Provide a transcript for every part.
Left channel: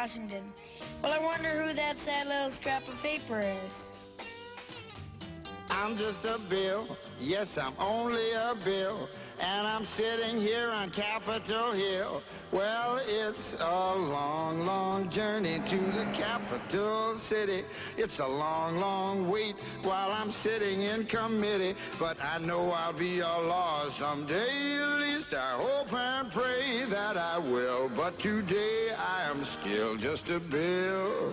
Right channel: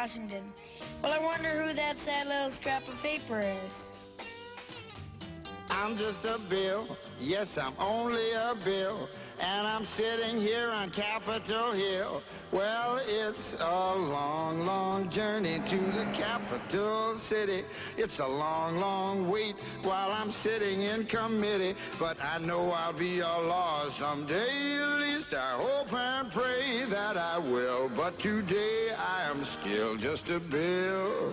Washington. Well, I wonder who that sad little scrap of paper is. I'm just a bill, yes, I'm only a bill, and I'm sitting here on Capitol Hill. Well, it's a long, long journey to the capital city. It's a long, long wait while I'm sitting in committee, but I know I'll be a law someday. At least I hope and pray that I will, but today I am still just a bill.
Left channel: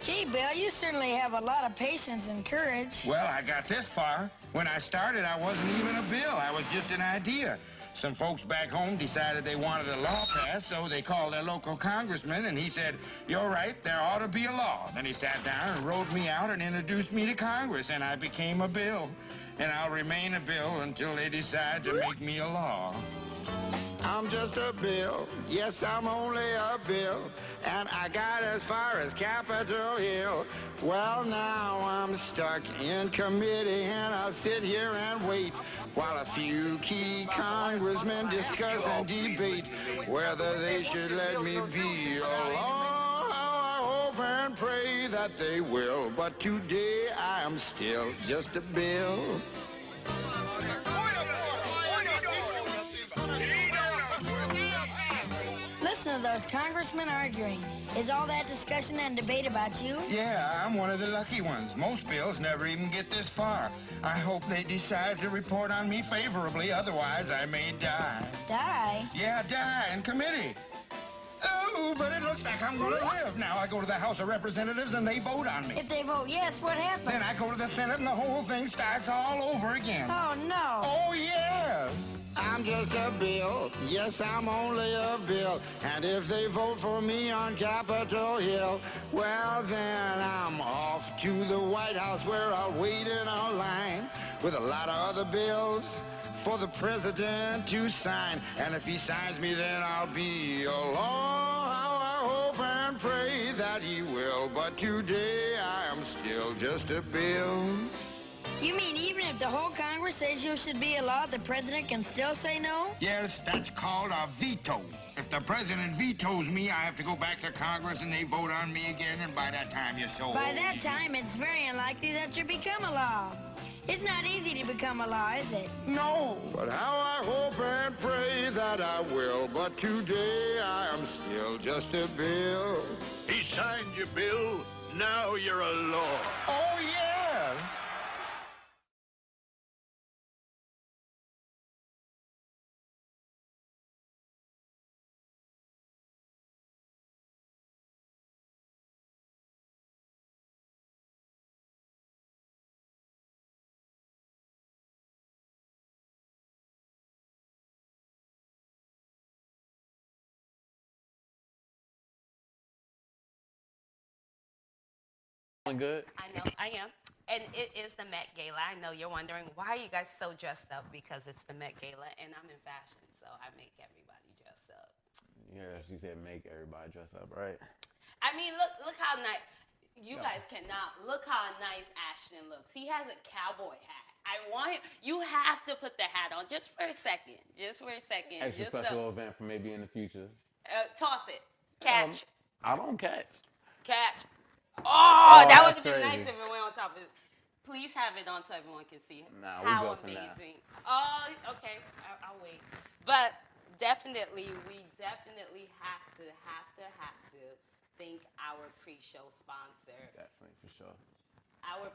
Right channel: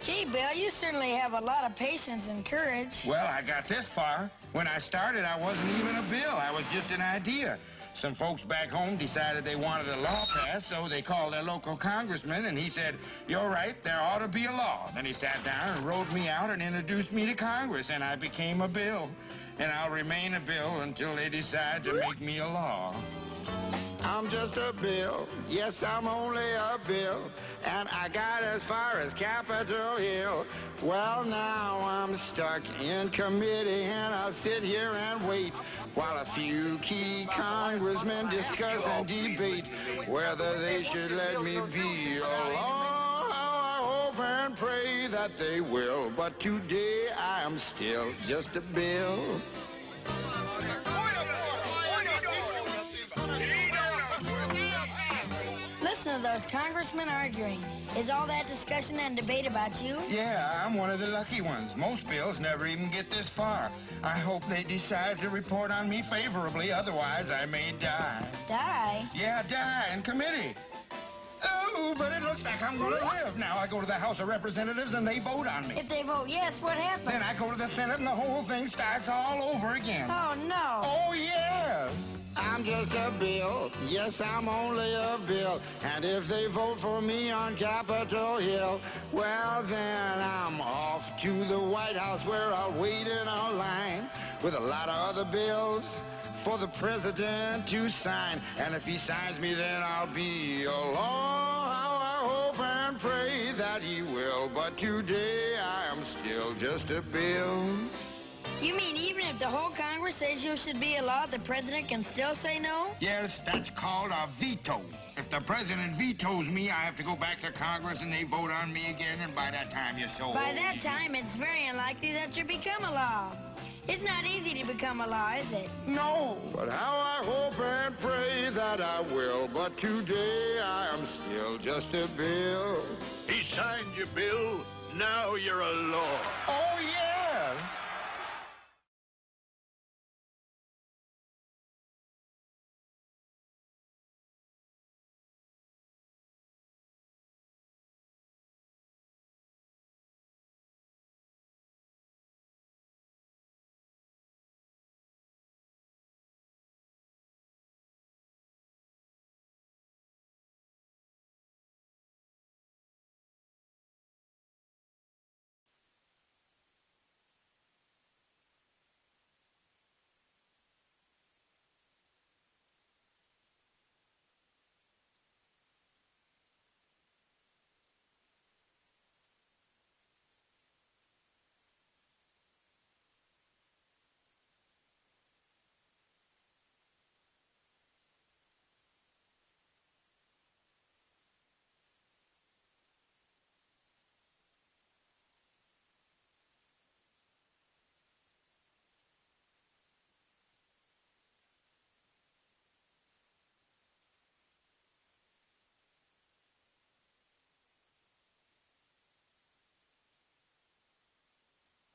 Gee, Bill, you certainly have a lot of patience and courage. Well, I got this far. When I started, I wasn't even a bill. I was just an idea. Some folks back home decided they wanted a law passed, so they called their local congressman, and he said, "You're right, there ought to be a law." Then he sat down and wrote me out and introduced me to Congress, and I became a bill. And I'll remain a bill until they decide to make me a law. I'm just a bill, yes, I'm only a bill, and I got as far as Capitol Hill. Well, now I'm stuck in committee, and I'll sit here and wait while a few key congressmen discuss and debate whether they should let me be a law. I hope and pray that they will, but today I am still just a bill. Listen to those congressmen arguing. Is all that discussion and debate about you? Yeah, I'm one of the lucky ones. Most bills never even get this far. I hope they decide to report on me favorably, otherwise I may die. Die? Yeah, die in committee. Oh, but it looks like I'm gonna live. Now I go to the House of Representatives and they vote on me. If they vote yes, what happens? Then I go to the Senate and the whole thing starts all over again. Oh, no. Oh, yes. I'm just a bill. Yes, I'm only a bill. And if they vote for me on Capitol Hill, well, then I'm off to the White House where I'll wait in a line with a lot of other bills for the president to sign. And if he signs me, then I'll be a law. How I hope and pray that he will. But today I am still just a bill. You mean even if the whole Congress says you should be a law, the president can still say no? Yes, that's called a veto. If the president vetoes me, I have to go back to Congress and they vote on me again, and by that time you're so By old. that time, it's very unlikely that you become a law. It's not easy to become a law, is it? No, but how I hope and pray that I will. But today I am still just a bill. He signed your bill. Now you're a law. Oh, yes. Good. I know, I am. And it is the Met Gala. I know you're wondering, why are you guys so dressed up? Because it's the Met Gala, and I'm in fashion, so I make everybody dress up. Yeah, she said make everybody dress up, right? I mean, look how nice. You guys cannot. Look how nice Ashton looks. He has a cowboy hat. I want him. You have to put the hat on just for a second. Just for a second. Extra special event for maybe in the future. Toss it. Catch. I don't catch. Catch. Oh, that would have been crazy. nice if it went on top of it. Please have it on so everyone can see Nah, we how go for now. amazing. Oh, okay. I'll wait. But definitely, we definitely have to thank our pre-show sponsor. Definitely, for sure. Our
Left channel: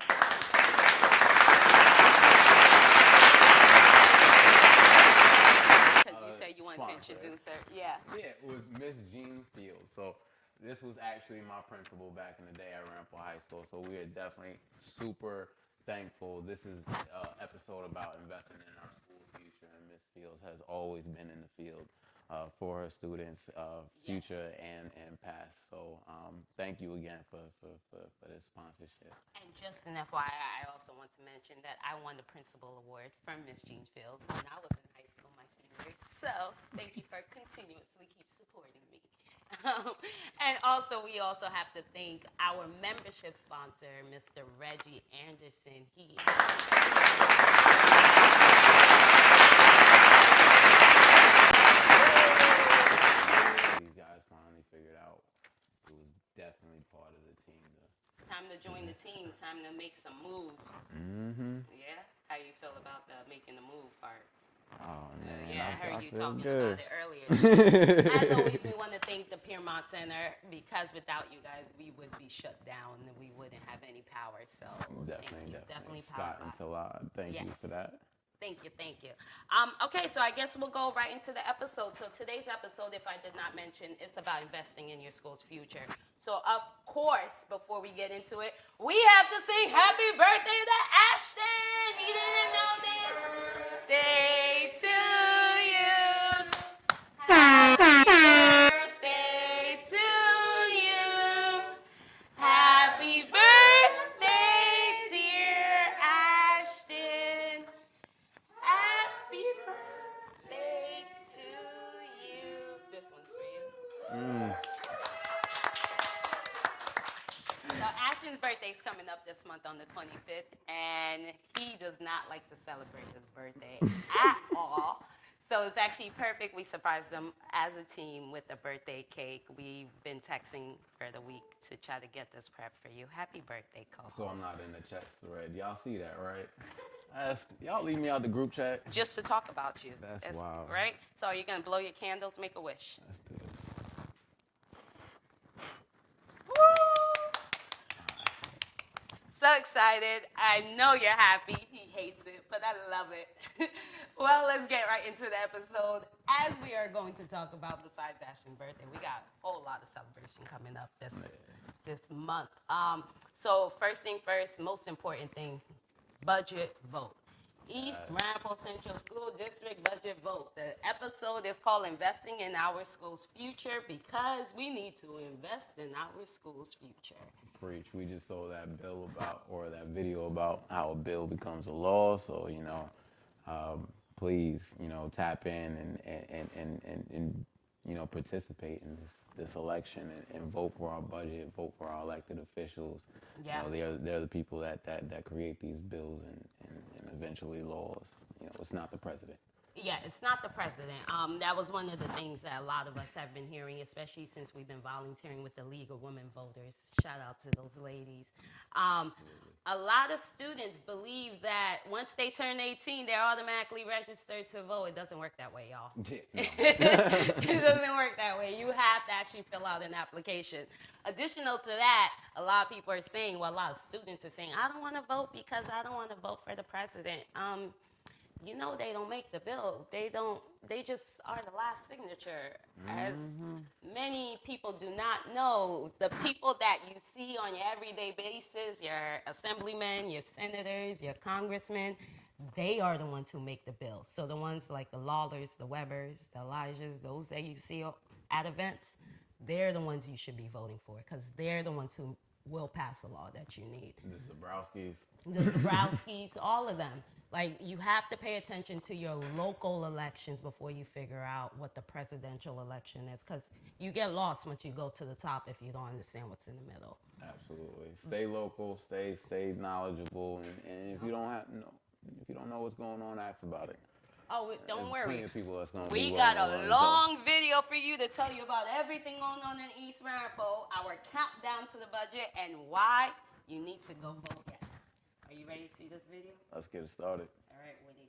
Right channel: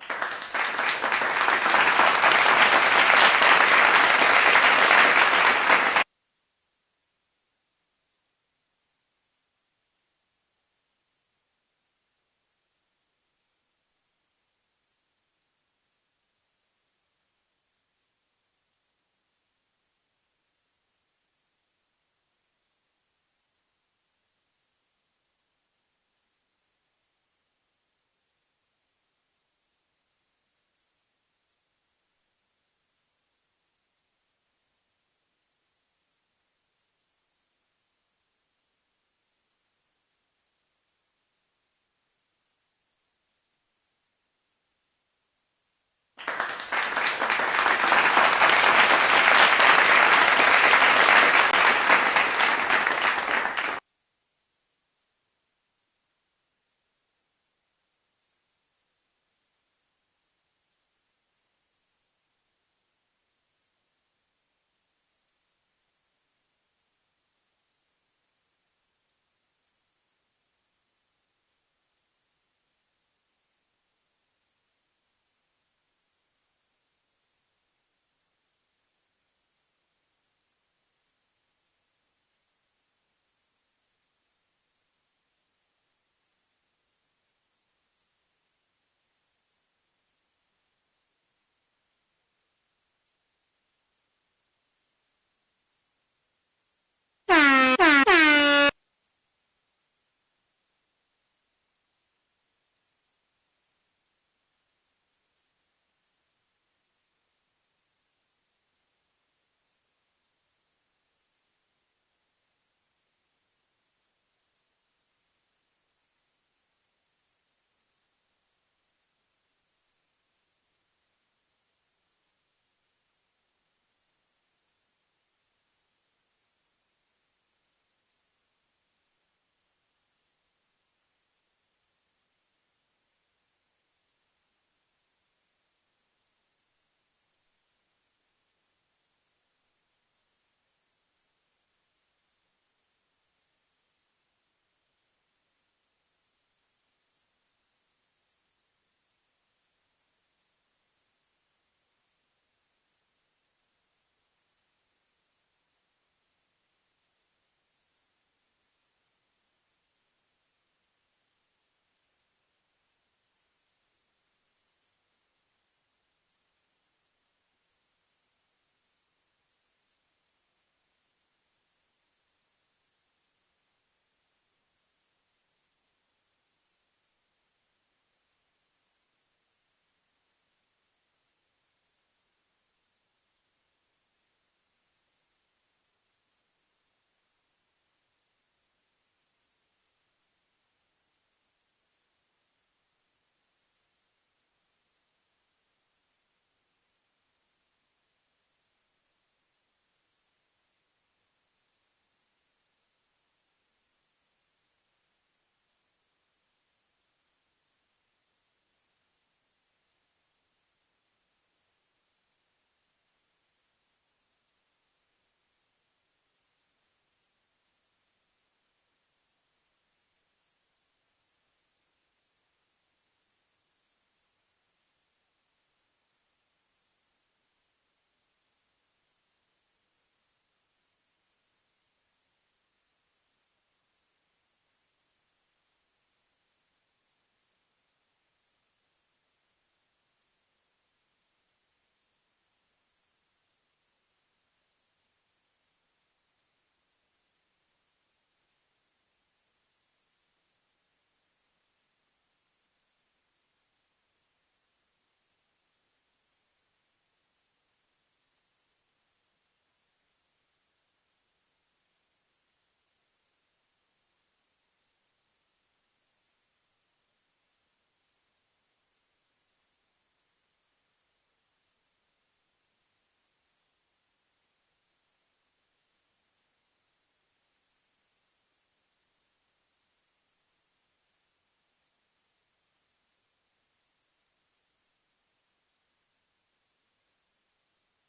because you said you wanted to introduce her. Yeah. Yeah, it was Miss Jean Field. So this was actually my principal back in the day at Rampart High School. So we are definitely super thankful. This is an episode about investing in our school future, and Miss Fields has always been in the field for her students, future and past. So thank you again for this sponsorship. And just an FYI, I also want to mention that I won the principal award from Miss Jean Field when I was in high school my senior year. So thank you for continuously keep supporting me. And also, we also have to thank our membership sponsor, Mr. Reggie Anderson. He you guys finally figured out it was to join the team, time to make some moves. Yeah? How you feel about the making the move part? Oh, man. Yeah, I heard you feel talking good. about it earlier. As always, we want to thank the Piermont Center because without you guys, we would be shut down and we wouldn't have any power. So definitely power. Scott and Talad, thank you for that. Thank you. Okay, so I guess we'll go right into the episode. So today's episode, if I did not mention, is about investing in your school's future. So of course, before we get into it, we have to sing happy birthday to Ashton. He didn't know this. Day to you. Happy birthday to you. Happy birthday, dear Ashton. Happy birthday to you. This one's for you. So Ashton's birthday's coming up this month on the 25th, and he does not like to celebrate his birthday at all. So it's actually perfect. We surprised him as a team with a birthday cake. We've been texting for the week to try to get this prep for you. Happy birthday, co-host. So I'm not in the chat thread. Y'all see that, right? Y'all leave me out the group chat. Just to talk about you. That's wild. Right? So are you going to blow your candles, make a wish? Let's do it. So excited. I know you're happy. He hates it, but I love it. Well, let's get right into the episode. As we are going to talk about, besides Ashton's birthday, we got a whole lot of celebration coming up this month. So first thing first, most important thing, budget vote. East Ramapo Central School District budget vote. The episode is called Investing in Our School's Future because we need to invest in our school's future. Preach. We just saw that bill that video about how a bill becomes a law. So, please, tap in and participate in this election and vote for our budget, vote for our elected officials. Yeah. They're the people that create these bills and eventually laws. It's not the president. Yeah, it's not the president. That was one of the things that a lot of us have been hearing, especially since we've been volunteering with the League of Women Voters. Shout out to those ladies. A lot of students believe that once they turn 18, they're automatically registered to vote. It doesn't work that way, y'all. It doesn't work that way. You have to actually fill out an application. Additional to that, a lot of people are saying, a lot of students are saying, I don't want to vote because I don't want to vote for the president. They don't make the bill. They just are the last signature. As many people do not know, the people that you see on your everyday basis, your assemblymen, your senators, your congressmen, they are the ones who make the bill. So the ones like the Lawlers, the Webbers, the Elijahs, those that you see at events, they're the ones you should be voting for because they're the ones who will pass the law that you need. The Zabrowskis, all of them. Like, you have to pay attention to your local elections before you figure out what the presidential election is, because you get lost once you go to the top if you don't understand what's in the middle. Absolutely. Stay local, stay knowledgeable, and if you don't know what's going on, ask about it. Oh, don't worry. We got a long video for you to tell you about everything going on in East Ramapo, our countdown to the budget, and why you need to go vote yes. Are you ready to see this video? Let's get it started. All right, Woody.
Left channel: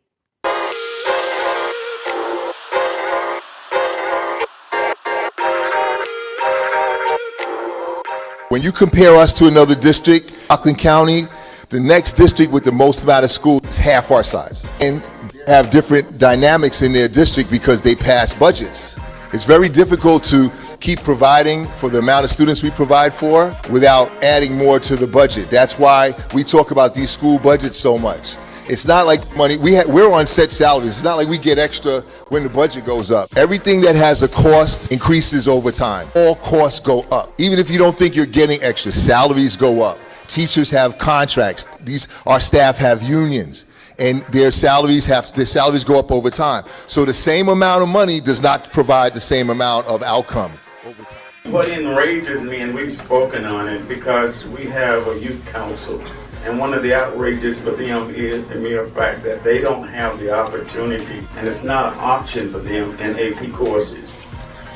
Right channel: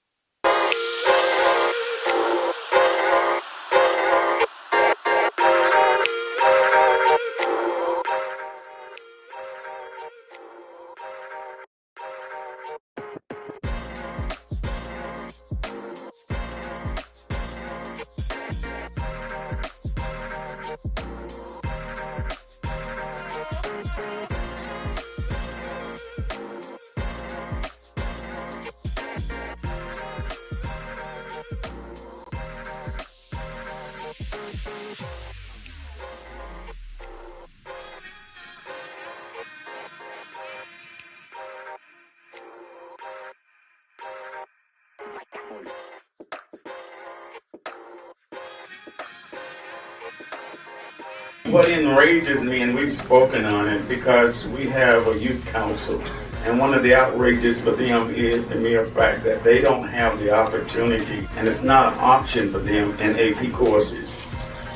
When you compare us to another district, Rockland County, the next district with the most amount of schools is half our size and have different dynamics in their district because they pass budgets. It's very difficult to keep providing for the amount of students we provide for without adding more to the budget. That's why we talk about these school budgets so much. It's not like money, we're on set salaries. It's not like we get extra when the budget goes up. Everything that has a cost increases over time. All costs go up. Even if you don't think you're getting extra, salaries go up. Teachers have contracts. Our staff have unions. And their salaries go up over time. So the same amount of money does not provide the same amount of outcome. What enrages me, and we've spoken on it, because we have a youth council, and one of the outrages for them is the mere fact that they don't have the opportunity, and it's not an option for them in AP courses.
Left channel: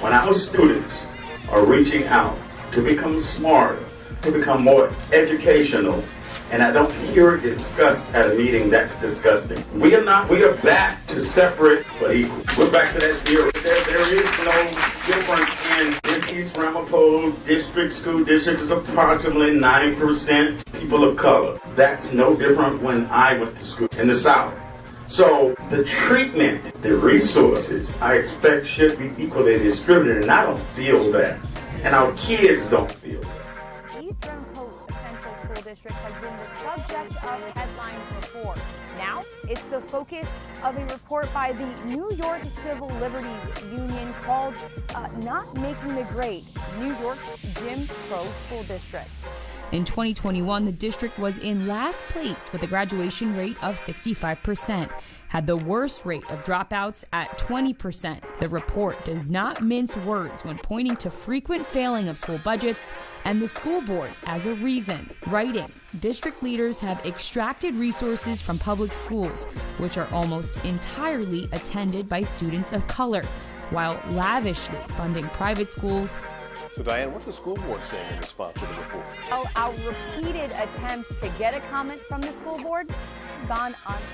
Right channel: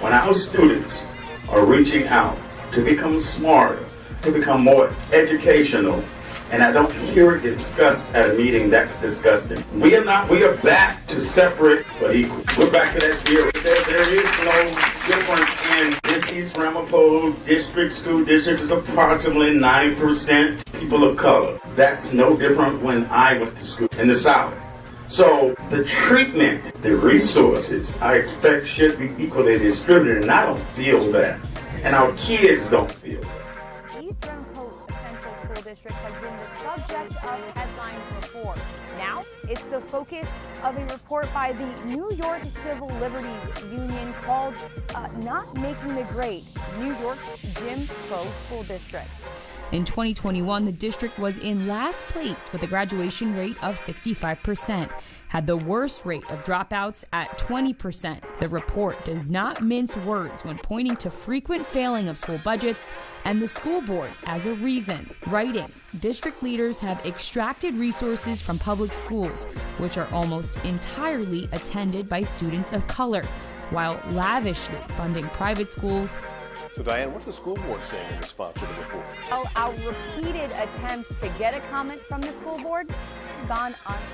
When our students are reaching out to become smarter, to become more educational, and I don't hear it discussed at a meeting. That's disgusting. We are back to separate but equal. We're back to that theory. There is no difference in this East Ramapo school district is approximately 90% people of color. That's no different when I went to school in the South. So the treatment, the resources, I expect should be equally distributed, and I don't feel that. And our kids don't feel that. East Ramapo Central School District has been the subject of headlines before. Now, it's the focus of a report by the New York Civil Liberties Union called Not Making the Grade, New York's Jim Crow School District. In 2021, the district was in last place with a graduation rate of 65%, had the worst rate of dropouts at 20%. The report does not mince words when pointing to frequent failing of school budgets and the school board as a reason, writing, district leaders have extracted resources from public schools, which are almost entirely attended by students of color, while lavishly funding private schools. So, Diane, what's the school board saying in response to the report? Well, our repeated attempts to get a comment from the school board gone unanswered.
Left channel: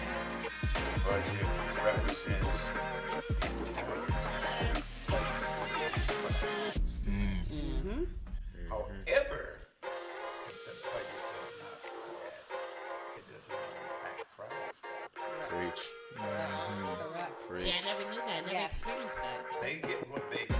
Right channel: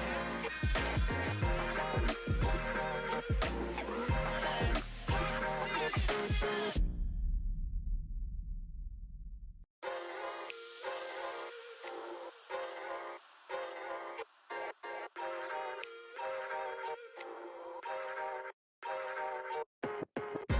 See, I never knew that. I never experienced that. They get what they get.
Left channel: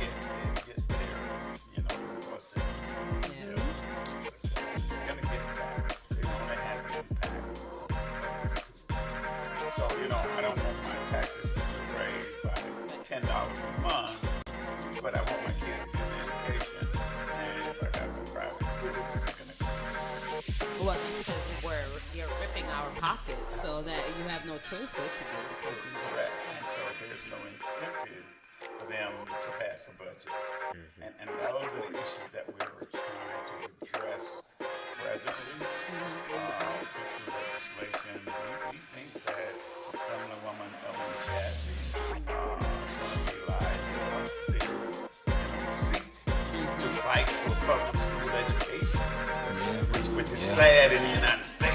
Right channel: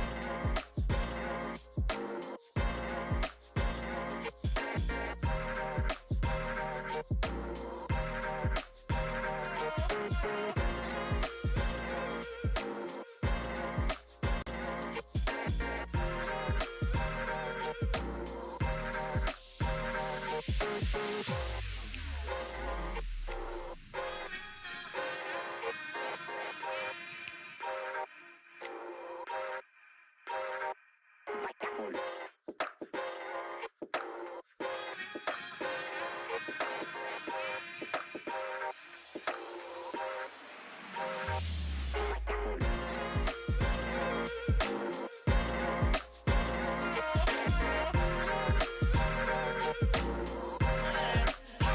So that you have no choice but to go because of that. So there's no incentive for them to pass a budget. And those are the issues that we were trying to address presently. Legislation, we think that some of the women of the past to fight for public school education, which is sad in the United States.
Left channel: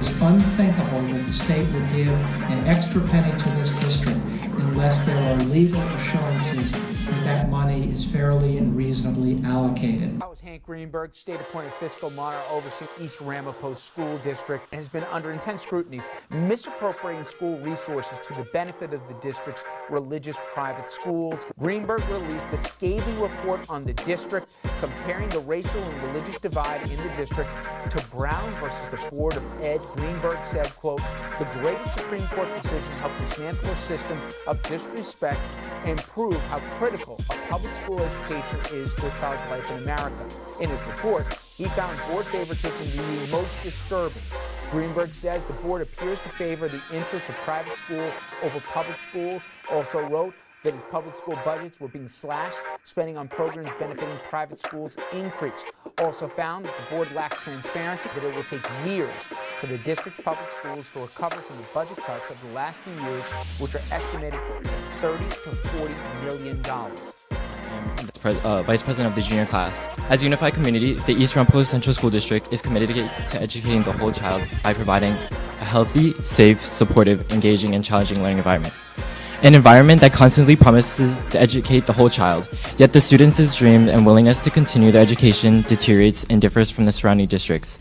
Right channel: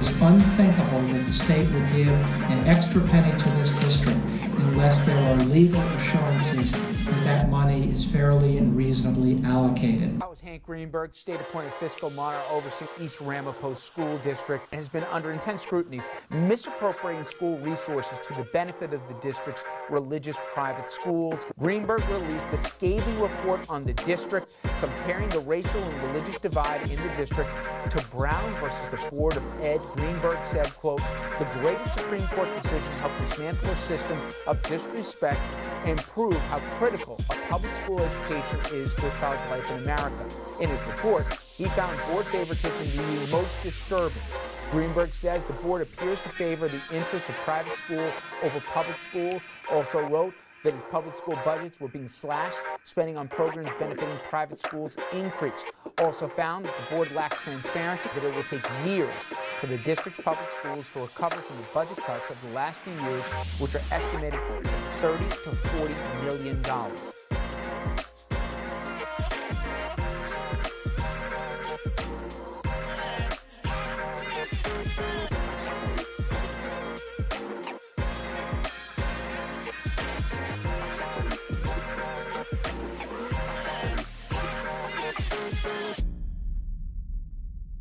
It's unthinkable that the state would give an extra penny to this district unless there are legal assurances that that money is fairly and reasonably allocated. That was Hank Greenberg, state-appointed fiscal monitor overseeing East Ramapo School District, and has been under intense scrutiny, misappropriating school resources to the benefit of the district's religious private schools. Greenberg released the scathing report on the district, comparing the racial and religious divide in the district to Brown versus the Board of Ed. Greenberg said, quote, "The greatest Supreme Court decision helped dismantle a system of disrespect and prove how critical a public school education is to a child's life in America." In his report, he found board favoritism to be most disturbing. Greenberg says the board appears to favor the interests of private school over public schools. Also wrote that his public school budgets were being slashed, spending on programs benefiting private schools increased. Also found that the board lacks transparency, that it will take years for the district's public schools to recover from the budget cuts of the last few years, which are estimated at $30 to $40 million. Vice President of the junior class. As a unified community, the East Ramapo Central School District is committed to educating the whole child by providing a healthy, safe, supportive, engaging, and challenging learning environment. An environment that constantly promises to educate the whole child, yet the students' dream and willingness to continue their education deteriorates and differs from the surrounding districts,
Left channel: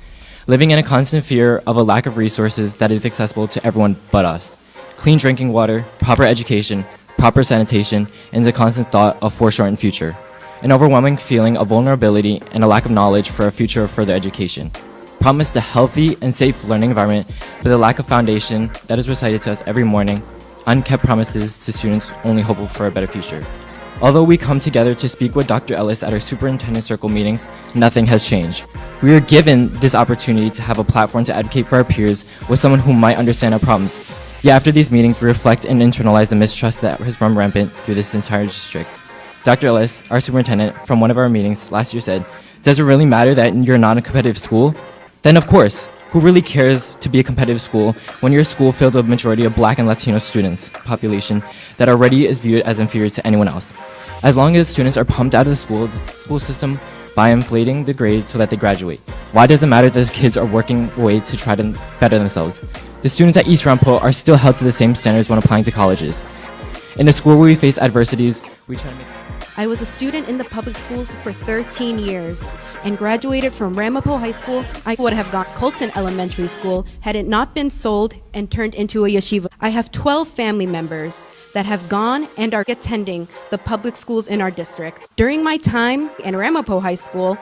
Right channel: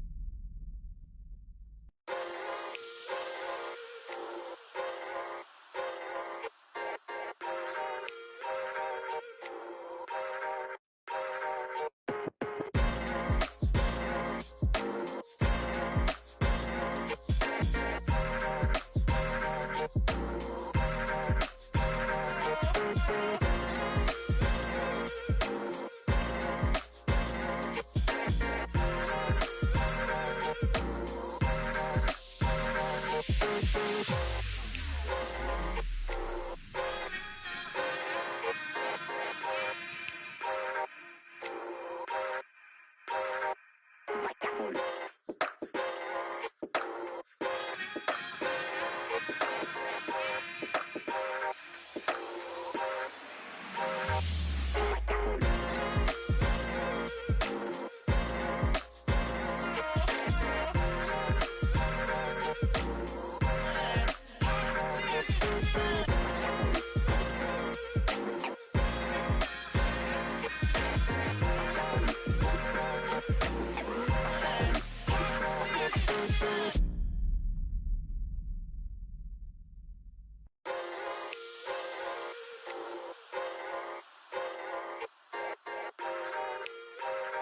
living in a constant fear of a lack of resources that is accessible to everyone but us. Clean drinking water, proper education, proper sanitation, and the constant thought of foreshortened future. An overwhelming feeling of vulnerability and a lack of knowledge for a future of further education. Promised a healthy and safe learning environment, but the lack of foundation that is recited to us every morning, unkept promises to students only hopeful for a better future. Although we come together to speak with Dr. Ellis at our superintendent circle meetings, nothing has changed. We were given this opportunity to have a platform to advocate for our peers with someone who might understand our problems. Yet after these meetings, we reflect and internalize the mistrust that has run rampant through this entire district. Dr. Ellis, our superintendent, from one of our meetings last year said, "Does it really matter that you're not a competitive school? Then of course, who really cares to be a competitive school when you're a school filled with a majority of Black and Latino students, population that already is viewed as inferior to anyone else? as long as students are pumped out of the school system by inflating the grade so that they graduate. Why does it matter that the kids are working away to try to better themselves? The students at East Ramapo are still held to the same standards when applying to colleges. In a school where we face adversities, we try to... I was a student in the public schools for 13 years and graduated from Ramapo High School. I would have gone to Colton Elementary School had it not been sold and turned into a yeshiva. I have 12 family members that have gone and are attending the public schools in our district. During my time in Ramapo High School,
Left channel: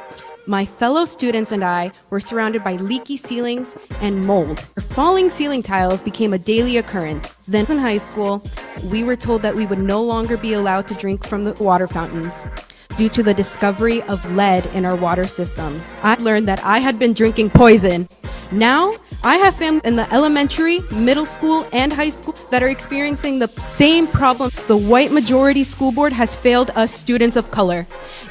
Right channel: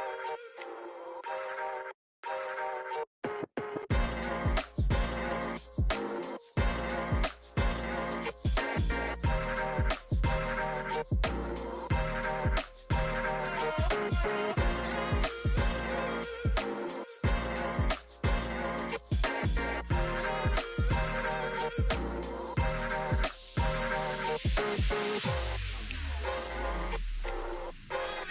my fellow students and I were surrounded by leaky ceilings and mold. Falling ceiling tiles became a daily occurrence. Then in high school, we were told that we would no longer be allowed to drink from the water fountains due to the discovery of lead in our water systems. I learned that I had been drinking poison. Now, I have family in the elementary, middle school, and high school that are experiencing the same problem. The white majority school board has failed us students of color,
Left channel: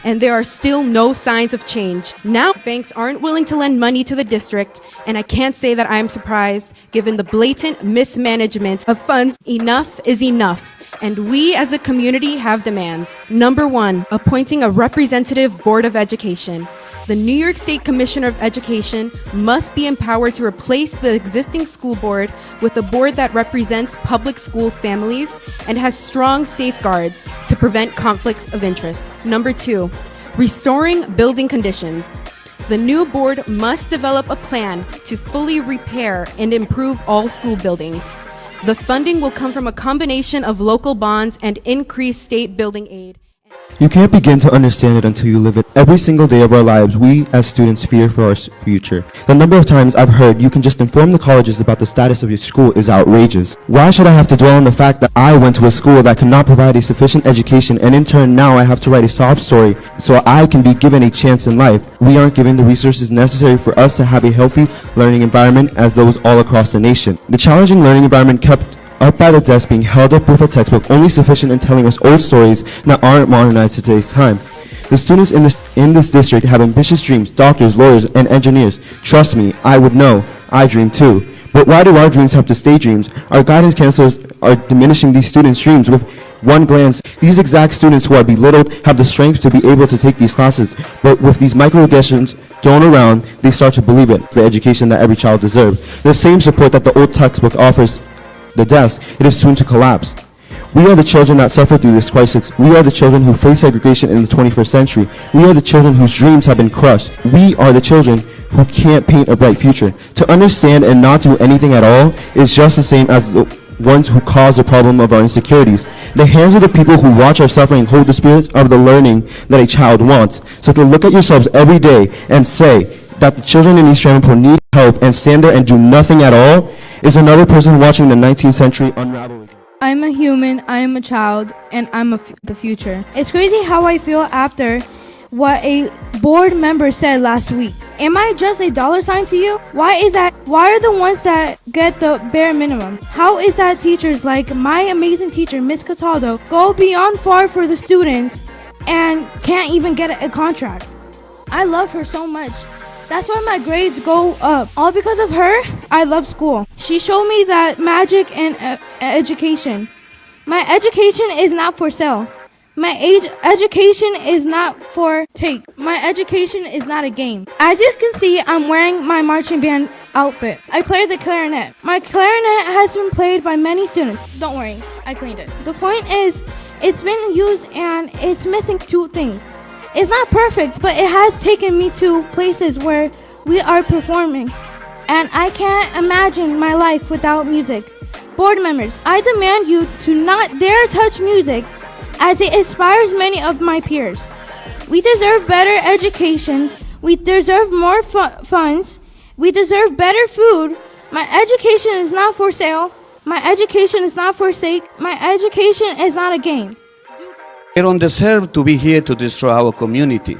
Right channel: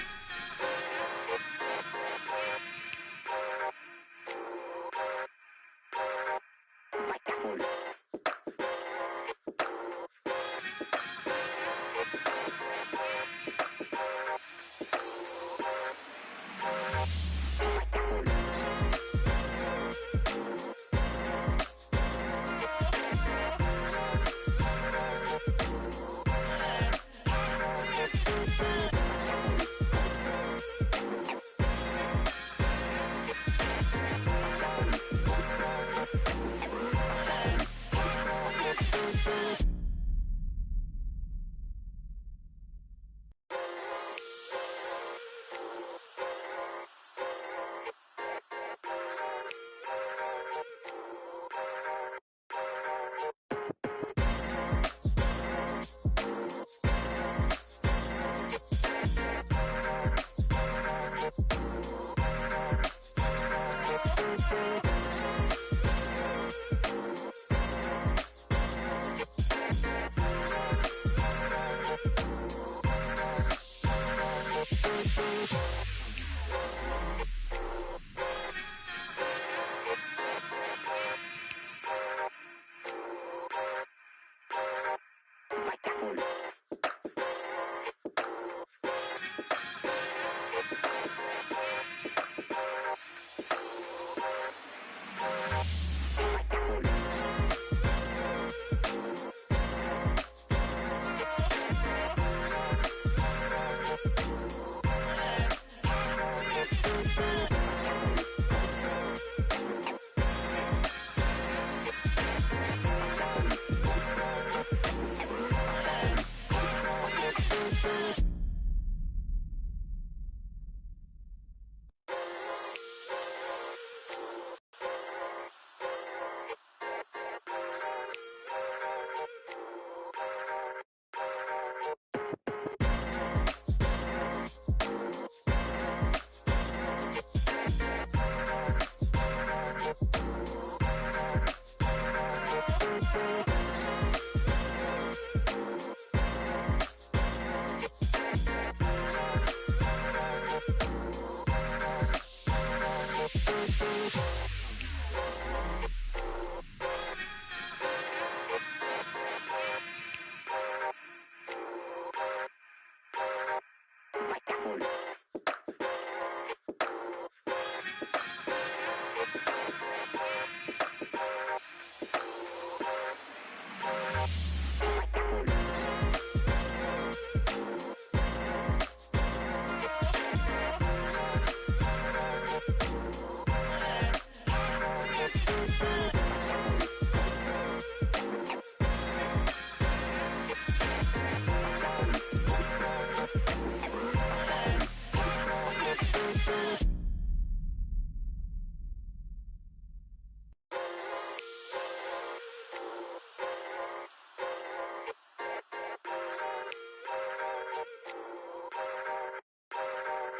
and there are still no signs of change. Now, banks aren't willing to lend money to the district, and I can't say that I am surprised given the blatant mismanagement of funds. Enough is enough, and we as a community have demands. Number one, appointing a representative board of education. The New York State Commissioner of Education must be empowered to replace the existing school board with a board that represents public school families and has strong safeguards to prevent conflicts of interest. Number two, restoring building conditions. The new board must develop a plan to fully repair and improve all school buildings. The funding will come from a combination of local bonds and increased state building aid. You can't begin to understand it until you live it. Every single day of our lives, we as students fear for our future. The number of times I've heard you can just inform the colleges about the status of your school is outrageous. Why should I have to dwell on the fact that I went to a school that cannot provide a sufficient education, and in turn now I have to write a sob story so I can be given a chance in life? We aren't given the resources necessary for us to have a healthy learning environment as those all across the nation. The challenging learning environment kept up by the desk being held up with a textbook only sufficient in telling us old stories that aren't modernized to today's time. The students in this district have ambitious dreams, doctors, lawyers, and engineers. Trust me, I would know. I dream too. But why do our dreams have to stay dreams? Our guidance counselors are diminishing these students' dreams with one glance. These exact students who are belittled have the strength to be able to take these classes, but with these microaggressions thrown around, they start to believe it. It's the education that every child deserves. The same support that the old textbook offers the desk, it is soon to collapse. We are the children that suffer through this crisis. We are the children who face segregation in the 21st century. We are the children whose dreams have been crushed. We are the children who can't paint a bright future. To understand and not do anything at all is just the same as the ones who cause the problem of our insecurities. The hands of the people who watch our suffering hold the spirits of the learning that a child wants. So to look at yourselves every day and say that the children in East Ramapo need help and stand there and do nothing at all is another person watching the 19th century unraveling. I'm a human, I am a child, and I'm the future. It's crazy how I feel after what a board member said last week. Am I just a dollar sign to you? Why is that? Why are the ones that get the bare minimum? How is that teachers like my amazing teacher, Miss Cataldo, go beyond far for the students and can't even get a contract? I love her so much. That's why my grades go up. All because of her, I love school. She showed me that magic and education. My education is not for sale. My education is not for take. My education is not a game. As you can see, I'm wearing my marching band outfit. I play the clarinet. My clarinet has been played by many students. Don't worry, I cleaned it. The point is, it's been used and it's missing two things. It's not perfect, but it has taken me to places where we are performing, and I can't imagine my life without music. Board members, I demand you to not dare touch music, as it inspires many of my peers. We deserve better education. We deserve more funds. We deserve better food. My education is not for sale. My education is not for sake. My education is not a game. They don't deserve to be here to destroy our community.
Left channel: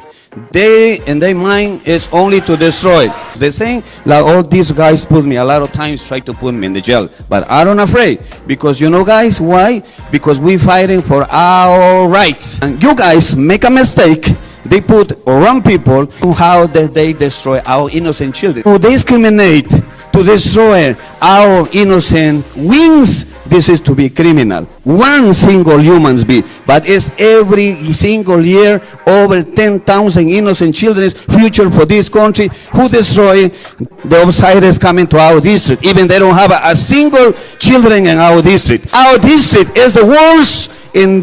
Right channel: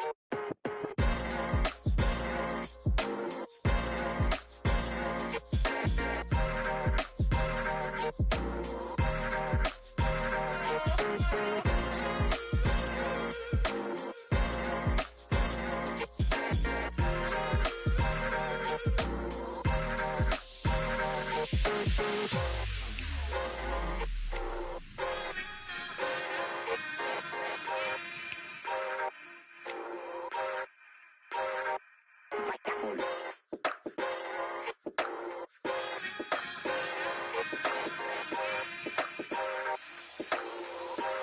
They, in their mind, is only to destroy. They're saying, like all these guys put me a lot of times, try to put me in the jail. But I don't afraid, because you know guys, why? Because we fighting for our rights. And you guys make a mistake, they put wrong people to how they destroy our innocent children. So they discriminate to destroy our innocent wings, this is to be criminal. One single human being, but it's every single year over 10,000 innocent children's future for this country who destroy the outsiders coming to our district. Even they don't have a single children in our district. Our district is the worst in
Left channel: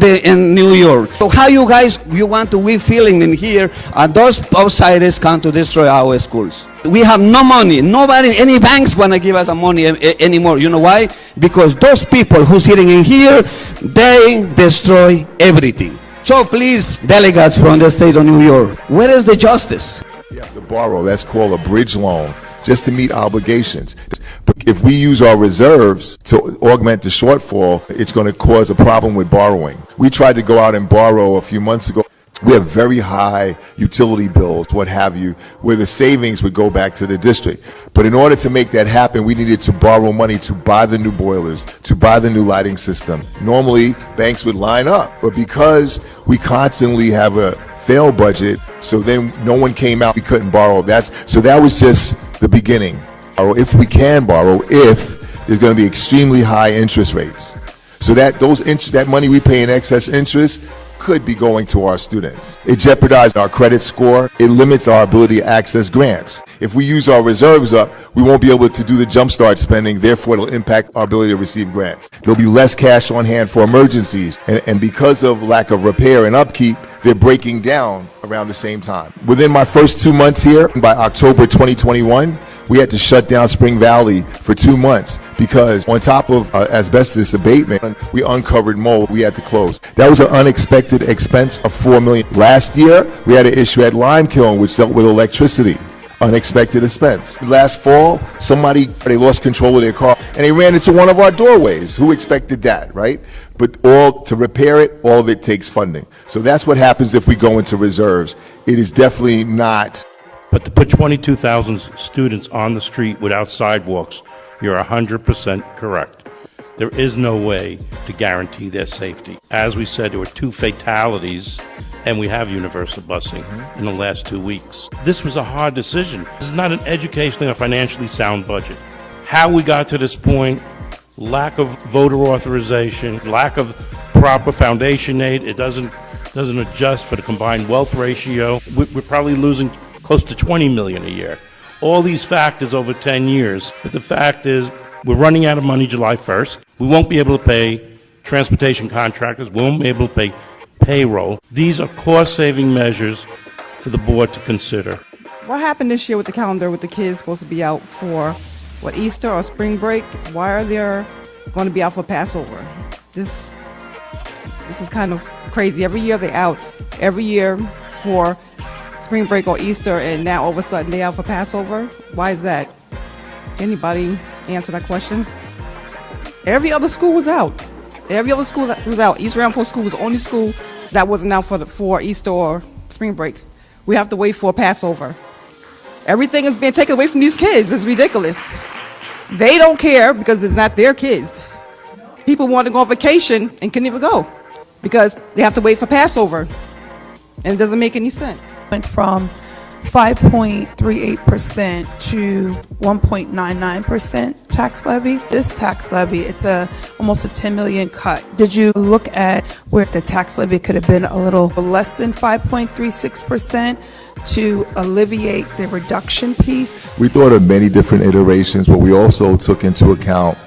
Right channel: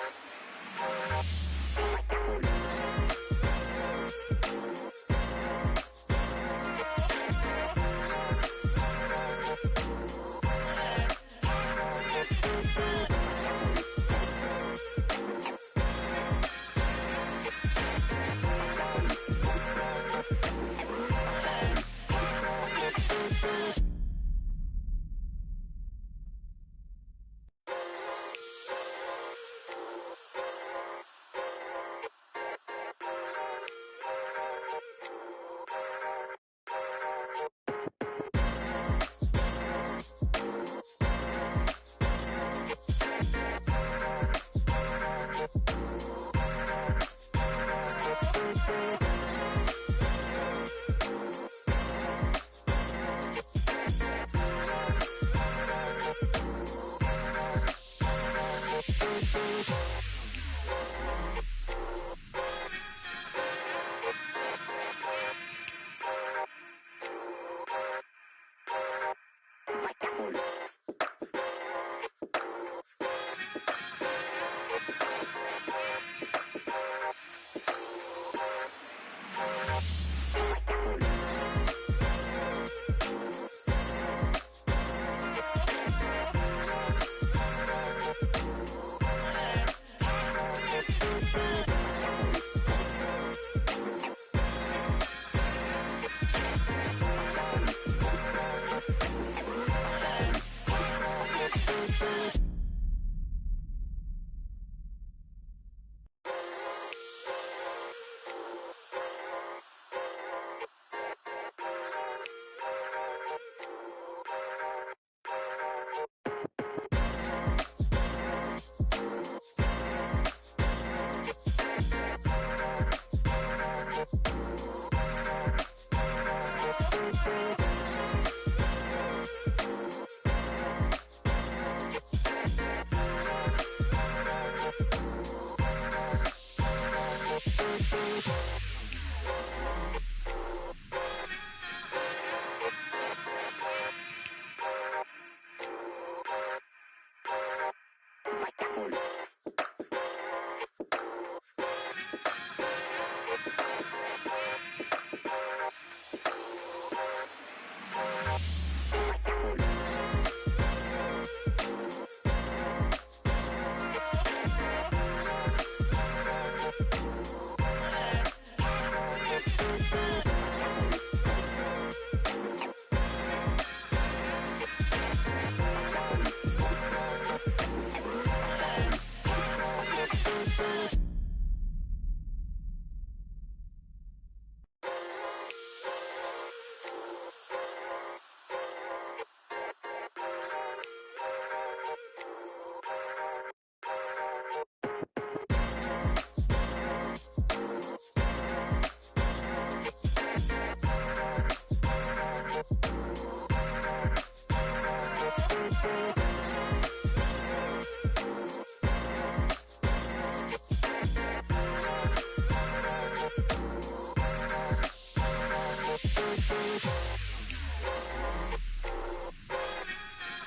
New York. So how you guys, you want to be feeling in here, and those outsiders come to destroy our schools. We have no money. Nobody, any banks want to give us money anymore. You know why? Because those people who sitting in here, they destroy everything. So please, delegates from the state of New York, where is the justice? You have to borrow, that's called a bridge loan, just to meet obligations. But if we use our reserves to augment the shortfall, it's going to cause a problem with borrowing. We tried to go out and borrow a few months ago. We have very high utility bills, what have you, where the savings would go back to the district. But in order to make that happen, we needed to borrow money to buy the new boilers, to buy the new lighting system. Normally, banks would line up, but because we constantly have a fail budget, so then no one came out, we couldn't borrow. So that was just the beginning. Or if we can borrow, if there's going to be extremely high interest rates. So that money we pay in excess interest could be going to our students. It jeopardizes our credit score. It limits our ability to access grants. If we use our reserves up, we won't be able to do the jumpstart spending. Therefore, it'll impact our ability to receive grants. There'll be less cash on hand for emergencies. And because of lack of repair and upkeep, they're breaking down around the same time. Within my first 2 months here, by October 2021, we had to shut down Spring Valley for 2 months because on top of asbestos abatement, we uncovered mold. We had to close. That was an unexpected expense of $4 million. Last year, we had an issue at Limekiln, which dealt with electricity. Unexpected expense. Last fall, they lost control of their car and they ran into one of our doorways. Who expected that, right? But to repair it, all of it takes funding. So that's what happens if we go into reserves. It is definitely not. But to put 22,000 students on the street without sidewalks, you're 100% correct. There is no way to guarantee their safety. As we said, there were 2 fatalities, and we have universal busing in the last 2 weeks. This was a hard decision. This is not an educationally or financially sound budget. How we got to this point, lack of voter authorization, lack of proper foundation aid, it doesn't adjust for the combined wealth ratio. We're probably losing close to $20 million a year. All these factors over 10 years. But the fact is, we're running out of money July 1st. We won't be able to pay transportation contractors. We won't be able to pay payroll. These are cost-saving measures for the board to consider. What happened this year with the calendar with the kids supposed to be out for, Easter or spring break? Why are they going to be out for Passover? This is kind of crazy. Every year they're out. Every year for spring break or Easter, and now all of a sudden they out for Passover. Why is that? Anybody answer that question? Every other school was out. Every other school was out. East Ramapo School was the only school that wasn't out for Easter or spring break. We have to wait for Passover. Everything is being taken away from these kids. It's ridiculous. They don't care because it's not their kids. People want to go on vacation and can't even go because they have to wait for Passover. And it doesn't make any sense. Went from 5.38% to 1.99% tax levy. This tax levy, it's almost a 10 million cut. Did you look at where the tax levy could have been a little less than 5.36% to alleviate the reduction piece? We thought of many different iterations, but we also took into account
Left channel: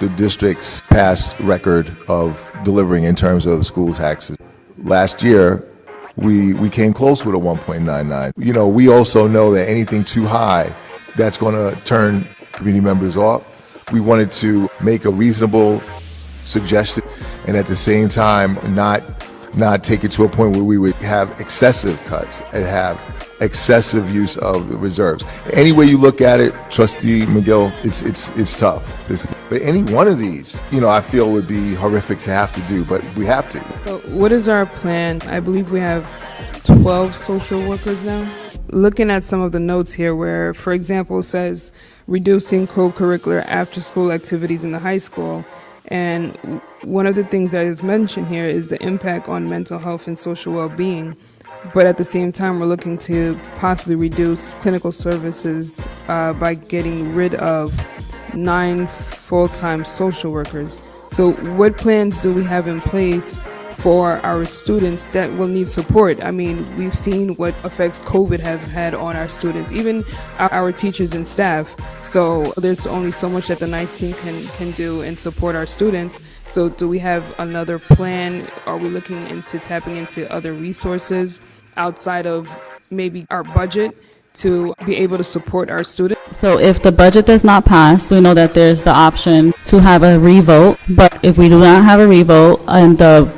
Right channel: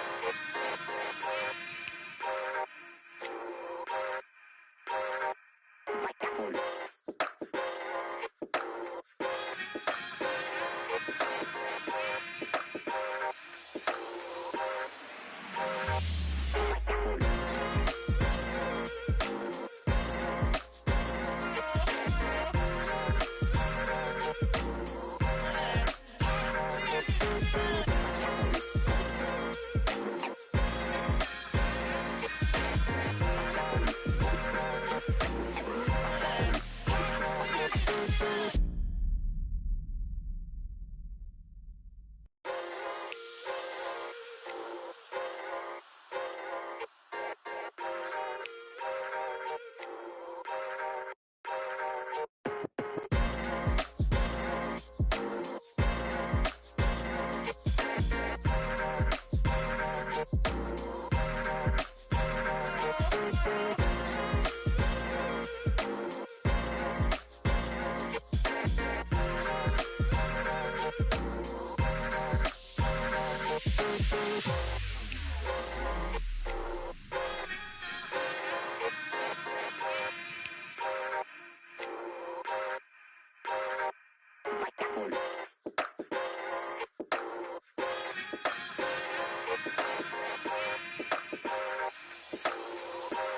the district's past record of delivering in terms of school taxes. Last year, we came close with a 1.99. You know, we also know that anything too high, that's going to turn community members off. We wanted to make a reasonable suggestion and at the same time not take it to a point where we would have excessive cuts and have excessive use of the reserves. Any way you look at it, Trustee McGill, it's tough. But any one of these, I feel would be horrific to have to do, but we have to. What is our plan? I believe we have 12 social workers now. Looking at some of the notes here where, for example, it says reducing co-curricular after-school activities in the high school. And one of the things that is mentioned here is the impact on mental health and social well-being. but at the same time, we're looking to possibly reduce clinical services by getting rid of 9 full-time social workers. So what plans do we have in place for our students that will need support? I mean, we've seen what effects COVID have had on our students, even our teachers and staff. So there's only so much that the NICE team can do and support our students. So do we have another plan? Are we looking into tapping into other resources outside of maybe our budget to be able to support our students? So if the budget does not pass, we know that there's the option to have a revote. But if we do not have a revote and the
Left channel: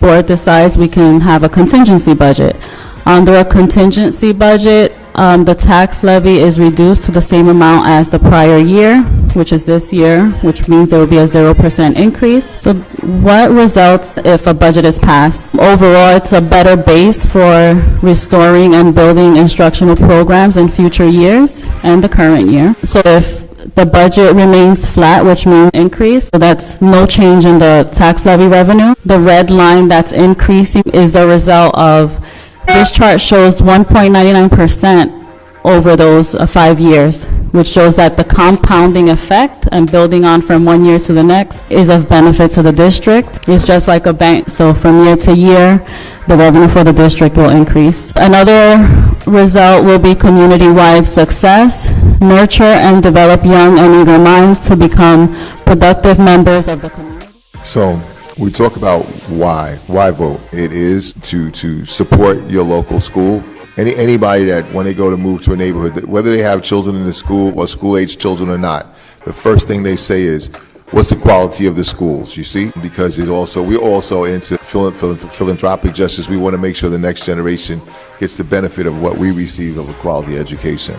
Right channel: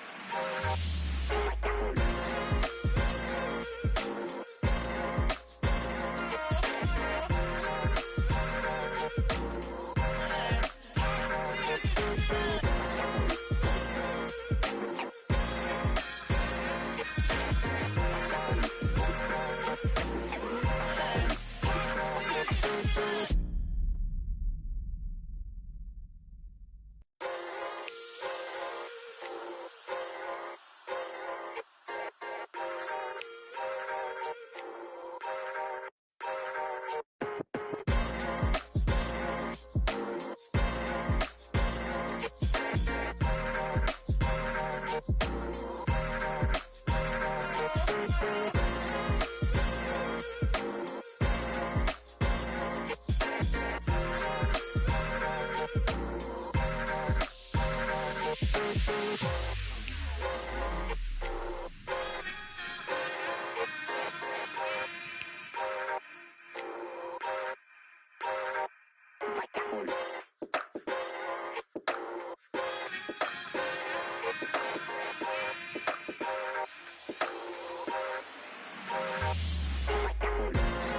board decides, we can have a contingency budget. Under a contingency budget, the tax levy is reduced to the same amount as the prior year, which is this year, which means there will be a 0% increase. So what results if a budget is passed? Overall, it's a better base for restoring and building instructional programs in future years and the current year. So if the budget remains flat, which means increase, so that's no change in the tax levy revenue. The red line that's increasing is the result of, this chart shows 1.99% over those 5 years, which shows that the compounding effect and building on from one year to the next is of benefit to the district. It's just like a bank, so from year to year, the revenue for the district will increase. Another result will be community-wide success, nurture and develop young and eager minds to become productive members of the community. So we talk about why vote. It is to support your local school. Anybody that when they go to move to a neighborhood, whether they have children in the school or school-age children or not, the first thing they say is, what's the quality of the schools, you see? Because we're also into philanthropic justice. We want to make sure the next generation gets the benefit of what we receive of a quality education.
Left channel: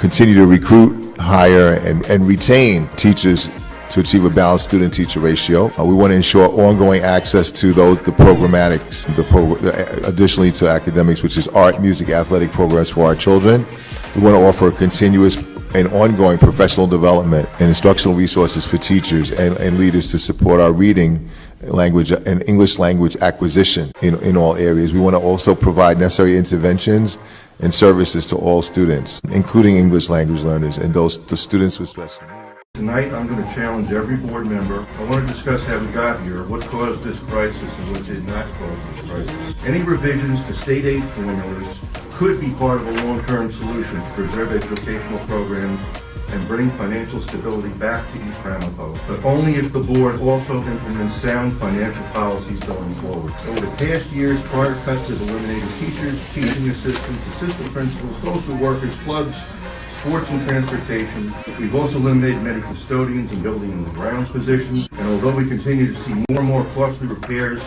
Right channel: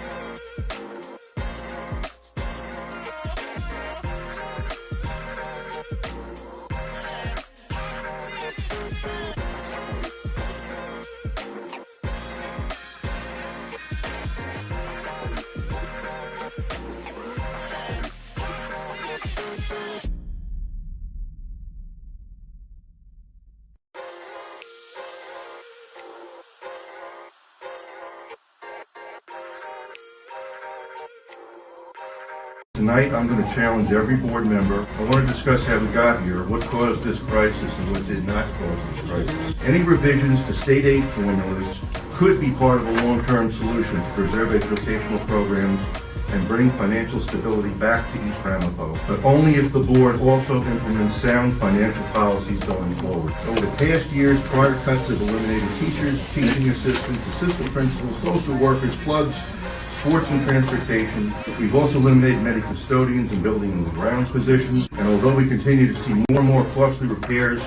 Continue to recruit, hire, and retain teachers to achieve a balanced student-teacher ratio. We want to ensure ongoing access to the programmatics, additionally to academics, which is art, music, athletic programs for our children. We want to offer continuous and ongoing professional development and instructional resources for teachers and leaders to support our reading language and English language acquisition in all areas. We want to also provide necessary interventions and services to all students, including English language learners and the students with special needs. Tonight, I'm going to challenge every board member. I want to discuss how we got here, what caused this crisis and what did not cause this crisis. Any revisions to state aid formulas could be part of a long-term solution to preserve educational programs and bring financial stability back to East Ramapo, but only if the board also implements sound financial policies going forward. Over the past years, prior cuts have eliminated teachers, teaching assistants, assistant principals, social workers, clubs, sports and transportation. We've also eliminated many custodians and building and grounds positions, and although we continue to see more and more costly repairs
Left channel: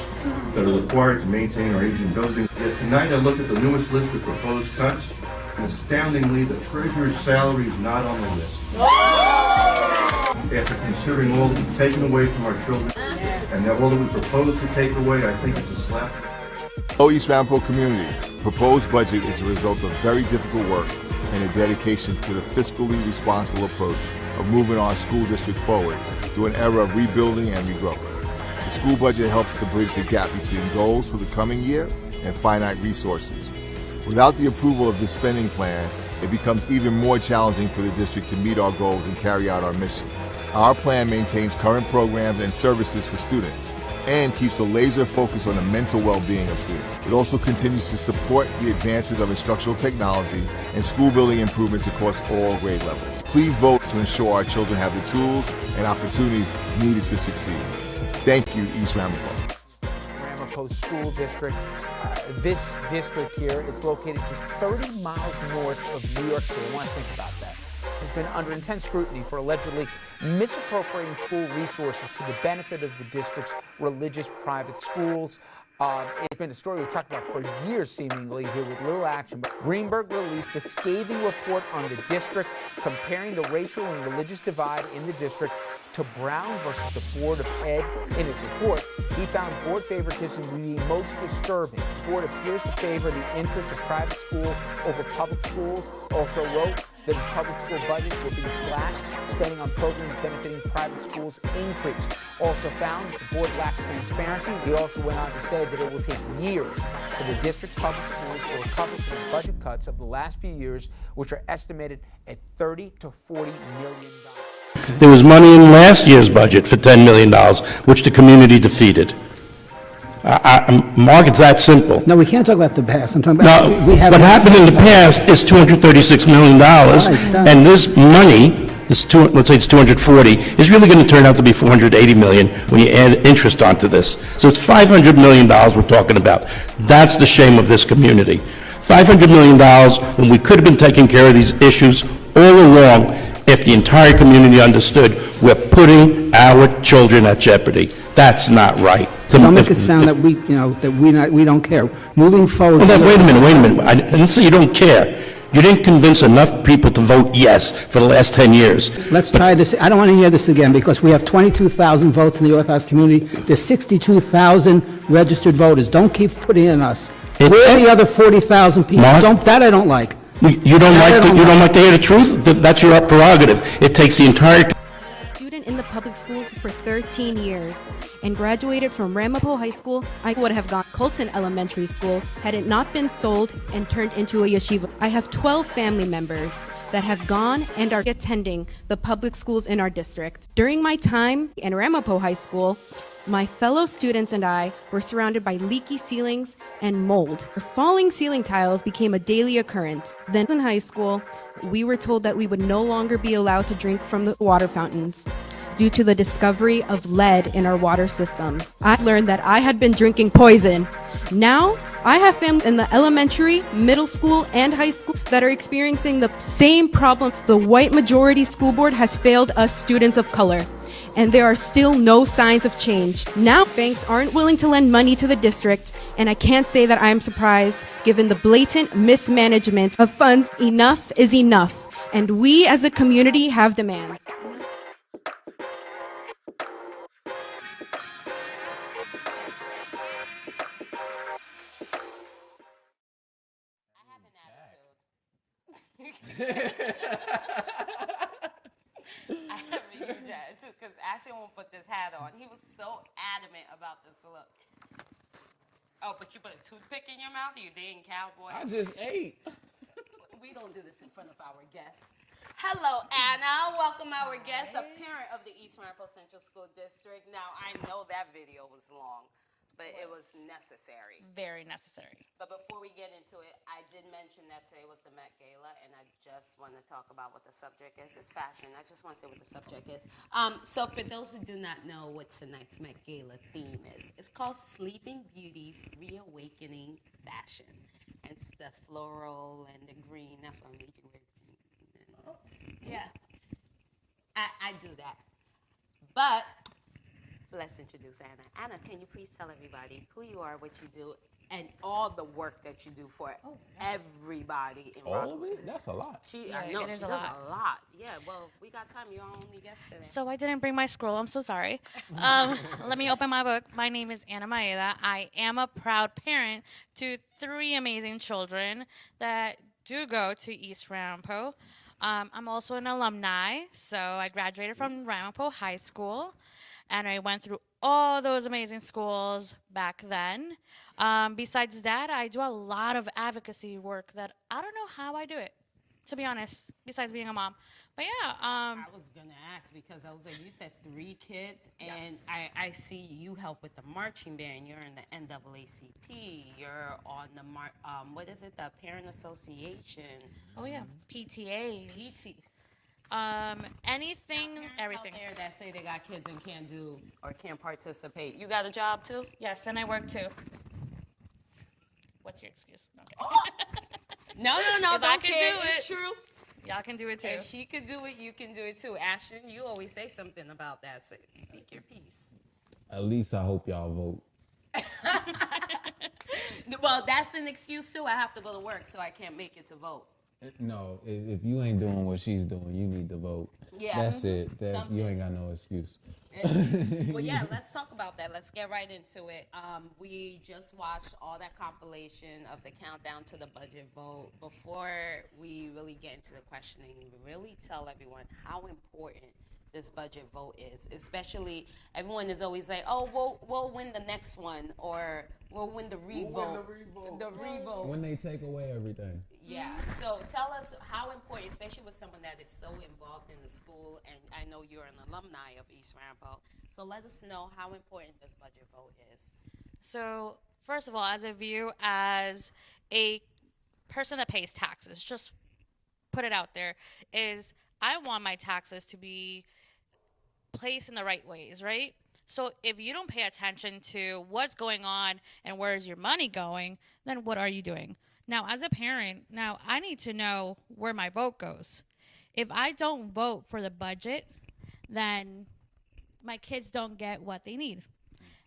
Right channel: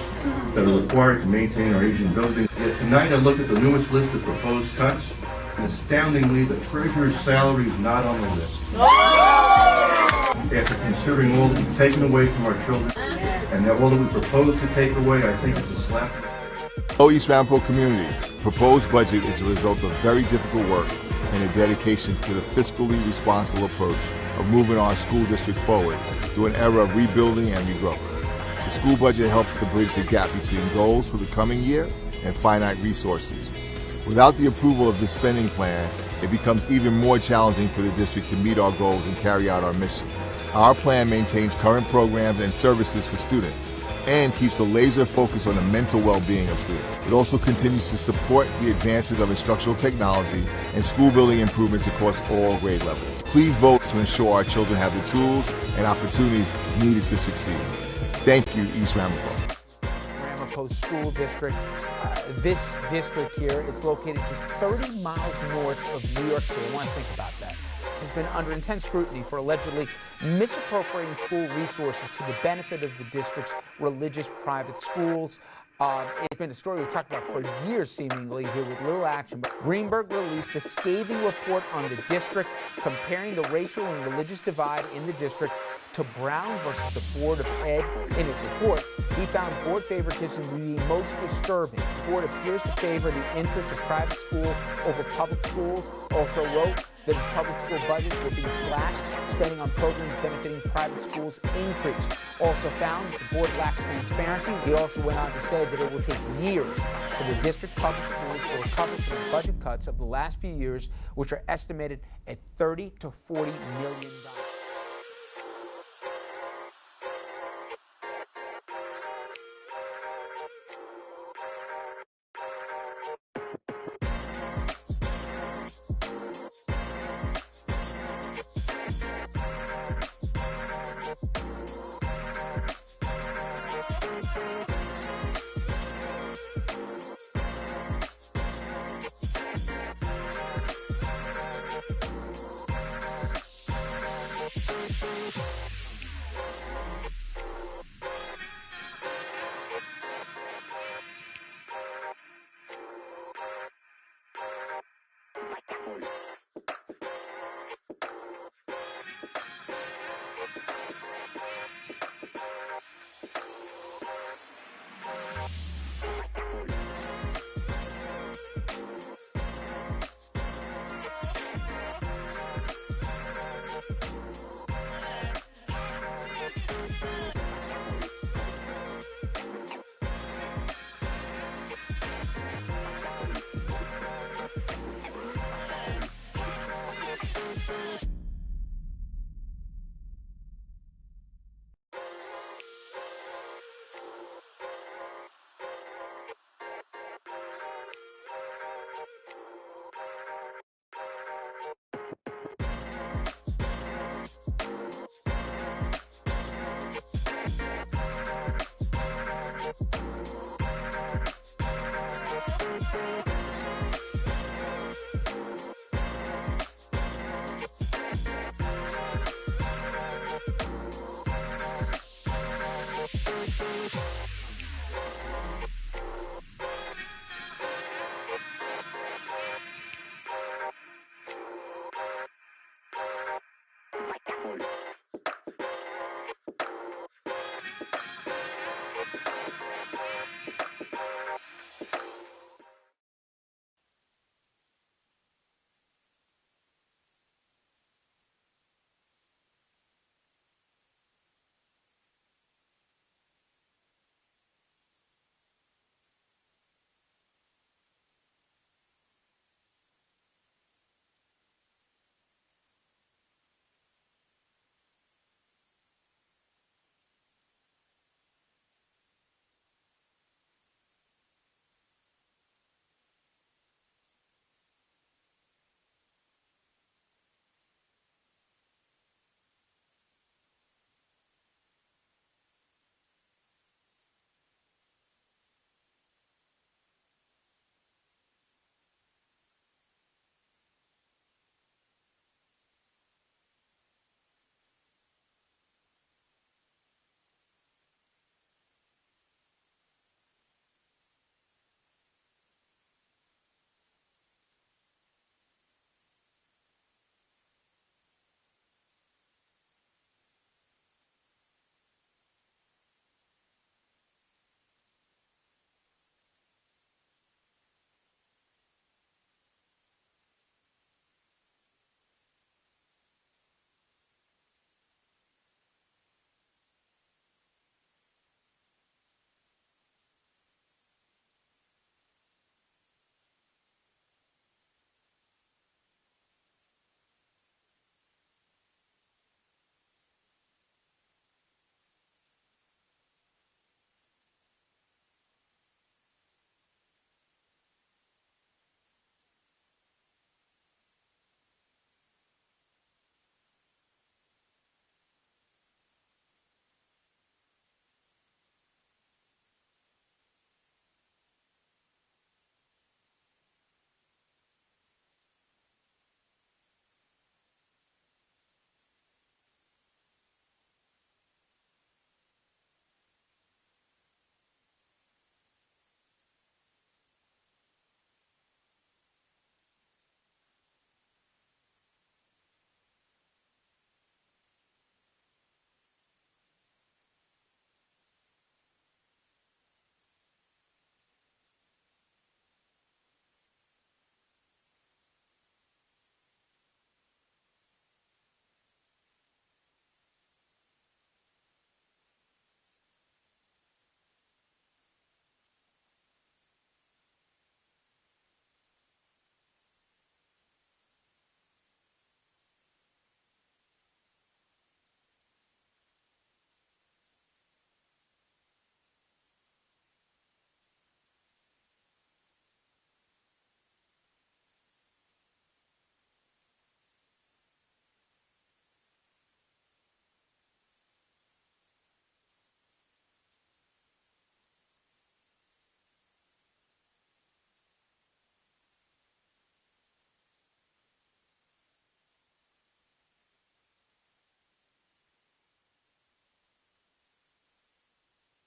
that are required to maintain our aging buildings, yet tonight I look at the newest list of proposed cuts, and astoundingly, the treasurer's salary is not on the list. After considering all that we've taken away from our children, and all that we propose to take away, I think it's a slap. Hello, East Ramapo community. Proposed budget is a result of very difficult work and a dedication to the fiscally responsible approach of moving our school district forward through an era of rebuilding and regrowth. The school budget helps to bridge the gap between goals for the coming year and finite resources. Without the approval of this spending plan, it becomes even more challenging for the district to meet our goals and carry out our mission. Our plan maintains current programs and services for students and keeps a laser focus on the mental well-being of students. It also continues to support the advancement of instructional technology and school building improvements across all grade levels. Please vote to ensure our children have the tools and opportunities needed to succeed. Thank you, East Ramapo. Ramapo School District. This district here is located just 30 miles north of New York City. I want to think about that. Has been under intense scrutiny for allegedly misappropriating school resources to the benefit of the district's religious private schools. It's been a story we've talked about for years, seemingly, here with little action. But Greenberg released a scathing report on the district, comparing the racial and religious divide in the district to Brown versus the Board of Ed. In his report, he found board favoritism to be most disturbing. The board appears to favor the interests of private school over public schools. Also wrote that the public school budgets were being slashed, spending on programs benefiting private schools increased. Also found that the board lacks transparency. He also went on to say that it will take years for the district's public schools to recover from the budget cuts of the last few years, which are estimated at $30 to $40 million. There was money in last year's budget for $10 million, which the community defeated. Mark, it's that simple. No, we can't talk about the past. I'm talking about No, what happened in the past is $236 million, and this money, let's say it's 240, is really going to turn out to be 480 million when you add interest onto this. So it's $500 million we're talking about. That's the shame of this community. $500 million when we could have been taking care of these issues all along if the entire community understood we're putting our children at jeopardy. That's not right. Don't make it sound that we don't care. Moving forward. Well, wait a minute. I didn't say you don't care. You didn't convince enough people to vote yes for the last 10 years. Let's try this. I don't want to hear this again because we have 22,000 votes in the North House community. There's 62,000 registered voters. Don't keep putting in us. Where are the other 40,000 people? Mark, That I don't like. You don't like to hear the truth? That's your prerogative. It takes the entire... Student in the public schools for 13 years and graduated from Ramapo High School. I would have gone Colton Elementary School had it not been sold and turned into a yeshiva. I have 12 family members that have gone and are attending the public schools in our district. During my time in Ramapo High School, my fellow students and I were surrounded by leaky ceilings and mold. The falling ceiling tiles became a daily occurrence. Then in high school, we were told that we would no longer be allowed to drink from the water fountains due to the discovery of lead in our water systems. I learned that I had been drinking poison. Now, I have family in the elementary, middle school, and high school that are experiencing the same problem. The white majority school board has failed us students of color, and there are still no signs of change. Now, banks aren't willing to lend money to the district, and I can't say that I am surprised given the blatant mismanagement of funds. Enough is enough, and we as a community have demands. I haven't used that too, because Ashley won't put this hat on. He was so adamant about this look. Oh, but you put a toothpick in your mouth, you dang cowboy. I just ate. We don't do this in front of our guests. Hello, Anna. Welcome our guest, a parent of the East Ramapo Central School District. Now, I know that video was long, but it was necessary. Very necessary. But before we get into it, I did mention that today was the Met Gala, and I just want to talk about what the subject is. It's fashion. I just want to say what the subject is. So for those who do not know what tonight's Met Gala theme is, it's called Sleeping Beauty's Reawakening Fashion. And it's the floral and the green. That's what I'm making with. Yeah. I do that. But let's introduce Anna. Anna, can you please tell everybody who you are, what you do, and all the work that you do for everybody in Rockland? That's a lot. I know, she does a lot. Yeah, well, we got time. You're our only guest today. So I didn't bring my scroll. I'm so sorry. Let me open my book. My name is Anna Maeda. I am a proud parent to 3 amazing children that do go to East Ramapo. I'm also an alumni, so I graduated from Ramapo High School, and I went through all those amazing schools back then. Besides that, I do a lot of advocacy work that I don't know how I do it, to be honest, besides being a mom. But yeah. I was going to ask because I was like, you said 3 kids, and Yes. I see you help with the marching band. You're in the NAACP. You're on the, what is it, the Parent Association. Oh, yeah, PTAs. Anything, everything. Out there that say they got kids and can't do or can't participate. You got a job too? Yes, and I work too. What's your excuse? Okay. No, If I don't can care. do It's it, true. Y'all can do it too. If she could do it, you can do it too. Ashton, you always say something about that. So speak your piece. At least I hope y'all vote. Well, that's an excuse too. I have to go to work, so I can't make it to vote. No, if you ain't doing what she's doing, you need to vote. Yeah. That's it. You ain't got no excuse. Well, yeah, let's talk about that. Let's get right into it. We just watched all that compilation of the countdown to the budget vote. Before we really get into the questioning, really tell everyone how important this budget vote is. Especially, everyone is always like, "Oh, we'll win the next one," or "We'll win the revote." The revote. When they take away everything. Yeah. So tell us how important, especially with someone that is so involved in the school, and I know you're an alumni of East Ramapo. So let us know how important this budget vote is. So, first of all, as a view as a person that pays taxes, just put it out there, is I want my taxes to be placed in the right ways, right? So if you don't pay attention to what's going on and where is your money going, then what are you doing? Now, as a parent, now I need to know where my vote goes. If I don't vote for the budget, then my kids don't get what they need.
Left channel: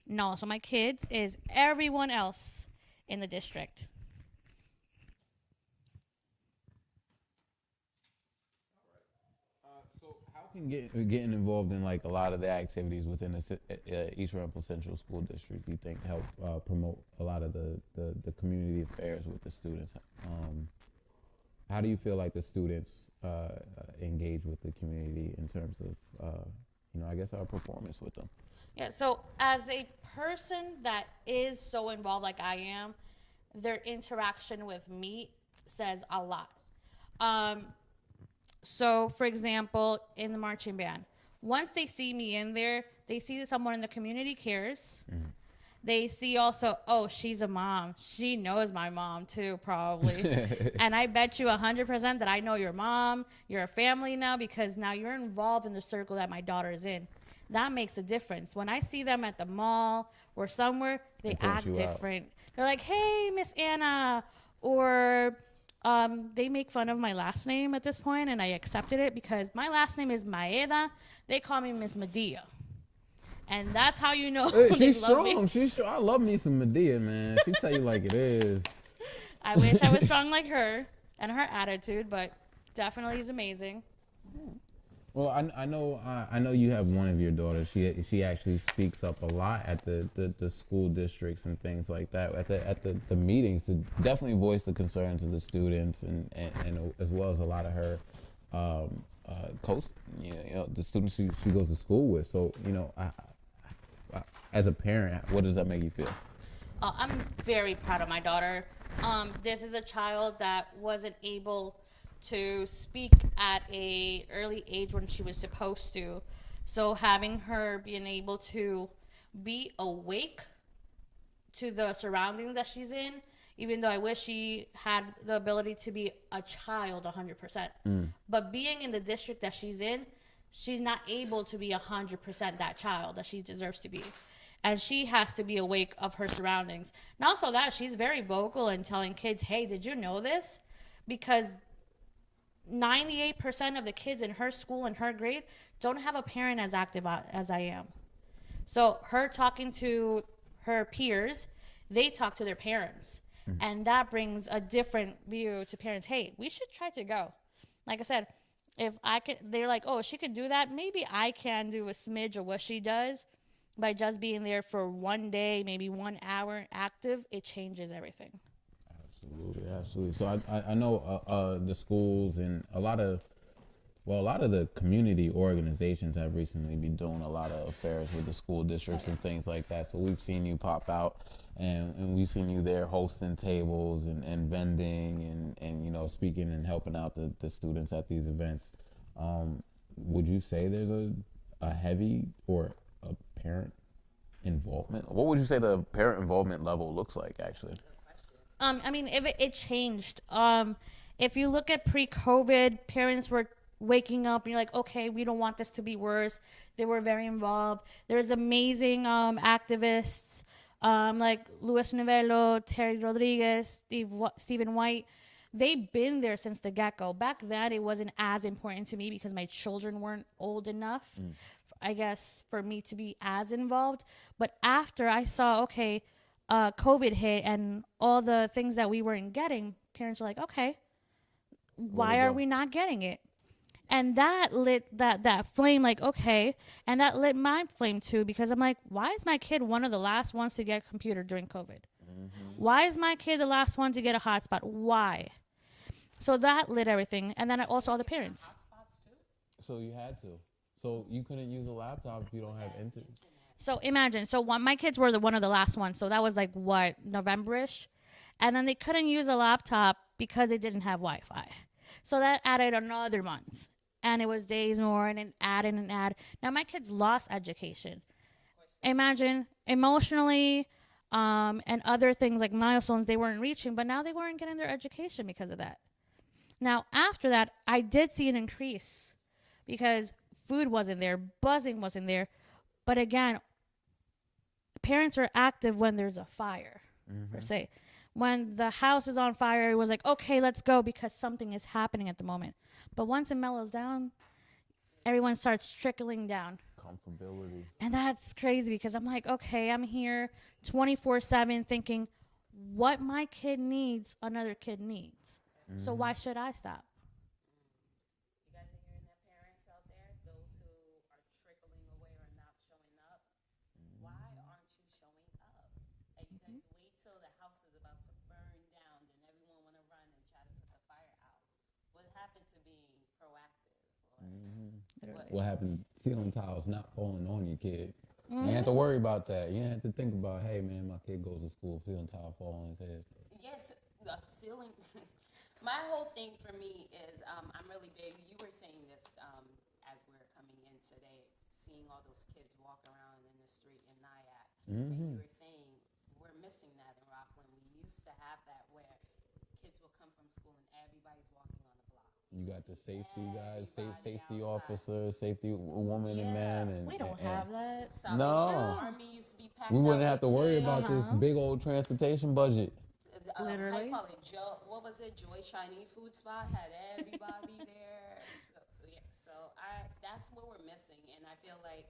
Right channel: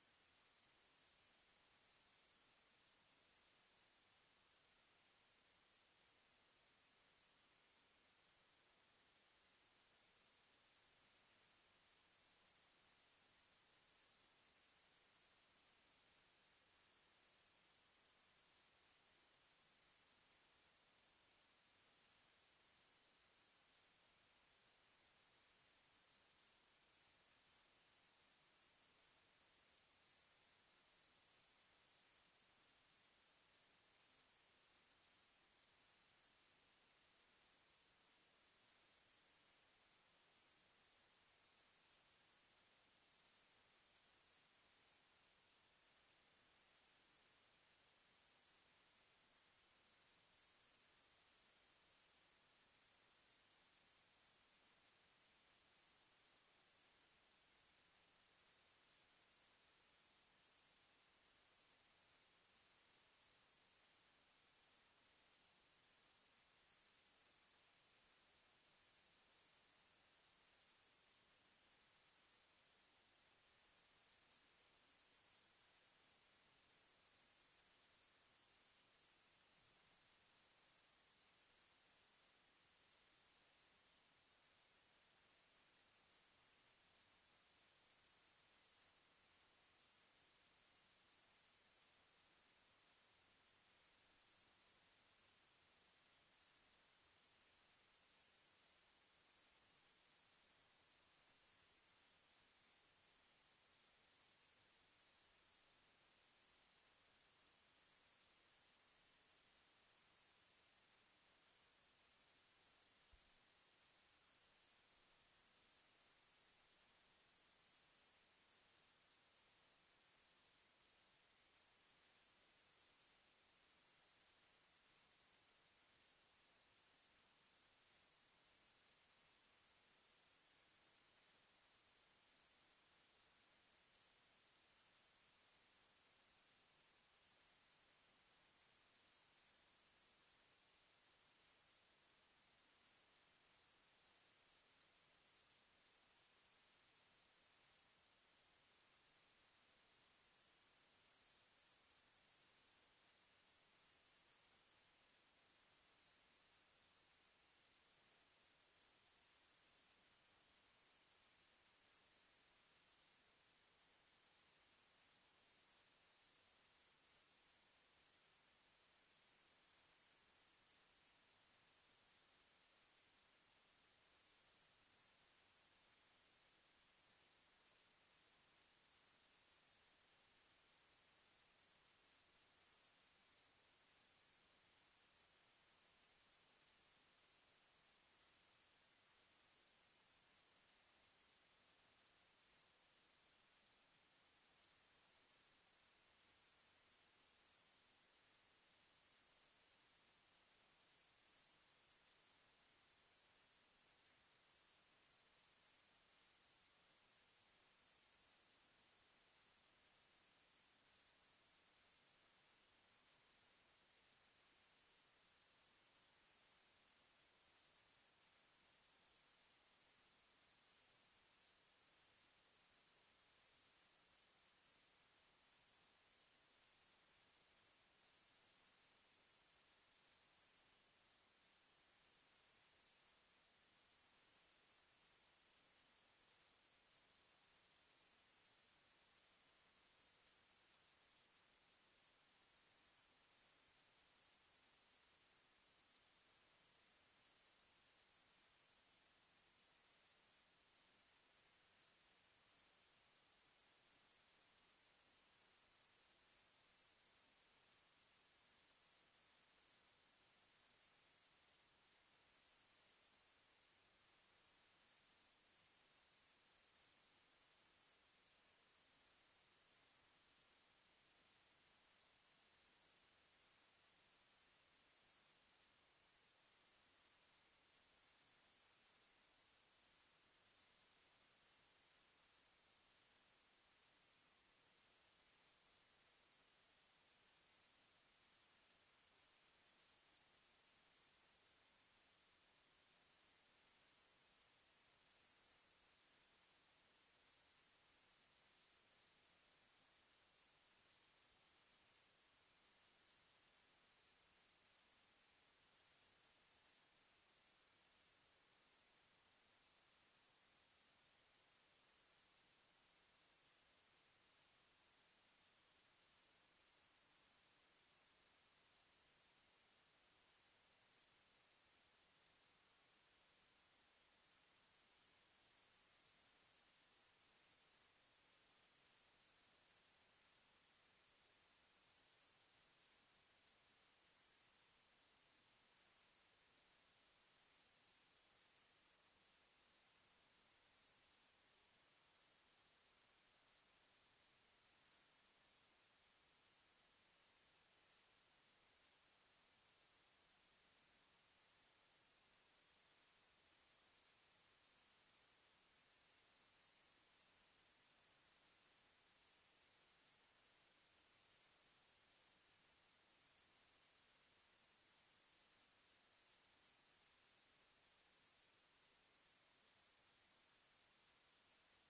No, so my kids is everyone else in the district. Getting involved in like a lot of the activities within the East Ramapo Central School District, you think help promote a lot of the community affairs with the students? How do you feel like the students engage with the community in terms of, I guess our performance with them? Yeah, so as a person that is so involved like I am, their interaction with me says a lot. So, for example, in the marching band, once they see me in there, they see that someone in the community cares. Mm-hmm. They see also, oh, she's a mom. She knows my mom too, probably. And I bet you 100% that I know your mom, you're a family now, because now you're involved in the circle that my daughter is in. That makes a difference. When I see them at the mall or somewhere, they act different. They're like, hey, Miss Anna, or they make fun of my last name at this point, and I accepted it because my last name is Maeda. They call me Miss Medea. And that's how you know She's strong. She's strong. I love me some Medea, man. She tell you like it is. I wish I was strong like her and her attitude, but definitely is amazing. Well, I know you have one of your daughters. She actually speaks up a lot at the school districts and things like that. At the meetings to definitely voice the concerns of the students and as well as a lot of her the students she goes to school with. So I, as a parent, what does that make you feel? I'm very proud of my daughter. This is a child that wasn't able to speak at a early age when she was supposed to. So having her being able to be awake to the surroundings that she's in, even though I wish she had the ability to be a child 100%. But being in the district that she's in, she's not able to be 100% that child that she deserves to be. And she has to be awake of her surroundings. And also that, she's very vocal in telling kids, hey, did you know this? Because 98% of the kids in her school and her grade don't have a parent as active as I am. So her talking to her peers, they talk to their parents. And that brings a different view to parents. Hey, we should try to go. Like I said, if I could, they're like, oh, she could do that. Maybe I can do a smidge of what she does by just being there for one day, maybe 1 hour active. It changes everything. Absolutely. So I know the schools and a lot of the community organizations have recently been doing a lot of affairs with the school districts and things like that. So we've seen you pop out and we've seen you there hosting tables and vending and speaking and helping out the students at these events. Would you say there's a heavy or a parent involvement? What would you say the parent involvement level looks like actually? I mean, if it changed. If you look at pre-COVID, parents were waking up and you're like, okay, we don't want this to be worse. They were very involved. There's amazing activists like Luis Novello, Terry Rodriguez, Stephen White. They've been there since the get-go. Back then, it wasn't as important to me because my children weren't old enough, I guess, for me to be as involved. But after I saw, okay, COVID hit and all the things that we weren't getting, parents were like, okay, why are we not getting it? And that lit that flame, like, okay. And that lit my flame too, because I'm like, why is my kid one of the last ones to get a computer during COVID? Why is my kid the last one to get a hotspot? Why? So that lit everything. And then also all the parents. So you had to. So you couldn't use a laptop if you don't have internet. So imagine, my kids were one of the last ones. So that was like, what, November-ish? And then they couldn't use a laptop because they didn't have Wi-Fi. So that added another month. And it was days more, and it added and added. Now my kids lost education. Imagine emotionally, and other things like milestones they weren't reaching, but now they weren't getting their education because of that. Now after that, I did see an increase because food wasn't there, buzzing wasn't there. But again, parents are active when there's a fire, per se. When the house is on fire, it was like, okay, let's go because something is happening at the moment. But once it mellows down, everyone starts trickling down. Comfortability. And that's crazy because I'm like, okay, I'm here 24/7 thinking what my kid needs, another kid needs. So why should I stop? What happened? Ceiling tiles not falling on your kid. You ain't have to worry about that. You ain't have to think about, hey man, my kid goes to school, ceiling tile fall on his head. Yes, the ceiling. My whole thing for me is I'm really big. You were saying this as we're coming in today, seeing all those kids walk around in the street in Nyack. And you were saying we're missing that in Rockland. We used to have that where kids will come from school and everybody's walking on the block. You got the safety guys, safety officers, safety woman and man, and We don't have that. No. Army used to be packed We wouldn't out have to with worry kids. about this big old transportation budget. Literally. I call it Joe. What was it? Joy Chinese food spot had everybody there. So that's what we're missing, and I feel like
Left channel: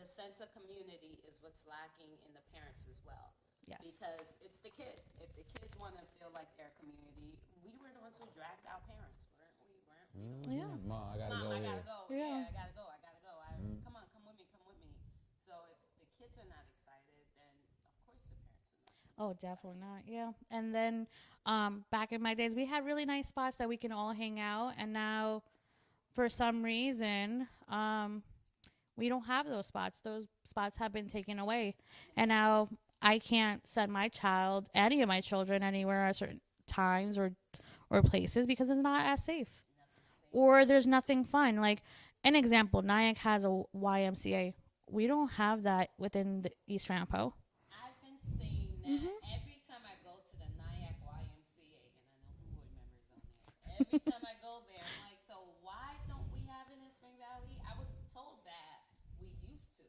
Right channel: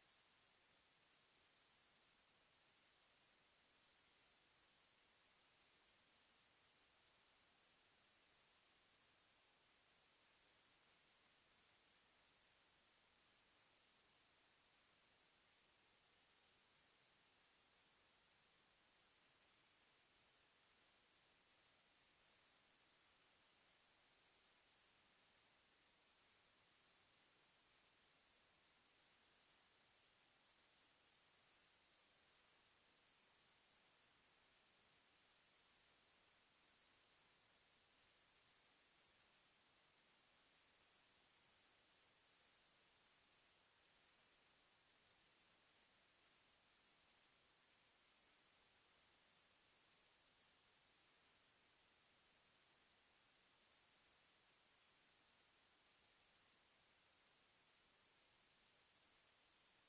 the sense of community is what's lacking in the parents as well. Yes. Because it's the kids. If the kids want to feel like their community, we were the ones who dragged our parents, weren't we? Yeah. Mom, I gotta Mom, go I here. gotta go. Yeah. I gotta go. Come on, come with me. So if the kids are not excited, then of course the parents are not. Oh, definitely not. Yeah. And then back in my days, we had really nice spots that we can all hang out. And now, for some reason, we don't have those spots. Those spots have been taken away. And now I can't send my child, any of my children, anywhere at certain times or places because it's not as safe. Or there's nothing fun. Like, an example, Nyack has a YMCA. We don't have that within the East Rampo. I've been saying that every time I go to the Nyack YMCA, and I know some board members on there. Every time I go there, I'm like, so why don't we have it in Spring Valley? I was told that we used to.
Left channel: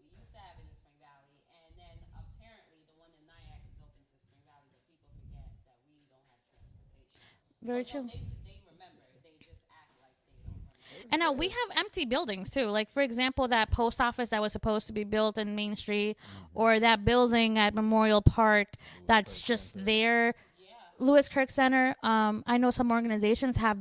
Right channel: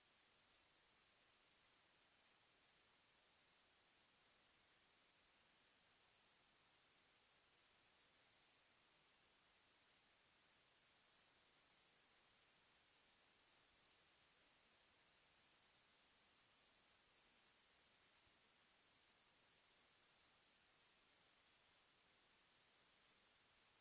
We used to have it in Spring Valley, and then apparently the one in Nyack is open to Spring Valley that people forget that we don't have transportation. Very true. They remember. They just act like they don't remember. And now we have empty buildings too. Like, for example, that post office that was supposed to be built in Main Street, or that building at Memorial Park that's just there. Lewis Kirk Center. I know some organizations have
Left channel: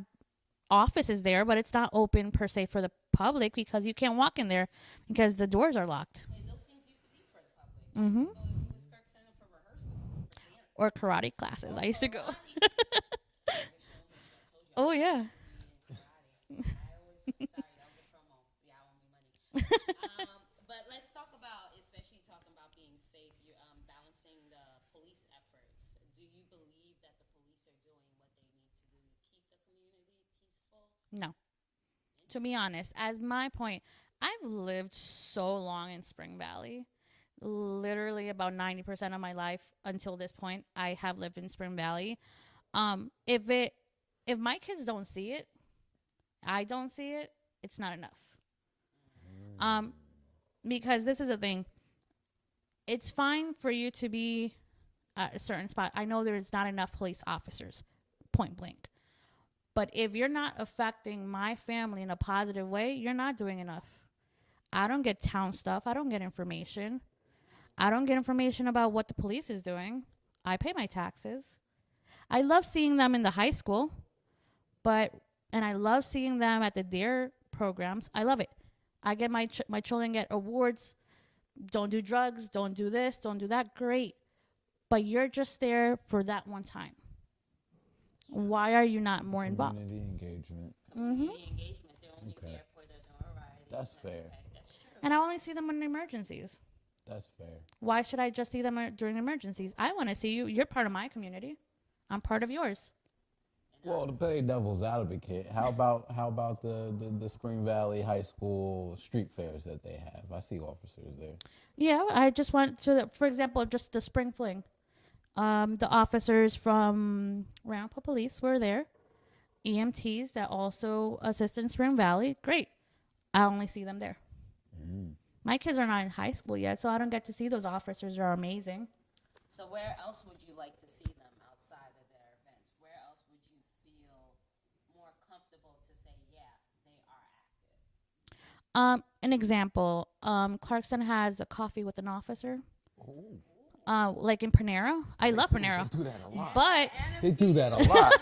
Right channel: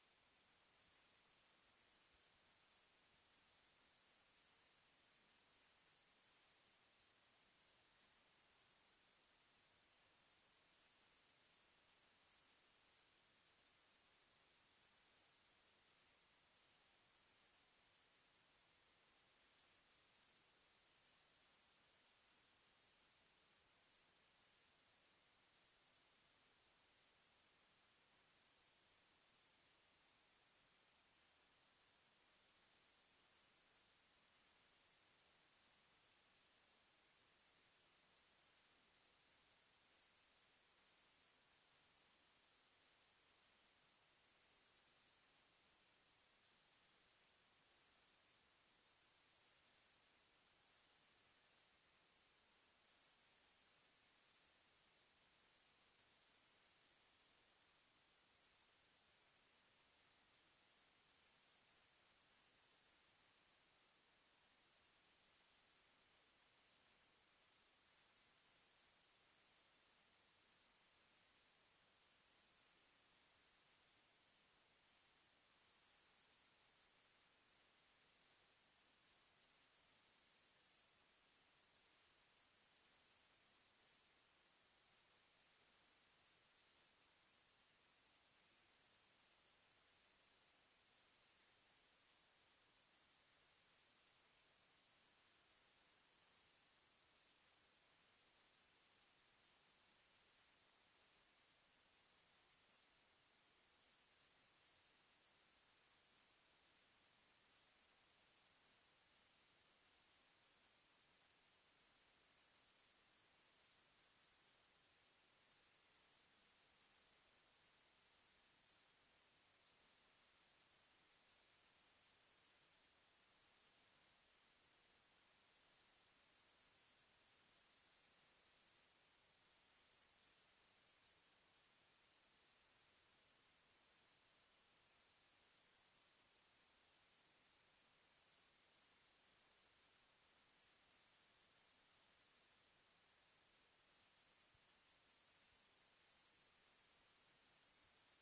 offices there, but it's not open per se for the public because you can't walk in there because the doors are locked. And those things used to be for the public. Mm-hmm. I used to go to Lewis Kirk Center for rehearsal. For dance. Or karate classes. I used to go. Oh yeah. But let's talk about, especially talking about being safe, you're balancing the police efforts. Do you believe that the police are doing what they need to do to keep the community peaceful? No. To be honest, as my point, I've lived so long in Spring Valley. Literally about 90% of my life until this point, I have lived in Spring Valley. If my kids don't see it, I don't see it, it's not enough. Because this is the thing. It's fine for you to be at a certain spot. I know there's not enough police officers, point blank. But if you're not affecting my family in a positive way, you're not doing enough. I don't get town stuff. I don't get information. I don't get information about what the police is doing. I pay my taxes. I love seeing them in the high school. But and I love seeing them at the DARE programs. I love it. I get my children get awards. Don't do drugs. Don't do this. Don't do that. Great. But you're just there for that one time. Why are you not more involved? Community engagement. Mm-hmm. Okay. That's fair. And I only see them in emergencies. That's fair. Why should I just see them during emergencies? I want to see you. You're part of my community. I'm part of yours. Well, to play devil's advocate, how about the Spring Valley High School street fairs that they have? I see officers there. Yeah, I just want to, for example, just the spring fling. The officers from Ramapo Police were there. EMTs that also assist in Spring Valley. Great. I only see them there. My kids are not in high school yet, so I don't get to see those officers. They're amazing. So where else would you like to see them outside of their events? Where else would you feel more comfortable to say, yeah, they are active? An example, Clarkston has a coffee with an officer. Like in Panera. I love Panera. They do that a lot. But They do that a lot.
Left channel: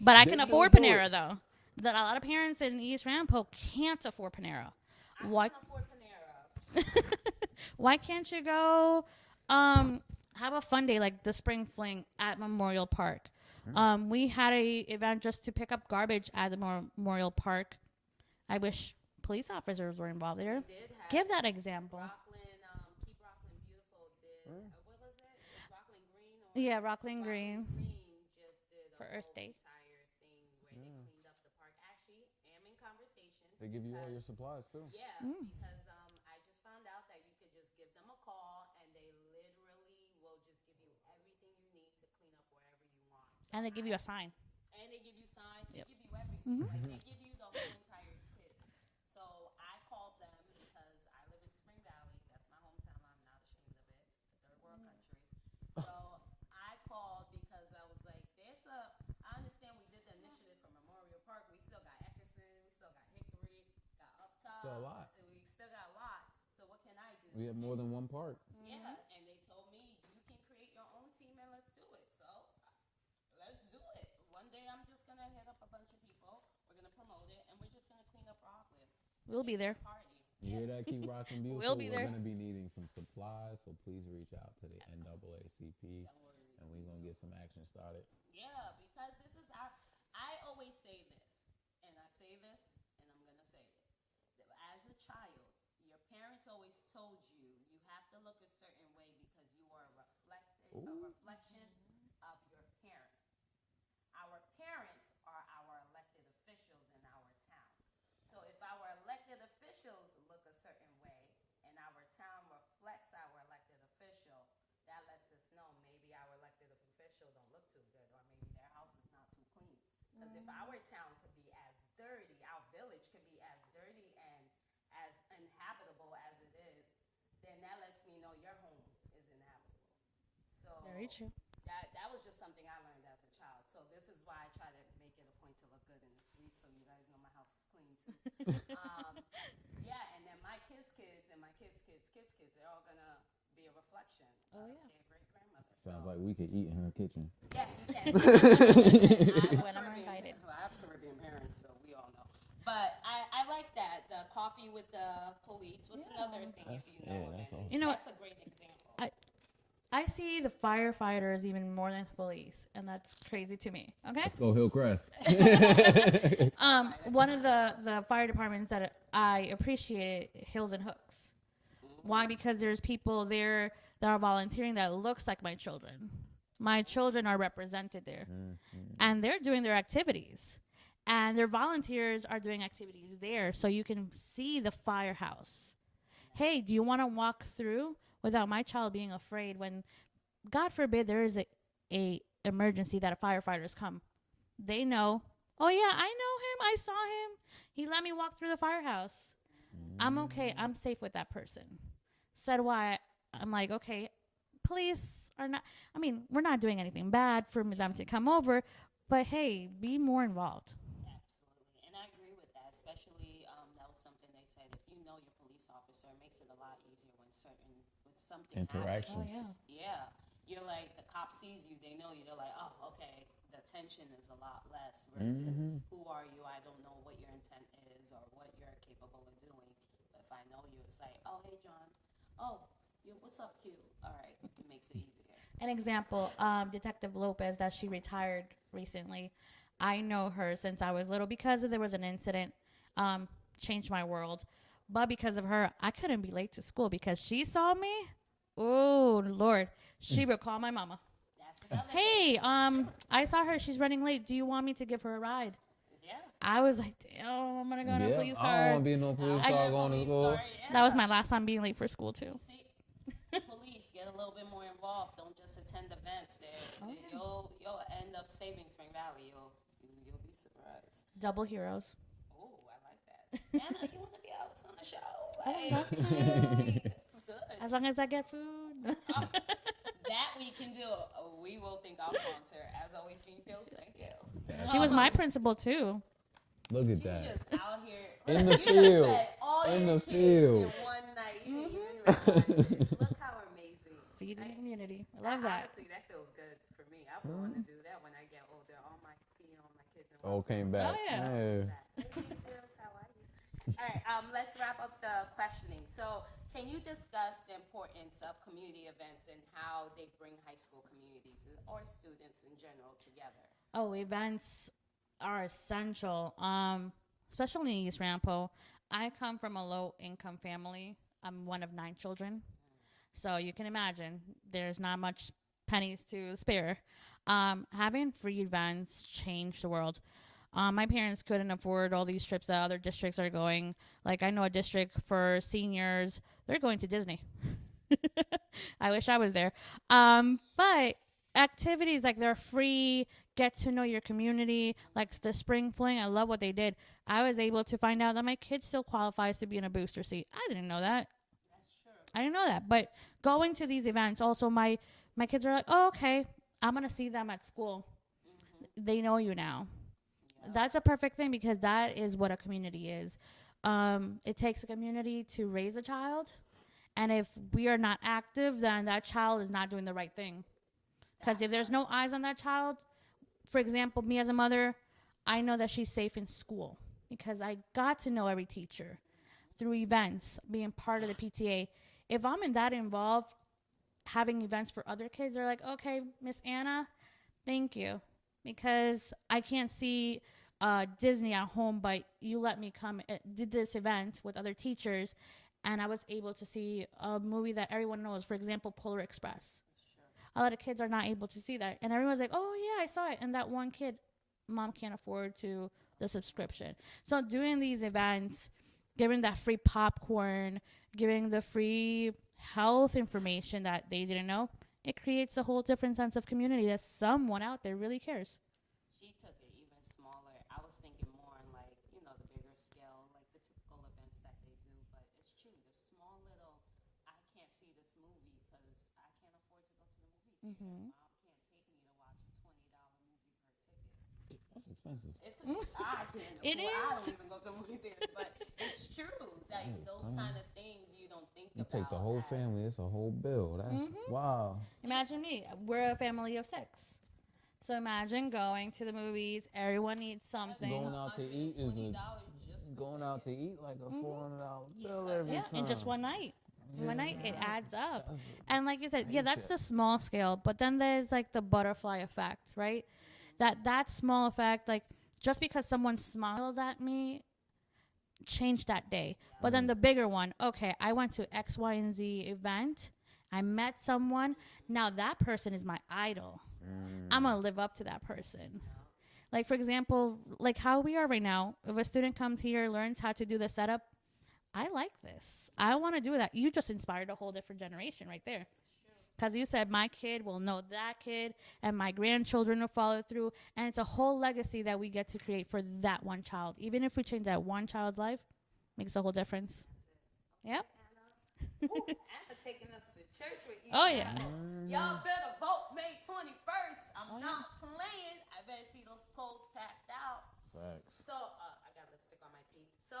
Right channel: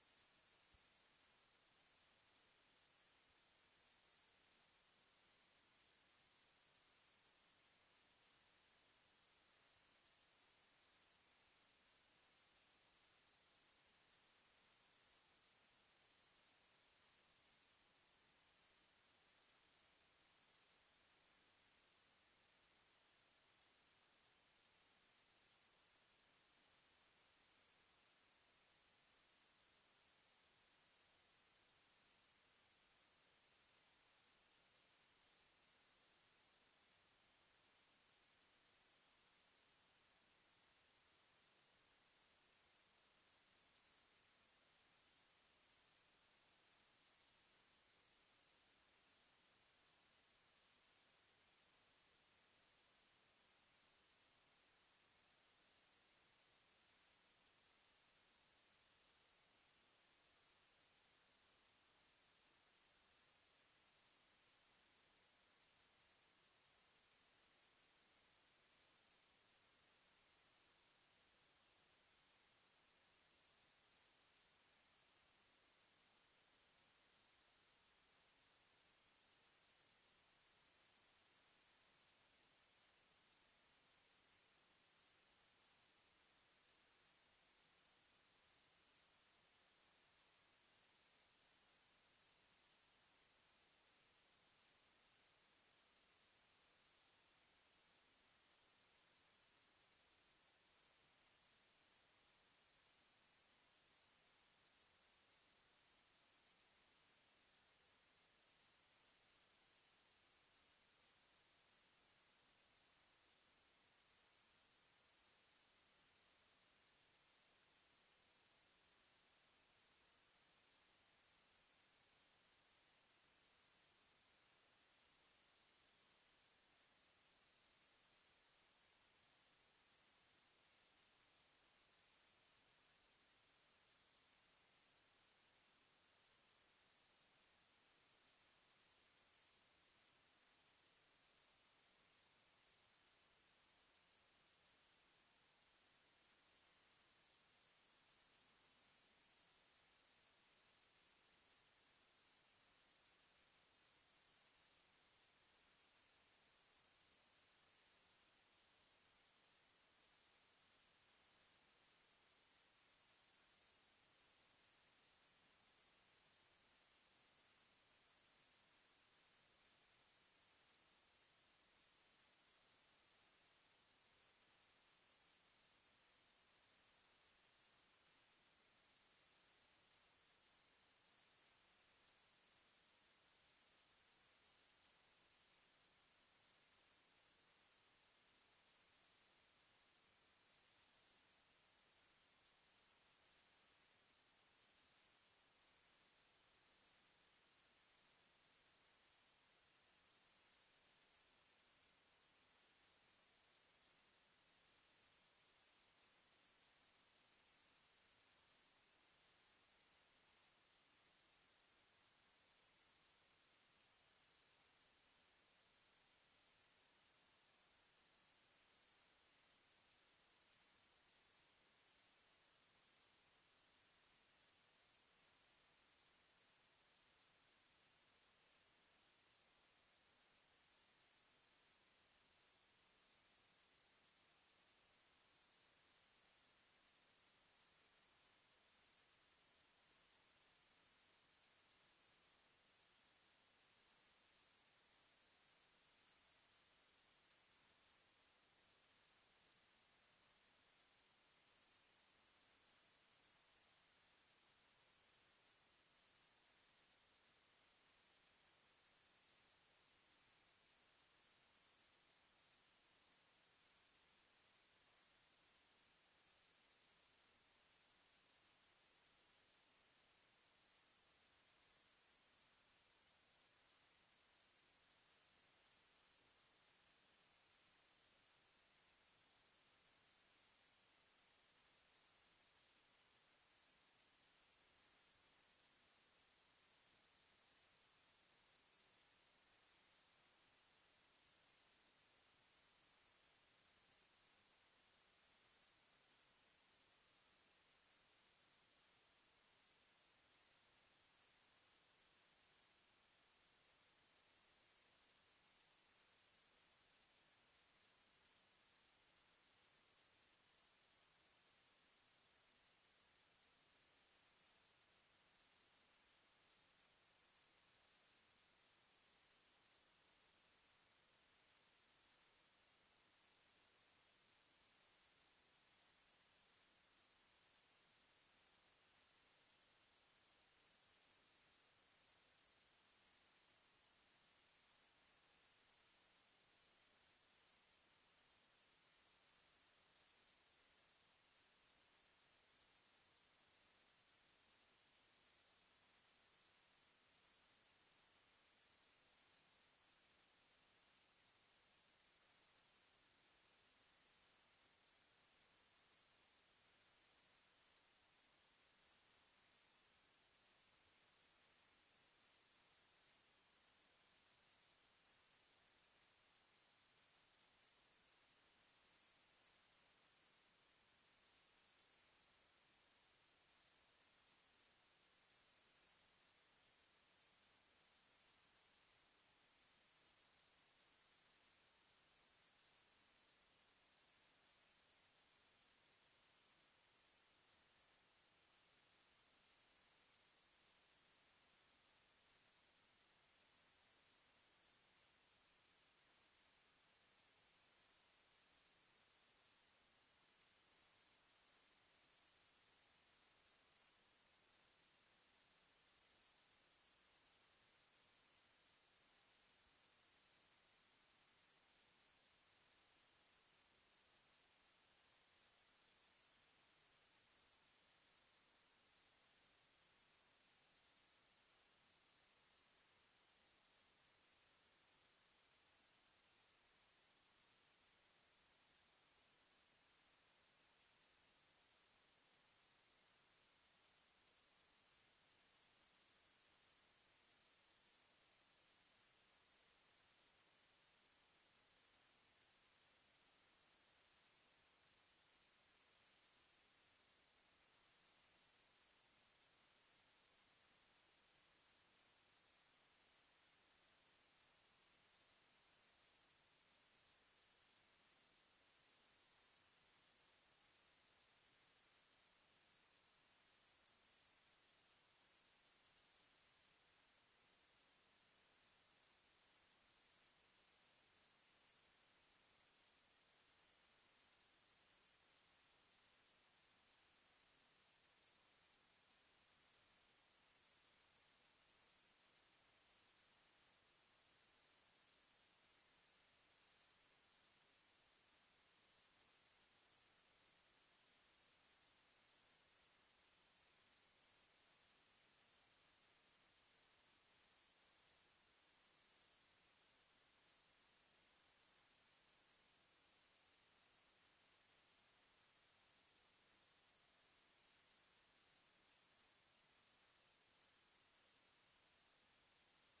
but I They can don't afford do Panera it. though. That a lot of parents in East Ramapo can't afford Panera. Why? Why can't you go have a fun day like the spring fling at Memorial Park? We had a event just to pick up garbage at the Memorial Park. I wish police officers were involved there. Give that example. Yeah, Rockland Green for Earth Day. They give you all your supplies too. Yeah, Mm. because I just found out that you could just give them a call and they literally will just give you everything you need to clean up wherever you want. And they give you a sign. And they give you signs, Yep. they give you everything. Mhm. Like, they give you the whole entire kit. So I called them because I live in Spring Valley. That's my hometown. I'm not ashamed of it. Third world country. So I called because I was like, I understand we did the initiative for Memorial Park. We still got Eckerson, we still got Hickory, got Uptown. Still a lot. We still got a lot. So what can I do? We have more than one park. Yeah, and they told me you can create your own team and let's do it. So let's do it. One day I'm just gonna hit up a bunch of people. We're gonna promote it, and we're just gonna clean up Rockland. We'll be there. Party. You hear that? Keep rocking beautiful. We'll be there. We're gonna be needing some supplies, so please reach out to the NAACP, and we're gonna get some action started. Yeah, because this is I always say this, and I say this, and I'm gonna say it. As a child, your parents always told you you have to look a certain way because you are a reflection of your parent. Our parents are our elected officials in our towns. So if our elected officials look a certain way and our town reflects our elected official, that lets us know maybe our elected official don't look too good, or maybe their house is not too clean. Because if our town could be as dirty, our village could be as dirty and as uninhabitable as it is, then that lets me know your home is inhabitable. So Very true. that was just something I learned as a child. So this is why I try to make it a point to look good in the street, so you guys know my house is clean too. Yeah, and then my kids' kids and my kids' kids' kids' kids, they're all gonna be a reflection of their great grandmother. Sounds like we could eat in her kitchen. Yeah, you can. When I'm invited. I have Caribbean parents, so we all know. But I like that, the coffee with the police. What's another thing if you know? That's all. You know what? That's a great example. I see the firefighters even more than the police, and that's crazy to me. Okay. Let's go Hillcrest. One of the fire departments that I appreciate, Hills and Hooks. Why? Because there's people there that are volunteering that looks like my children. My children are represented there, and they're doing their activities, and their volunteers are doing activities there, so you can see the firehouse. Hey, do you want to walk through without my child being afraid when, God forbid, there is a emergency that a firefighters come? They know, oh yeah, I know him, I saw him. He let me walk through the firehouse. I'm okay, I'm safe with that person. Said why, I'm like, okay, police are not, I mean, we're not doing anything bad for them to come over, but hey, be more involved. Absolutely, and I agree with that. Especially, that was something they said. If you know your police officer, it makes it a lot easier when something Interactions. happens. Yeah, you're like the cop sees you, they know you. They're like, oh, okay, the 10 attention is a lot less versus who are you? I don't know what your intent is or what you're capable of doing. If I know you, it's like, oh, hey, John. Oh, what's up, Q? All right, it makes it easier. An example, Detective Lopez, that she retired recently. I know her since I was little because there was an incident, changed my world. But because of her, I couldn't be late to school because she saw me. Oh, Lord. She would call my mama. Hey, I saw her. She's running late. Do you want me to give her a ride? Yeah. I was like, damn, I'm going to go in a police car. I don't want to be in no police car going to school. That was my last time being late for school, too. See, police, get a little bit more involved. Don't just attend events there. You'll end up saving Spring Valley. You'll be surprised. Double heroes. Oh, I like that. Anna, you want to be out on the show? I love to. This is good. As long as I get food. That we can do. We will thank our sponsor. As always, Jean Fields, thank you. She was my principal, too. Look at She's that. just out here. In the You field. done fed all In your the kids field. In one night. Look how amazing. Feeding the community. I love that. Honestly, that feels good for me. I would want to do that when I get older. All my feeding all my kids. Oh, came back. Oh, yeah. Hey. All right, let's wrap up the questioning. So, can you discuss the importance of community events and how they bring high school communities or students in general together? Oh, events are essential, especially in East Rampo. I come from a low-income family. I'm one of 9 children. So you can imagine there's not much pennies to spare. Having free events changed the world. My parents couldn't afford all these trips that other districts are going. Like, I know a district for seniors, they're going to Disney. I wish I was there. But activities like they're free, get to know your community, like the spring fling, I love what they did. I was able to find out that my kid still qualifies to be in a booster seat. I didn't know that. I didn't know that. But going to these events, also my kids are like, oh, okay, I'm going to see them at school. They know you now. That's a perfect thing because that is what a community is. It takes a community to raise a child. And if we are not active, then that child is not doing the right thing. Because if there's no eyes on that child, for example, me as a mother, I know that she's safe in school because I got to know every teacher through events, being part of the PTA. If I'm in that involved, having events for other kids, they're like, okay, Miss Anna, thank you. Because I can't see Disney at home, but you let me come, did this event with other teachers, and I was able to see a movie that everyone knows, for example, Polar Express. A lot of kids are not able to see that. And everyone's like, oh, yeah, I saw it. And that one kid, mom can't afford the subscription. So doing these events, giving that free popcorn, giving the free health information that they didn't know, it creates a whole different sense of community that someone out there really cares. She took it even smaller. I was thinking more on like, the bigger scale, like the typical events that they do. But it's true, the small little, I can't see this movie because I can't afford to go to the movie. Mm-hmm. Mom can't take me to watch a $20 movie for a ticket. That's expensive. I can't It afford, I is. don't even go to movie theaters, but it's true. Like those kind of things you don't think You about. take the whole family, it's a whole bill. That's wow. Imagine me. We're a family of 6. So imagine going to the movies. Everyone needs something. Going out to eat is like a $400 bill every time. In just one night. One night, it adds up. That's And like you said, yeah, that's the small scale. But then there's like the butterfly effect, right? That small effect, like just because someone smiled at me, changed that day. But then the bigger one, okay, I went to X, Y, and Z event. I met someone. Now that person is my idol. I'm going to live up to that person. Like, for example, like how we are right now, if a student comes here, learns how to do the setup, I like this. I want to do that. You just inspired a whole different generation right there. Because you said my kid will know that kid and my grandchildren will follow through. And it's a whole legacy that we get to create for that one child. Even if we change that one child's life, makes a whole difference. Yep. Anna taking us to church with you. Oh, yeah. Y'all better vote May 21st. I'm not playing. I better see those polls packed out. Facts. So, I got lipstick on my teeth. So,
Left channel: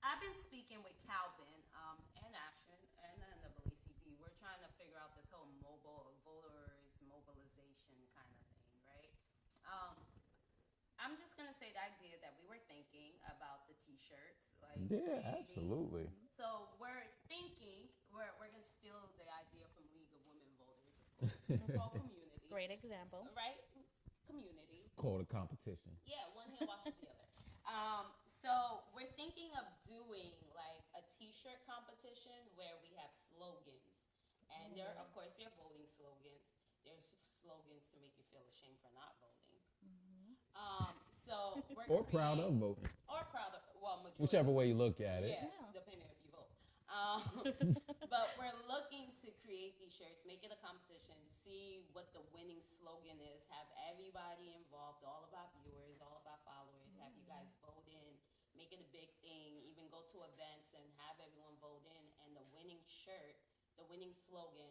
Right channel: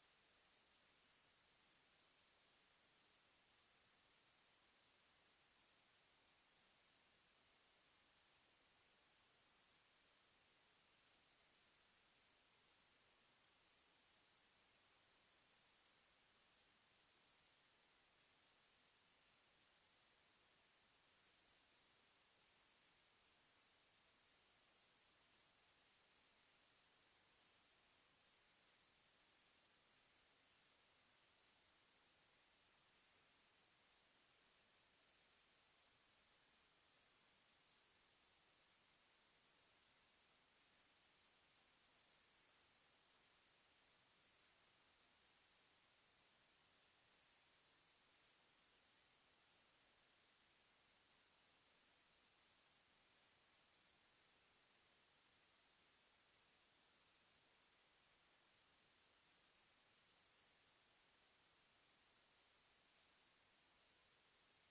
I've been speaking with Calvin and Ashton and then the WCP. We're trying to figure out this whole voters mobilization kind of thing, right? Yeah, absolutely. So we're thinking, we're gonna steal the idea from League of Women Voters, of course. It's called community. Great example. Right? Community. Called a competition. Yeah, one hand washes the other. So we're thinking of doing like a T-shirt competition where we have slogans, and there, of course, there are voting slogans. There's slogans to make you feel ashamed for not voting. So we're Or proud of voting. or proud of, well, majority. Whichever way you look at it. Yeah, depending if you vote. But we're looking to create these shirts, make it a competition, see what the winning slogan is, have everybody involved, all of our viewers, all of our followers, have you guys vote in, make it a big thing, even go to events and have everyone vote in, and the winning shirt, the winning slogan,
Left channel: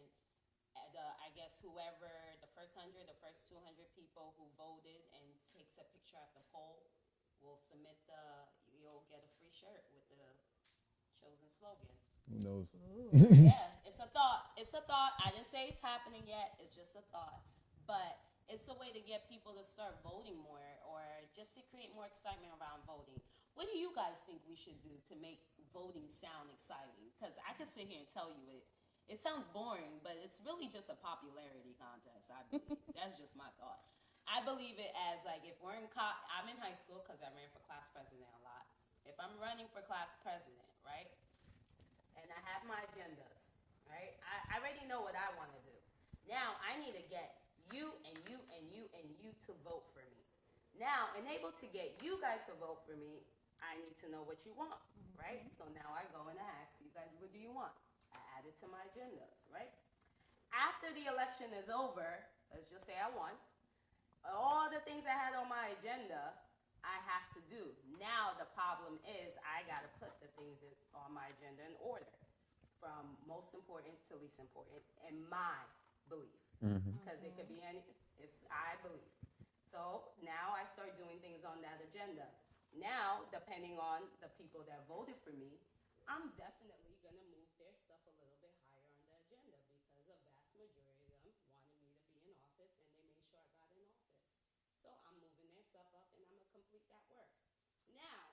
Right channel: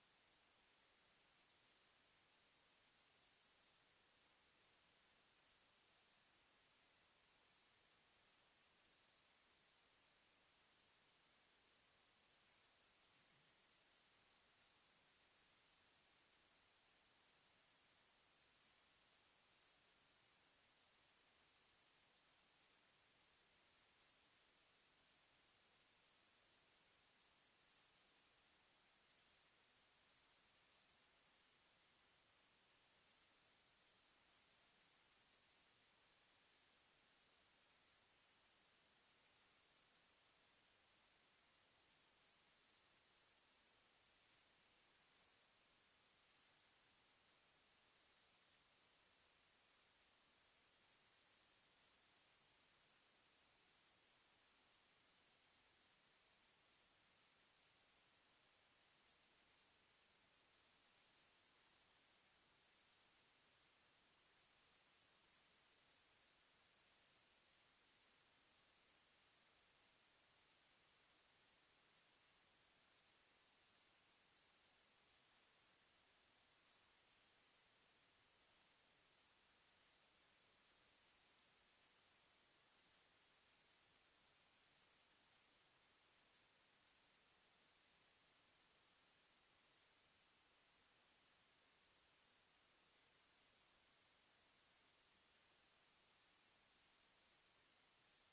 I guess whoever, the first 100, the first 200 people who voted and takes a picture at the poll will submit you'll get a free shirt with the chosen slogan. Who knows? Yeah, it's a thought. It's a thought. I didn't say it's happening yet. It's just a thought. But it's a way to get people to start voting more, or just to create more excitement around voting. What do you guys think we should do to make voting sound exciting? Because I could sit here and tell you it. It sounds boring, but it's really just a popularity contest, I believe. That's just my thought. I believe it as, like, if we're I'm in high school because I ran for class president a lot. If I'm running for class president, right, and I have my agendas, right, I already know what I want to do. Now, I need to get you and you and you and you to vote for me. Now, in able to get you guys to vote for me, I need to know what you want, right? So now I go and I ask you guys, what do you want? I add it to my agendas, right? After the election is over, let's just say I won, all the things I had on my agenda, I have to do. Now the problem is I got to put the things on my agenda in order, from most important to least important, in my belief. Because it could be I believe. So now I start doing things on that agenda. Now, depending on the people that voted for me, I'm definitely going to move their stuff a little bit higher on the agenda, because a vast majority of them wanted me to be in office, and they made sure I got in office. So I'm moving their stuff up, and I'm going to complete that work. Now,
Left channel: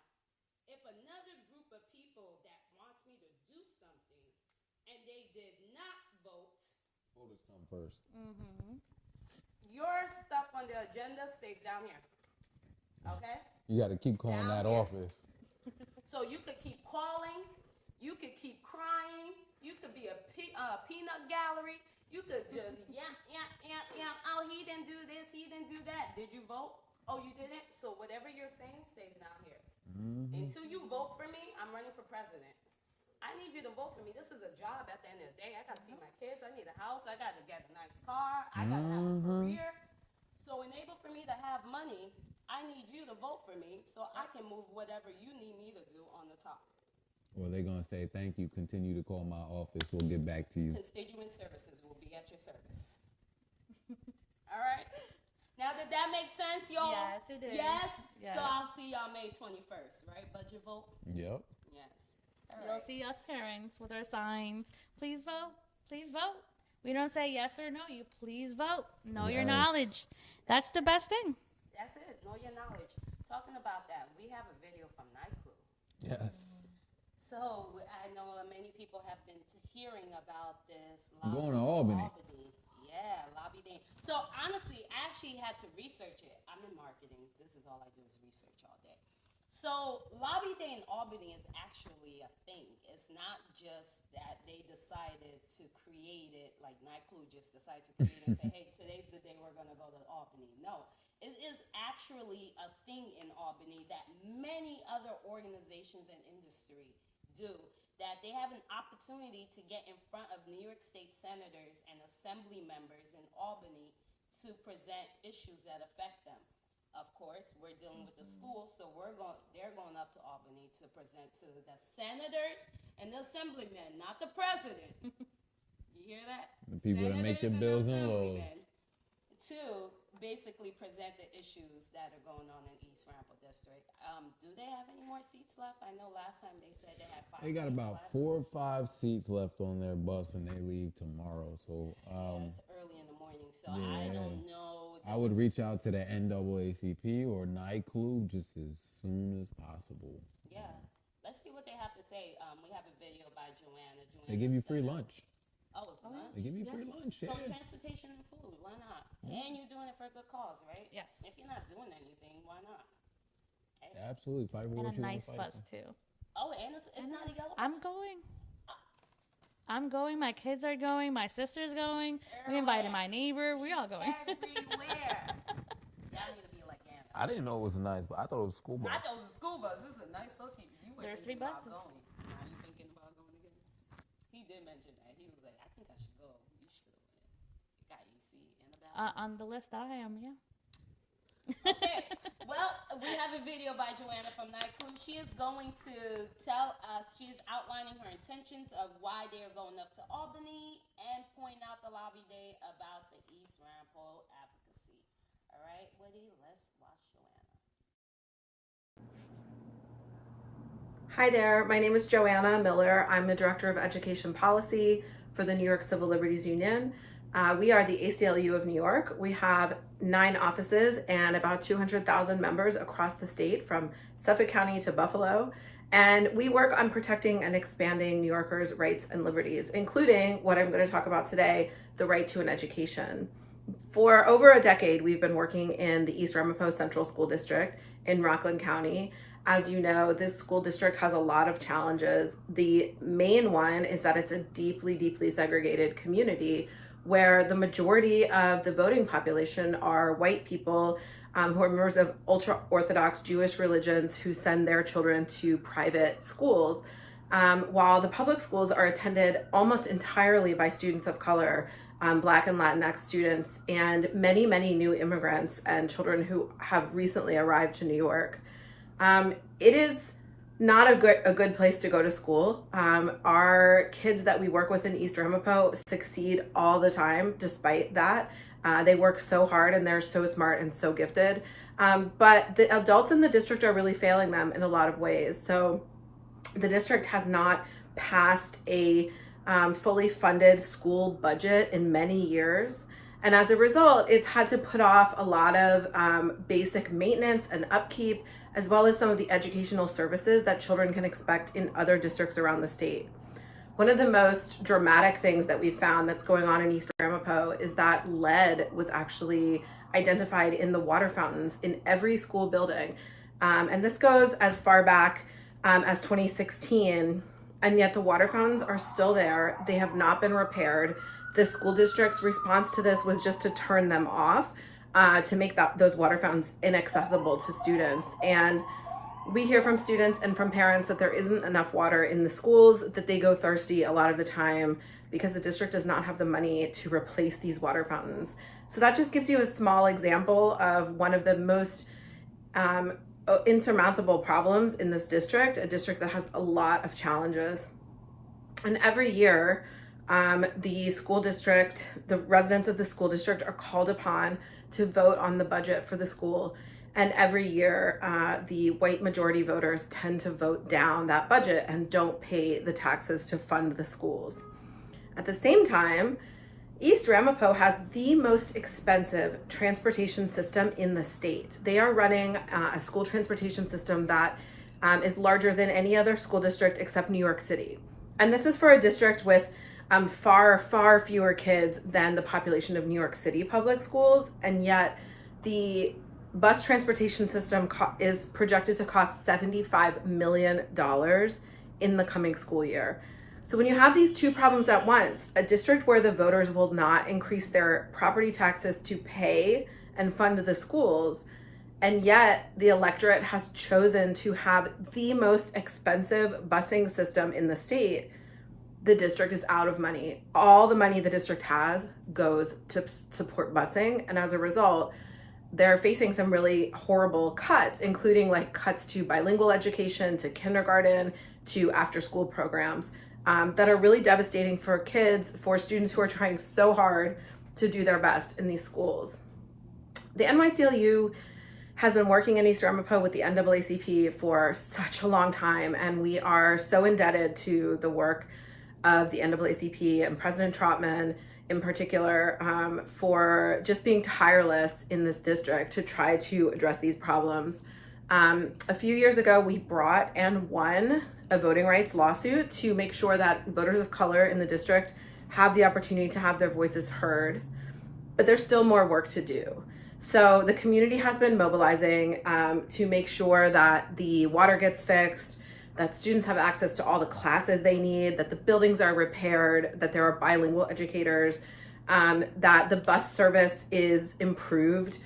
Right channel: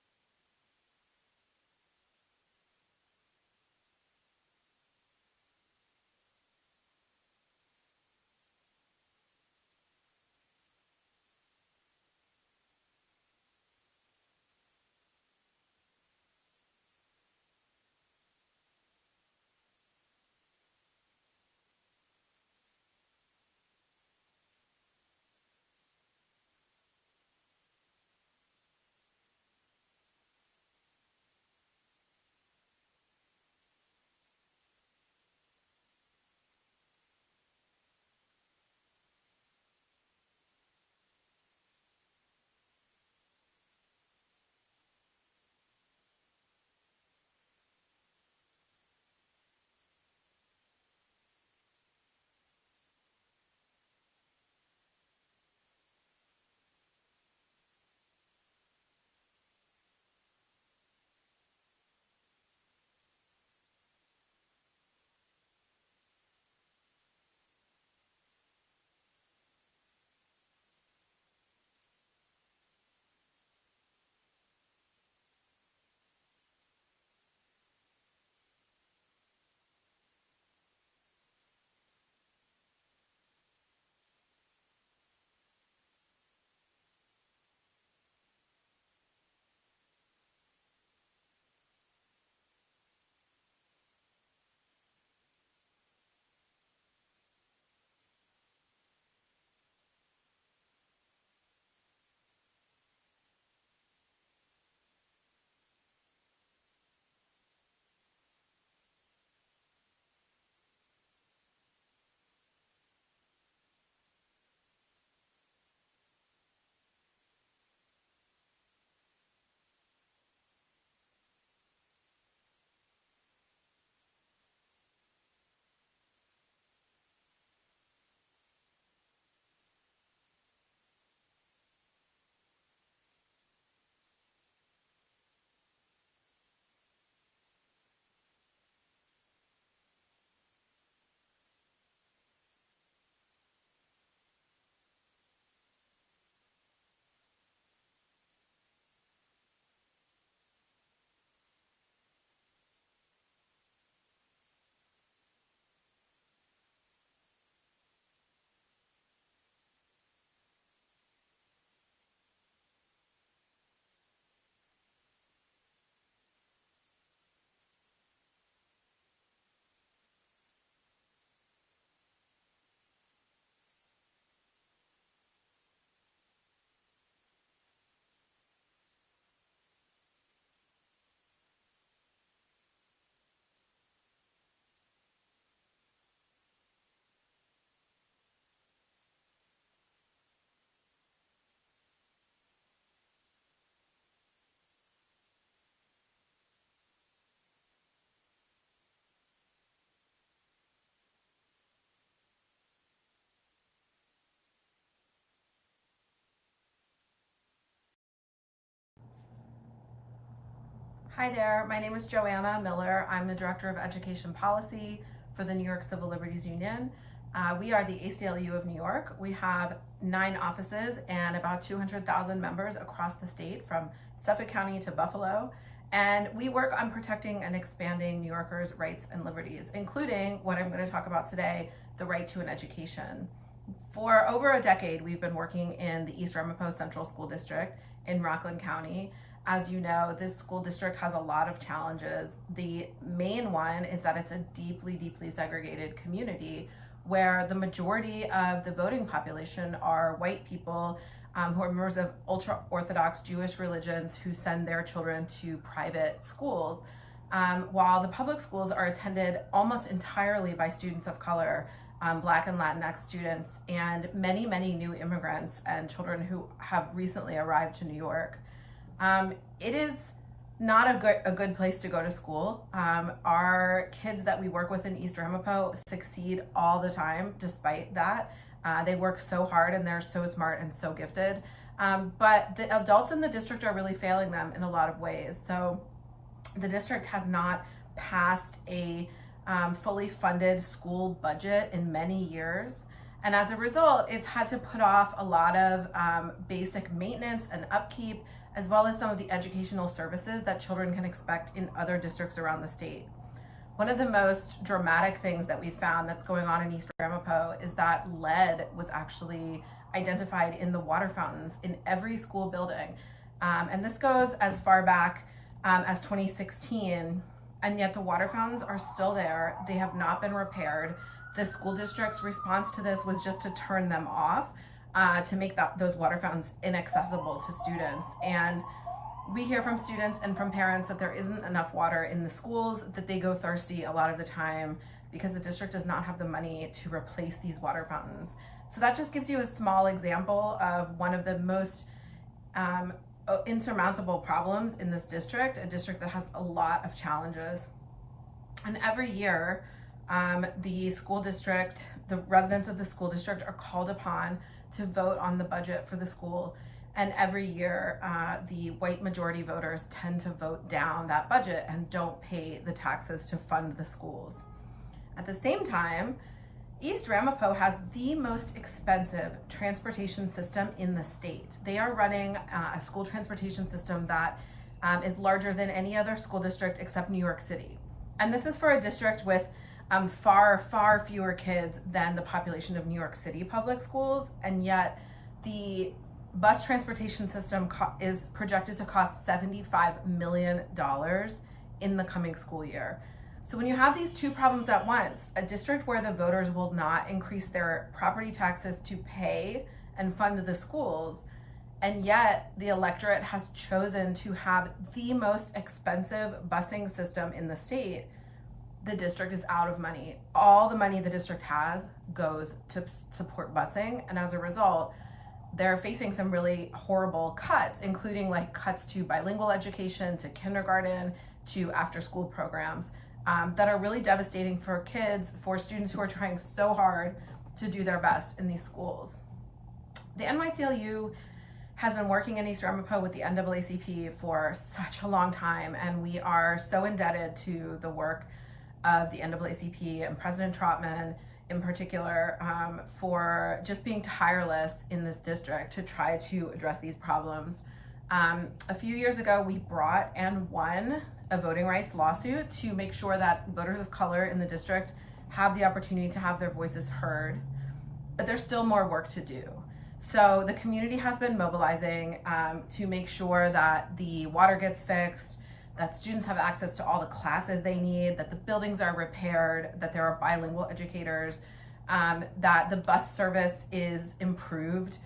if another group of people that wants me to do something, and they did not vote, Voters come first. your stuff on the agenda stays down here. Okay? You got to keep calling Down that here. office. So you could keep calling, you could keep crying, you could be a peanut gallery, you could just oh, he didn't do this, he didn't do that. Did you vote? Oh, you didn't? So whatever you're saying stays down here. Until you vote for me, I'm running for president. I need you to vote for me. This is a job at the end of the day. I got to feed my kids. I need a house. I got to get a nice car. I got to have a career. So enable for me to have money, I need you to vote for me so I can move whatever you need me to do on the top. Well, they're going to say, thank you. Continue to call my office. We'll get back to you. Constituent services will be at your service. All right? Now, did that make sense, y'all? Yes, it did. Yes? Yes. So I'll see y'all May 21st, right? Budget vote? Yep. Yes. You'll see us parents with our signs. Please vote. Please vote. We don't say yes or no. You please vote. Know your Yes. knowledge. That's the best thing. That's it. Know your knowledge. Talking about that, we have a video from Night Crew. Yes. So I know many people have been hearing about this. I'm going to lobby Albany. Yeah, lobby day. So honestly, I actually had to research it. I'm in marketing. This is all I do is research all day. So lobby day in Albany is actually a thing. It's not just that they decided to create it, like Night Crew just decided to create it and say, hey, today's the day we're going to go to Albany. No, it is actually a thing in Albany that many other organizations and industry do, that they have an opportunity to get in front of New York State senators and assembly members in Albany to present issues that affect them. Of course, we're dealing with the schools, so they're going up to Albany to present to the senators and the assemblymen, not the president. You hear that? The people that make your bills and laws. To basically present the issues that are going on in East Ramapo District. Do they have any more seats left? I know last time they said they had 5 They got seats about left. 4 or 5 seats left on their bus, and they leave tomorrow. So It's early in the morning, so I don't know. I would reach out to the NAACP or NICLU just as soon as possible. Yeah, let's see what they have say, we have a video by Joanna. They give you free lunch. Oh, it's lunch? They give you free lunch. So Yeah. transportation and food, why not? And you're doing it for a good cause, right? Yes. If you're not doing anything, why not? Absolutely. Fight for And what a you want nice to fight bus for. too. Oh, and it's not a yellow. I'm going. I'm going. My kids are going. My sister's going. We invited my neighbor. We all going. Everywhere. Y'all need to be like Anna. I didn't know it was nice, but I thought it was a school bus. I thought it was a school bus. This is a nice bus. There's 3 buses. Are you thinking about going again? He did mention that. He was like, I think I should go. You should. Got AC and a balance. On the list I am, yeah. Okay. Well, we have a video by Joanna from Night Clue. She is going to tell us, she is outlining her intentions of why they are going up to Albany and point out the lobby day about the East Ramapo advocacy. All right, Woody, let's watch Joanna. Hi there, my name is Joanna Miller. I'm the Director of Education Policy for the New York Civil Liberties Union. We are the ACLU of New York. We have 9 offices and about 200,000 members across the state from Suffolk County to Buffalo. And we work on protecting and expanding New Yorkers' rights and liberties, including what I'm going to talk about today, the right to an education. For over a decade, we've been working in the East Ramapo Central School District in Rockland County. As you know, this school district has a lot of challenges. The main one is that it's a deeply, deeply segregated community where the majority of the voting population are white people who are members of ultra-Orthodox Jewish religions who send their children to private schools, while the public schools are attended almost entirely by students of color, Black and Latinx students, and many, many new immigrants and children who have recently arrived to New York. It is not a good place to go to school. Our kids that we work with in East Ramapo succeed all the time despite that. They work so hard and they're so smart and so gifted. But the adults in the district are really failing them in a lot of ways. So the district has not passed a fully funded school budget in many years. And as a result, it's had to put off a lot of basic maintenance and upkeep, as well as some of the educational services that children can expect in other districts around the state. One of the most dramatic things that we found that's going on in East Ramapo is that lead was actually identified in the water fountains in every school building. And this goes as far back as 2016, and yet the water fountains are still there. They have not been repaired. The school district's response to this was just to turn them off to make those water fountains inaccessible to students. And we hear from students and from parents that there isn't enough water in the schools, that they go thirsty a lot of the time because the district does not have the money to replace these water fountains. So that just gives you a small example of one of the most insurmountable problems in this district, a district that has a lot of challenges. And every year, the school district, the residents of the school district are called upon to vote on the budget for the school. And every year, the white majority voters tend to vote down that budget and don't pay the taxes to fund the schools. At the same time, East Ramapo has the most expensive transportation system in the state. They are running a school transportation system that is larger than any other school district except New York City. And this is for a district with far, far fewer kids than the population of New York City public schools, and yet the bus transportation system is projected to cost $75 million in the coming school year. So when you have these two problems at once, a district where the voters will not increase their property taxes to pay and fund the schools, and yet the electorate has chosen to have the most expensive busing system in the state, the district is out of money. All the money the district has goes to support busing, and as a result, they're facing some really horrible cuts, including like cuts to bilingual education, to kindergarten, to after-school programs that are really devastating for kids, for students who are trying so hard to do their best in these schools. The NYCLU has been working in East Ramapo with the NAACP for such a long time, and we are so indebted to the work of the NAACP and President Trotman in particular for just being tireless in this district to try to address these problems. A few years ago, we brought and won a voting rights lawsuit to make sure that voters of color in the district have the opportunity to have their voices heard, but there's still more work to do. So the community has been mobilizing to make sure that the water gets fixed, that students have access to all the classes they need, that the buildings are repaired, that there are bilingual educators, that the bus service is improved.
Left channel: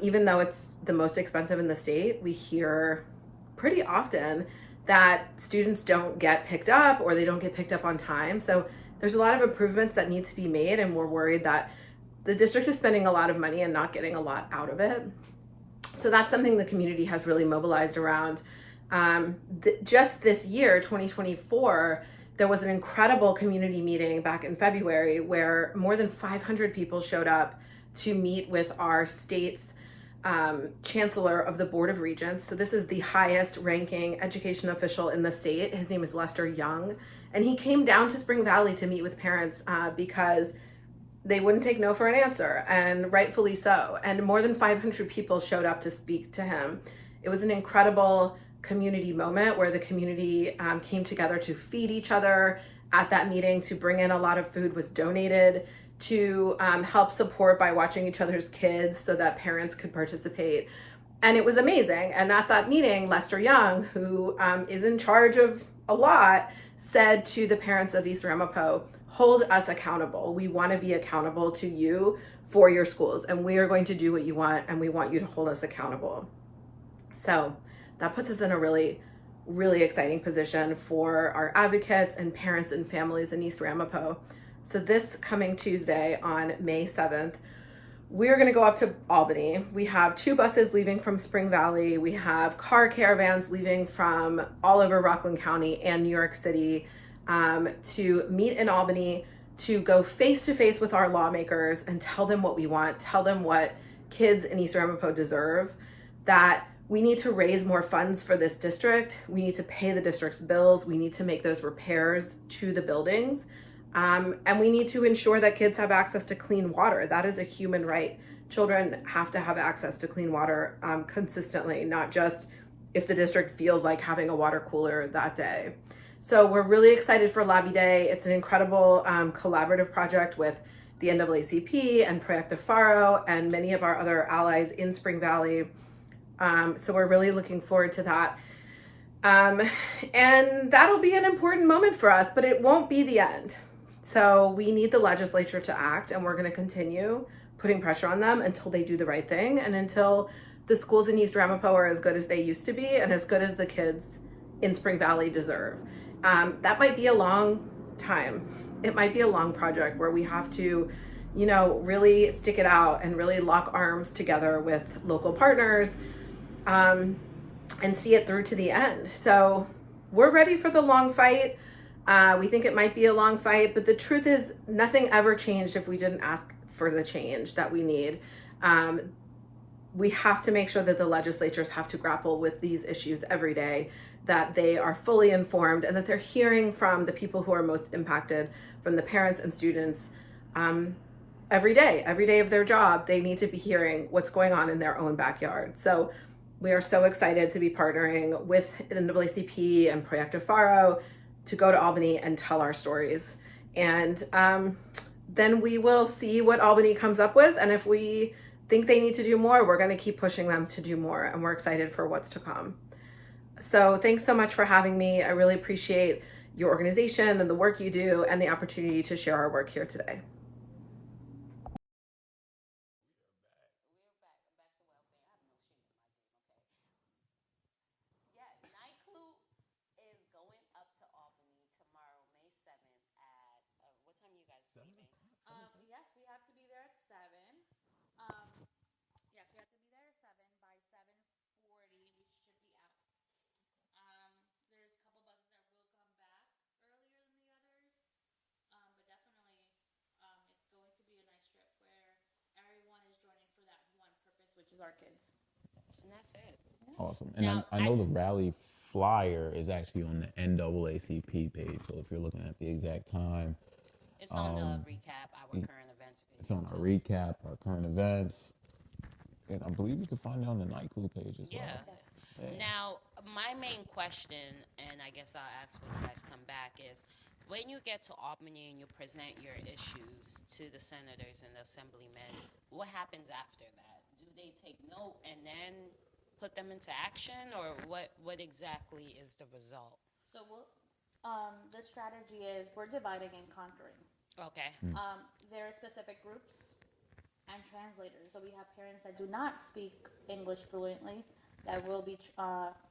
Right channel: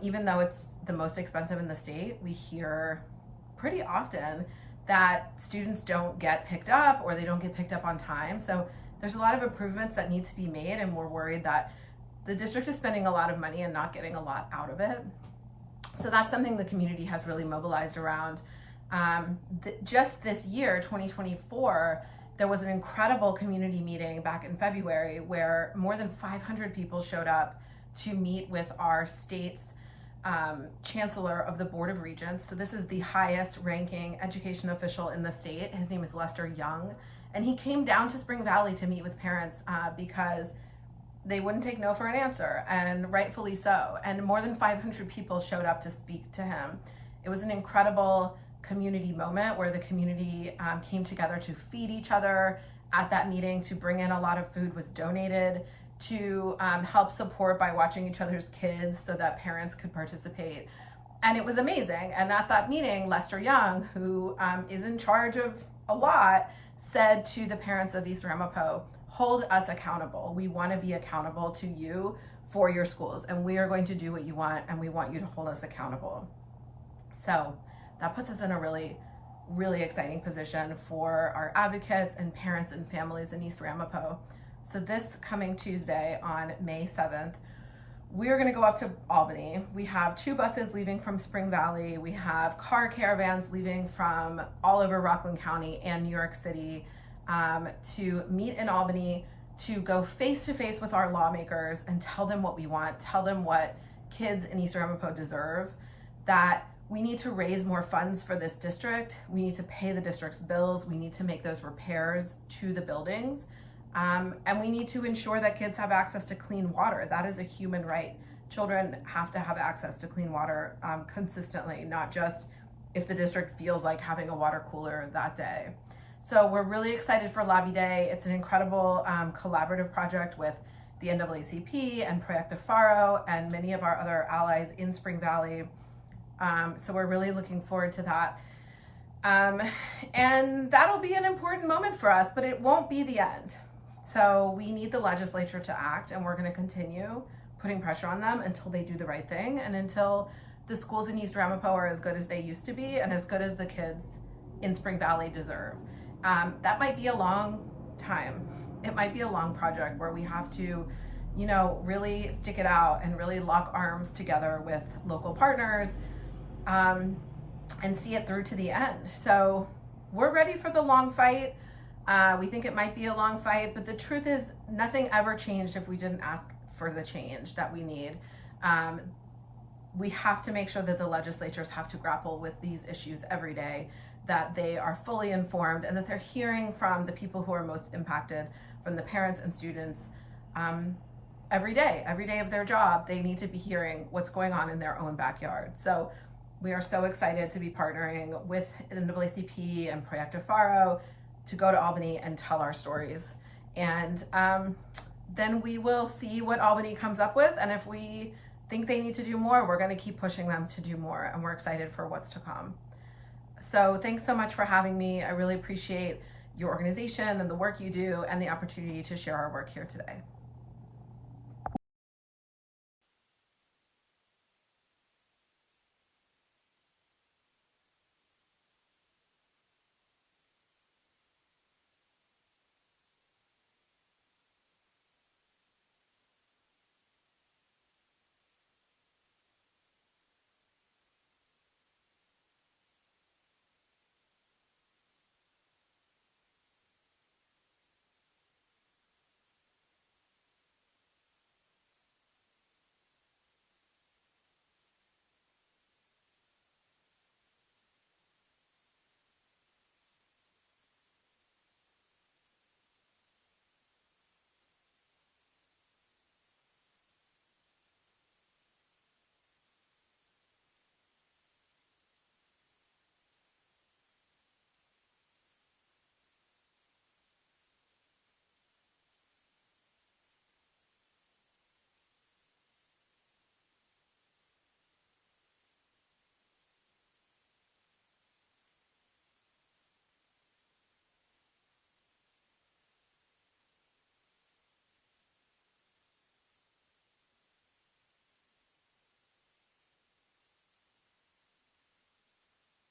Even though it's the most expensive in the state, we hear pretty often that students don't get picked up or they don't get picked up on time. So there's a lot of improvements that need to be made, and we're worried that the district is spending a lot of money and not getting a lot out of it. So that's something the community has really mobilized around. Just this year, 2024, there was an incredible community meeting back in February where more than 500 people showed up to meet with our state's chancellor of the Board of Regents. So this is the highest ranking education official in the state. His name is Lester Young. And he came down to Spring Valley to meet with parents because they wouldn't take no for an answer, and rightfully so. And more than 500 people showed up to speak to him. It was an incredible community moment where the community came together to feed each other at that meeting, to bring in a lot of food was donated, to help support by watching each other's kids so that parents could participate. And it was amazing. And at that meeting, Lester Young, who is in charge of a lot, said to the parents of East Ramapo, hold us accountable. We want to be accountable to you for your schools, and we are going to do what you want, and we want you to hold us accountable. So that puts us in a really, really exciting position for our advocates and parents and families in East Ramapo. So this coming Tuesday on May 7th, we're going to go up to Albany. We have 2 buses leaving from Spring Valley. We have car caravans leaving from all over Rockland County and New York City to meet in Albany, to go face to face with our lawmakers and tell them what we want, tell them what kids in East Ramapo deserve, that we need to raise more funds for this district. We need to pay the district's bills. We need to make those repairs to the buildings. And we need to ensure that kids have access to clean water. That is a human right. Children have to have access to clean water consistently, not just if the district feels like having a water cooler that day. So we're really excited for Lobby Day. It's an incredible collaborative project with the NAACP and Proyecto Faro and many of our other allies in Spring Valley. So we're really looking forward to that. And that'll be an important moment for us, but it won't be the end. So we need the legislature to act, and we're going to continue putting pressure on them until they do the right thing and until the schools in East Ramapo are as good as they used to be and as good as the kids in Spring Valley deserve. That might be a long time. It might be a long project where we have to, really stick it out and really lock arms together with local partners and see it through to the end. So we're ready for the long fight. We think it might be a long fight, but the truth is nothing ever changed if we didn't ask for the change that we need. We have to make sure that the legislatures have to grapple with these issues every day, that they are fully informed, and that they're hearing from the people who are most impacted, from the parents and students. Every day of their job, they need to be hearing what's going on in their own backyard. So we are so excited to be partnering with NAACP and Proyecto Faro to go to Albany and tell our stories. And then we will see what Albany comes up with. And if we think they need to do more, we're going to keep pushing them to do more. And we're excited for what's to come. So thanks so much for having me. I really appreciate your organization and the work you do and the opportunity to share our work here today. Our kids. And that's it. Awesome. And I know the rally flyer is actually on the NAACP page. So if you're looking at the exact time, it's on the recap, our current events. It's on our recap, our current events. And I believe you can find it on the Night Club page as well. Now, my main question, and I guess I'll ask when you guys come back, is when you get to Albany and you present your issues to the senators and the assemblymen, what happens after that? Do they take note and then put them into action, or what exactly is the result? So the strategy is we're dividing and conquering. Okay. There are specific groups and translators. So we have parents that do not speak English fluently that will be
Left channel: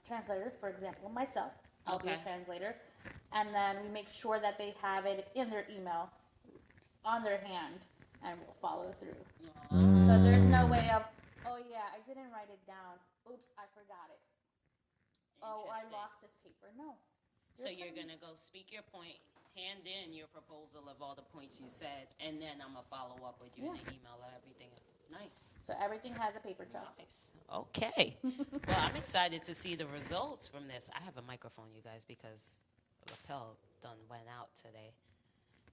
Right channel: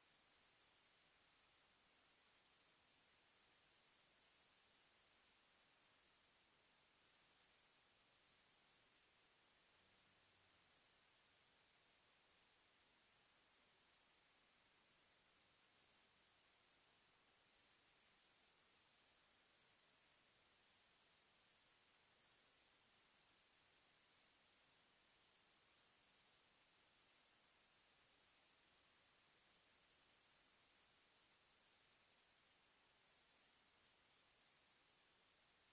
translated. For example, myself, I'll be a translator. And then we make sure that they have it in their email, on their hand, and we'll follow through. So there's no way of, oh yeah, I didn't write it down. Oops, I forgot it. Oh, I lost this paper. No. So you're going to go speak your point, hand in your proposal of all the points you said, and then I'm going to follow up with you in an email or everything. Nice. So everything has a paper trail. Nice. Okay. Well, I'm excited to see the results from this. I have a microphone, you guys, because Lapel done went out today.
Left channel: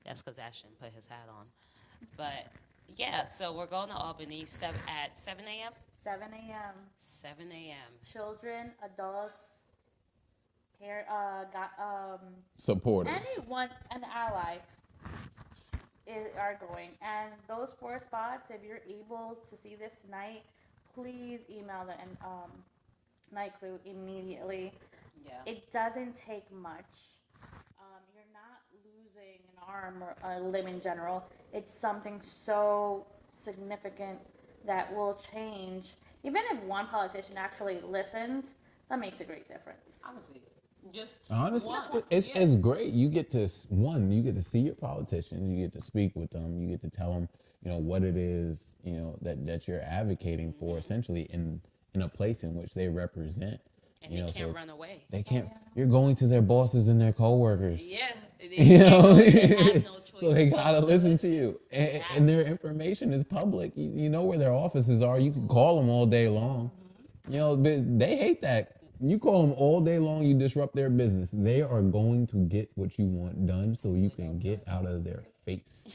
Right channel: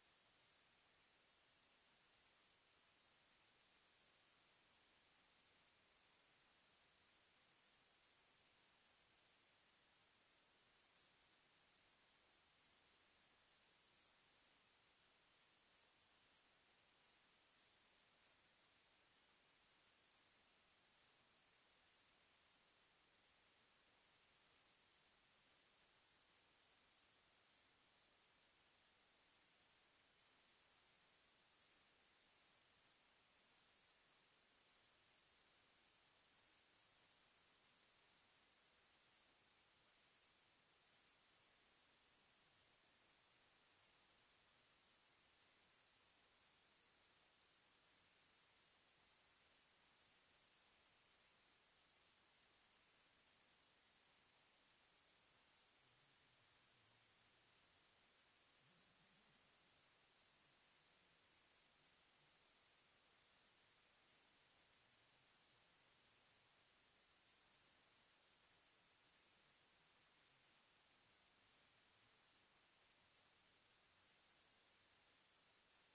That's because Ashton put his hat on. But, yeah, so we're going to Albany at 7 a.m.? 7 a.m. 7 a.m. Children, adults, supporters, anyone, an ally are going. And those 4 spots, if you're able to see this tonight, please email the night crew immediately. Yeah. It doesn't take much. You're not losing an arm or a limb in general. It's something so significant that will change. Even if one politician actually listens, that makes a great difference. Honestly, it's great. You get to see your politicians, you get to speak with them, you get to tell them, what it is, that you're advocating for, essentially in a place in which they represent. And they can't run away. They can't. You're going to their bosses and their coworkers. Yeah. They have no choice. So they gotta listen to you, and their information is public. You know where their offices are. You can call them all day long. They hate that. You call them all day long, you disrupt their business. They are going to get what you want done, so you can get out of their face.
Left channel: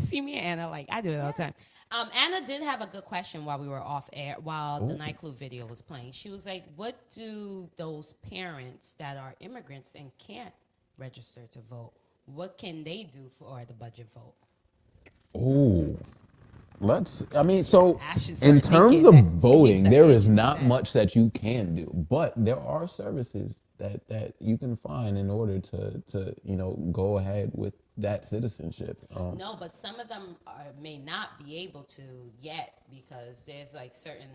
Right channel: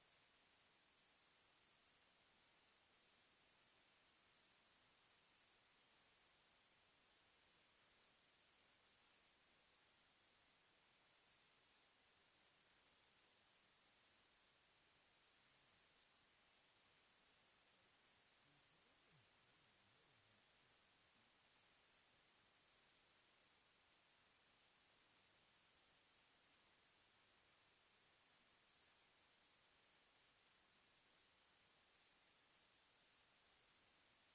See me and Anna, I do it all the time. Anna did have a good question while we were off air, while the Night Club video was playing. She was like, what do those parents that are immigrants and can't register to vote, what can they do for the budget vote? In terms of voting, there is not much that you can do, but there are services that you can find in order to go ahead with that citizenship. No, but some of them may not be able to yet because there's certain,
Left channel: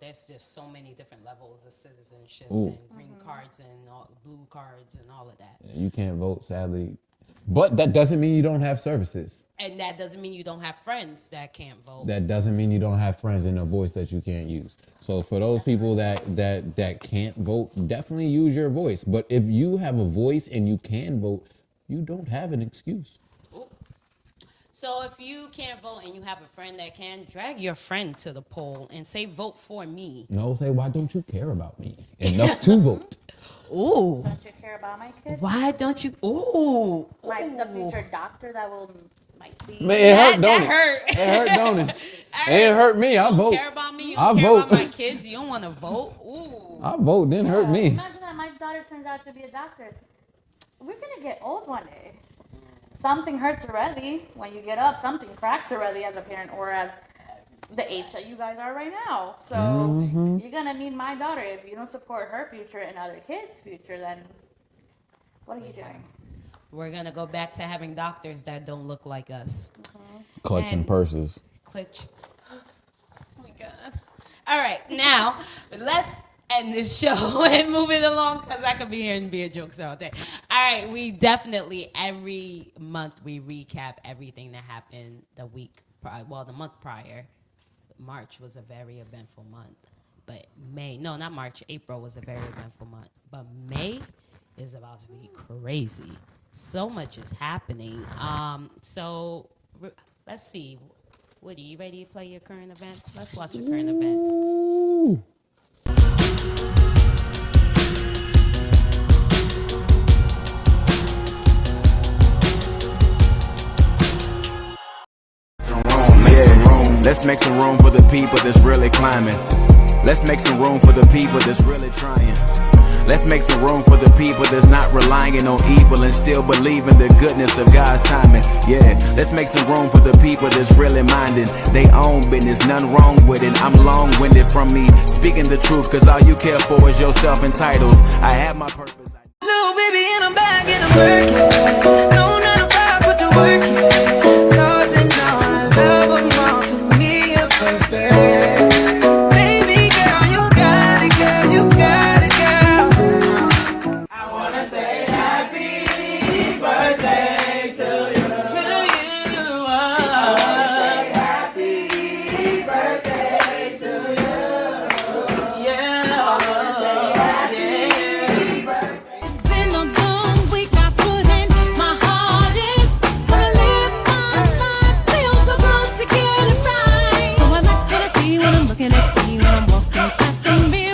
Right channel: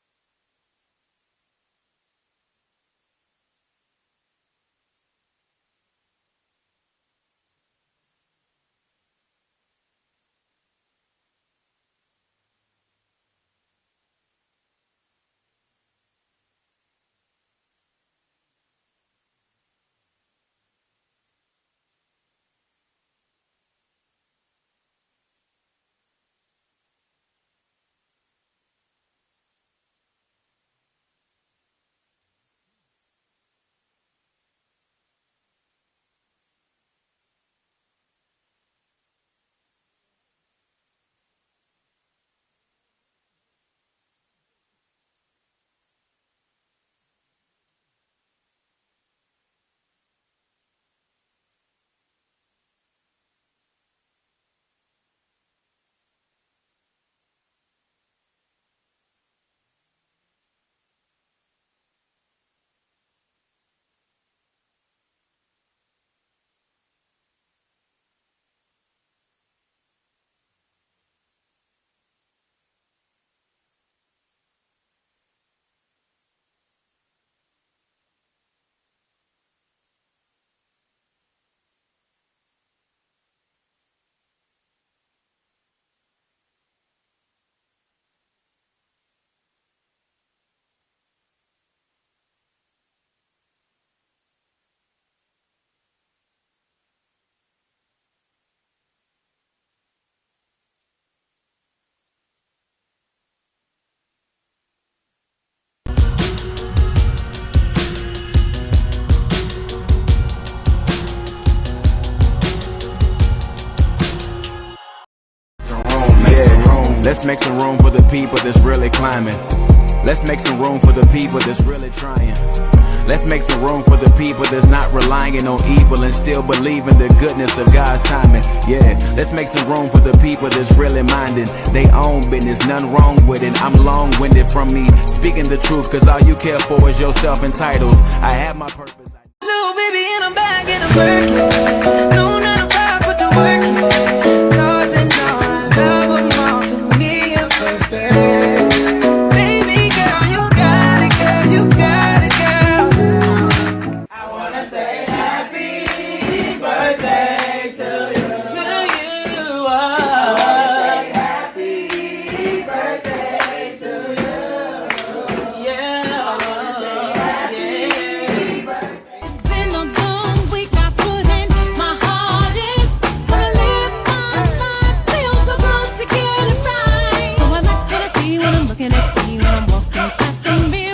there's just so many different levels of citizenships and green cards and blue cards and all of that. You can't vote, sadly. But that doesn't mean you don't have services. And that doesn't mean you don't have friends that can't vote. That doesn't mean you don't have friends and a voice that you can't use. So for those people that can't vote, definitely use your voice. But if you have a voice and you can vote, you don't have an excuse. So if you can't vote and you have a friend that can, drag your friend to the poll and say, vote for me. No, say, why don't you care about me enough to vote? Ooh. Don't you care about my kids? Why don't you? Ooh. The future doctor that might see. Man, it hurt, don't it? it? Hurt. It hurt, don't it? It hurt me. I vote. You don't care about me? You I don't care vote. about my kids? You don't want to vote? Ooh. I vote. Didn't hurt me. Imagine that my daughter turns out to be a doctor. We're going to get old one day. Something hurts already when you get up. Something cracks already as a parent or as the age that you guys are right now. So you're going to need my daughter. If you don't support her future and other kids' future, then what are you doing? We're going to go back to having doctors that don't look like us. Clutching purses. Clutch. Oh my God. All right. Now, let's end this show and move it along because I could be here and be a jokester all day. All right. We definitely, every month, we recap everything that happened the week prior. Well, the month prior. March was a very eventful month. But April was a very eventful month. But May is about to be crazy. So much is happening. So let's see. Woody, you ready to play your current events? Let's watch your current events. Yeah, let's make some room for the people that's really climbing. Let's make some room for the people that's really trying. Let's make some room for the people that's not relying on evil and still believe in the goodness of God's timing. Yeah, let's make some room for the people that's really minding they own business, nothing wrong with it. I'm long-winded from me speaking the truth, cause all you care for is yourself and titles. I have my purpose. Little baby in a bag and I'm working. No, not a rock, but the work, yeah. Cause they know I love them all to me, a birthday. Baby girl, you got it, girl, you got it, girl. I wanna say happy birthday to you. I wanna say happy birthday to you. Yeah, I wanna say happy birthday. Been a long week, I put in my hardest. But I live my life, feel so good to get it right. So I like what I see when I'm looking at me, when I'm walking past the mirror.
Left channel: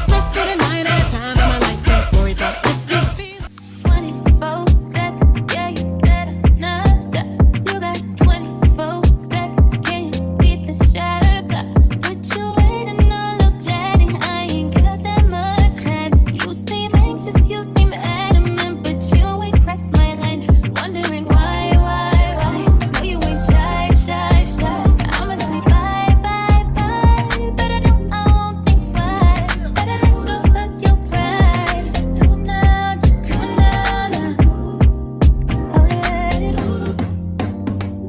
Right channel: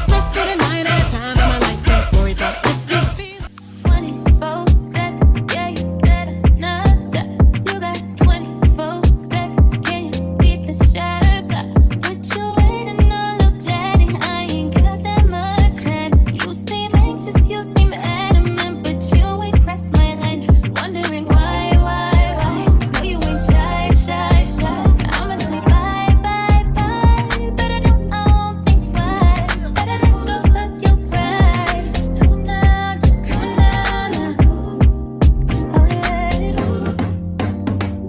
Stressed to the night at a time in my life, don't worry about if you feel 24 seconds, yeah, you better not stop. You got 24 seconds, can you beat the shot? What you waiting on, little daddy? I ain't got that much time. You seem anxious, you seem adamant, but you ain't pressed my line. Wondering why? No, you ain't shy. I'ma say bye, but I know I won't think twice. Better let go of your pride. Do now, just do it now. Oh yeah.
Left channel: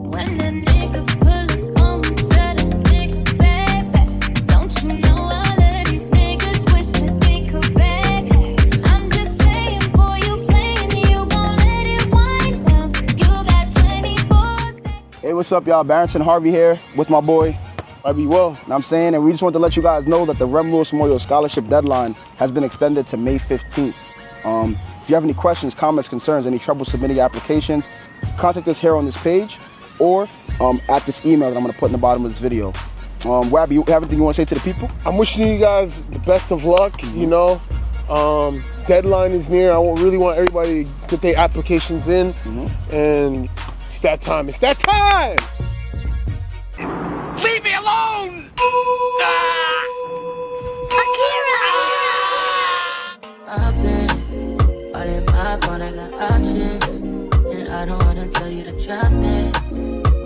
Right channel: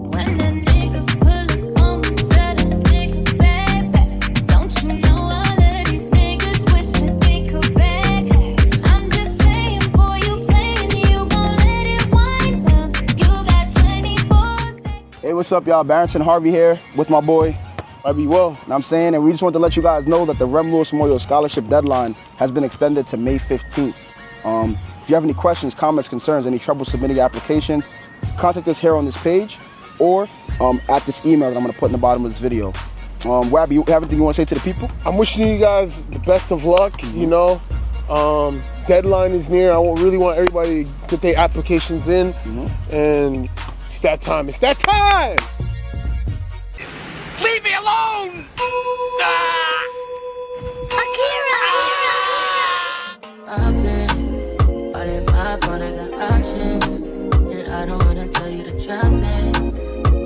When that nigga pull up on me, tell that nigga back. Don't you know all of these niggas wish that they could back? I'm just saying, boy, you playing, you gon' let it wind down. You got 24 seconds. Hey, what's up, y'all? Barrington Harvey here with my boy, Harvey Will. Know what I'm saying? And we just want to let you guys know that the Rem Lewis Memorial Scholarship deadline has been extended to May 15th. If you have any questions, comments, concerns, any trouble submitting applications, contact us here on this page or at this email that I'm going to put in the bottom of this video. Wabby, you have anything you want to say to the people? I'm wishing you guys the best of luck, you know. Deadline is near. I really want everybody to get their applications in. And it's that time. It's that time! Leave me alone! I've been all in my phone, I got options. And I don't wanna tell you to drop it,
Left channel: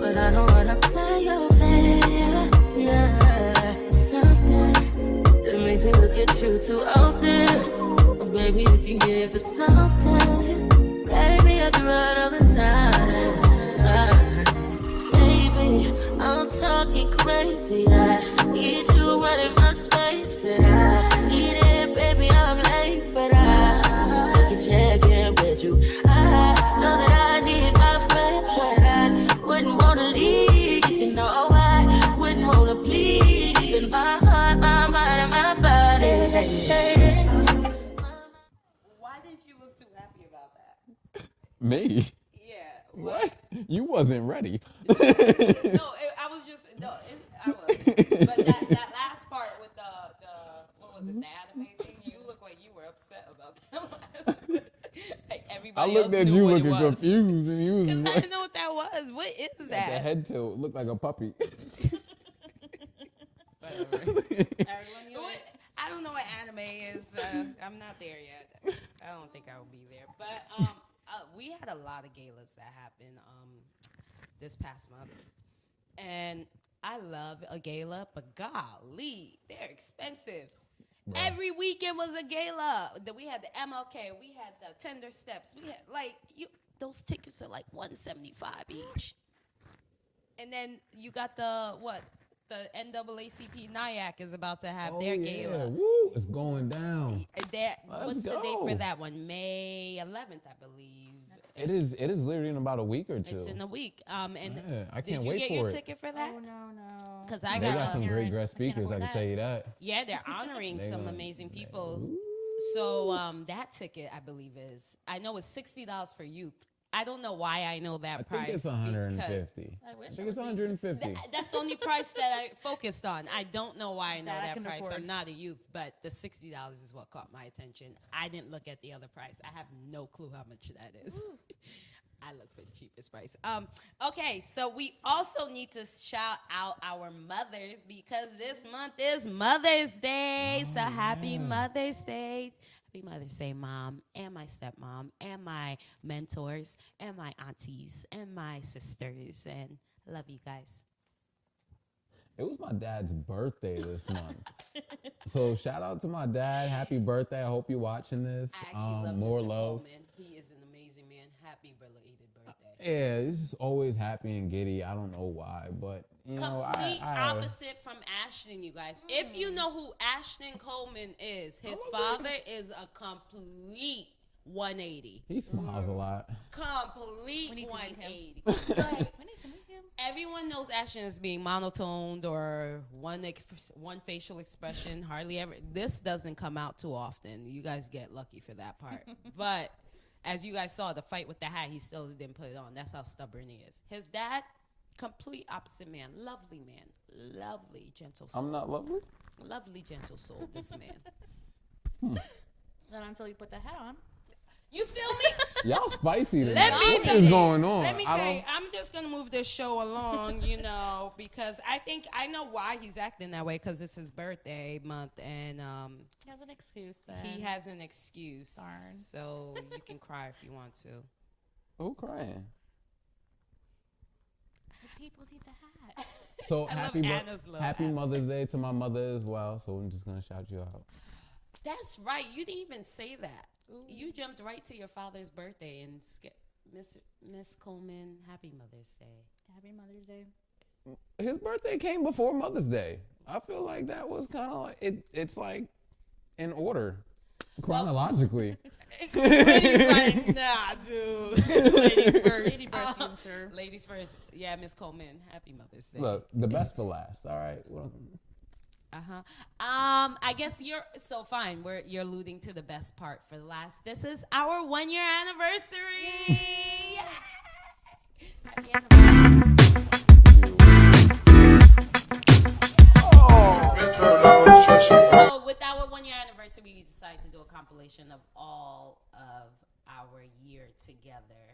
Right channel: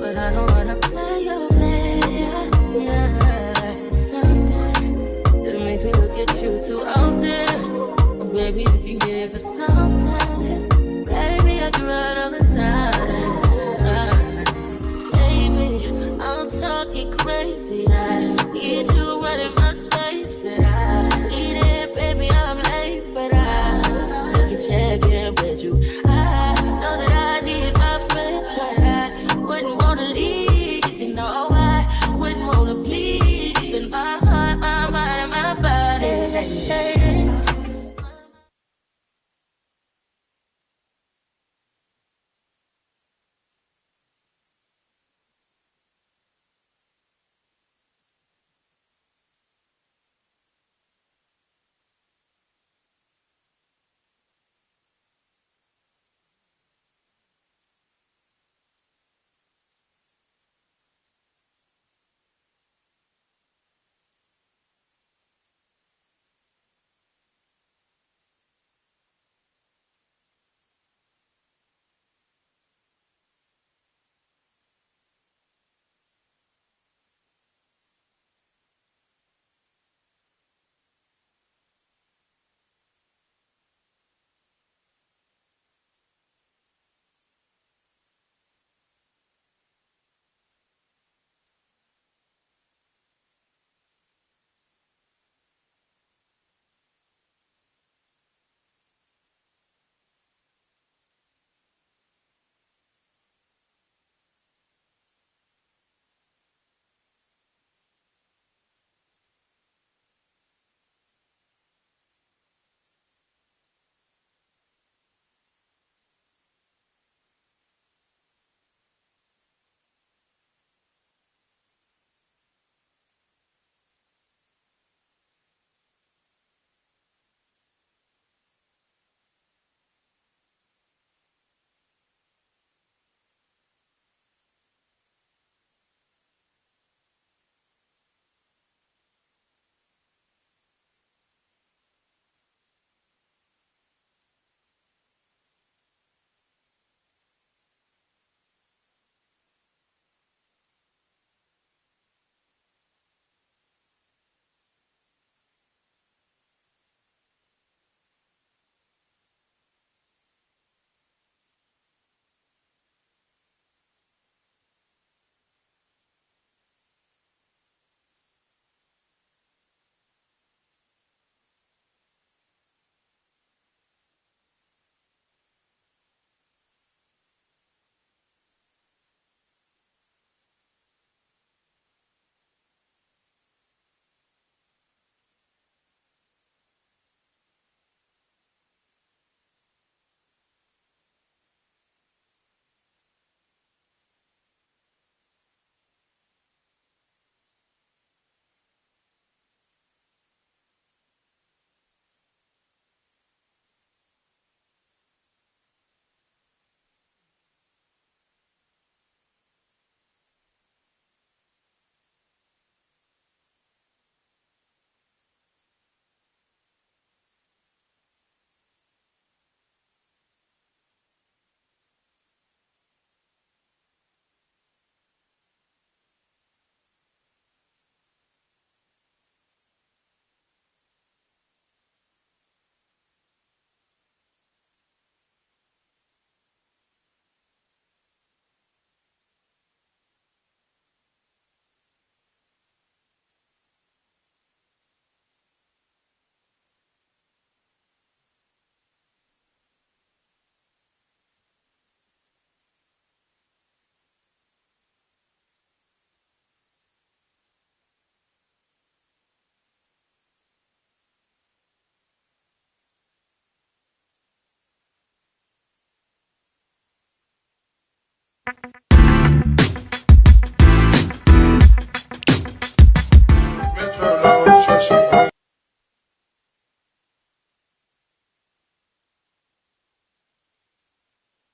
but I don't wanna play your fair. Yeah, something that makes me look at you too often. Oh, baby, you can give it something. Baby, I can run all the time. Baby, I'm talking crazy. I need you running my space, but I need it, baby. I'm late, but I still can check in with you. I know that I need my friends, but I wouldn't wanna leave. You know, I wouldn't wanna bleed. Even my heart, my mind, and my body. Why didn't you look too happy about that? Me? Yeah. What? You wasn't ready. I was just I was. But that last part with the what was it, the anime thing? You look like you were upset about that last. Like everybody I looked else at knew you what it looking was. confused, and you was Because I like, didn't know what that was. What is the that? head tilt looked like a puppy. I don't know what anime is. I'm not there yet. I don't think I will be there. But we had a lot of galas that happened this past month. And I love a gala, but golly, they're expensive. Right. Every weekend was a gala. We had the MLK, we had the Tender Steps, we had those tickets are like $175 each. And then you got the NAACP NIAC is about to have their gala. Woo, it's going down. What's the date for that one? May 11th, I believe. It is literally in about a week or two. It's in a week. And I can't wait did you get for your it. ticket for that? Oh, no. Because They got some great dress speakers, I can tell you that. Yeah, they're honoring some amazing people. So that ticket, I believe, I know it's $60 for youth. I don't know why I know that price. I think it's $150. I think it's $150. That's the only price that I focused on. I don't know why I know that price. I'm not a youth, but the $60 is what caught my attention. I didn't look at the other price. I have no clue how much that is. I look for the cheapest price. Okay, so we also need to shout out our mothers because this month is Mother's Day. So happy Mother's Day. Happy Mother's Day, Mom, and my stepmom, and my mentors, and my aunties, and my sisters, and love you guys. It was my dad's birthday this month. So shout out to my dad. Happy birthday. I hope you're watching this. I actually love more Mr. love. Coleman. He is an amazing man. Happy belated birthday. Yeah, he's just always happy and giddy. I don't know why, but you know, Complete I opposite from Ashton, you guys. If you know who Ashton Coleman is, his father is a complete 180. he smiles a lot. Complete 180. Like, everyone knows Ashton as being monotoned or one facial expression, hardly ever. This doesn't come out too often. You guys get lucky for that part. But as you guys saw, the fight with the hat, he still didn't put it on. That's how stubborn he is. His dad, complete opposite man. Lovely man. Lovely, gentle soul. I'm not lovely? Lovely, gentle soul, this man. Not until you put the hat on. You feel me? Y'all spicy today. What is going on? Let me tell you, I'm just going to move this show along, you know, because I know why he's acting that way, because it's his birthday month, and he has an excuse then. He has an excuse. Darn. So you can cry if you want to. Who crying? The people need the hat. So I happy love Anna's little happy hat. Mother's Day to my mother as well. So I'm just gonna shout you out. That's right. You didn't even say that. You jumped right to your father's birthday and Miss Coleman, happy Mother's Day. Happy Mother's Day. His birthday came before Mother's Day. I feel like that was kind of like it's like in order chronologically. Ladies like, nah, dude. Ladies first. Lady birth comes first. Ladies first. Yeah, Miss Coleman, happy Mother's Day. Look, the best for last. All right. Well, I guess you're fine. You're alluding to the best part for last. This is our 1-year anniversary. So with our 1-year anniversary, we decided to do a compilation of all of our year together.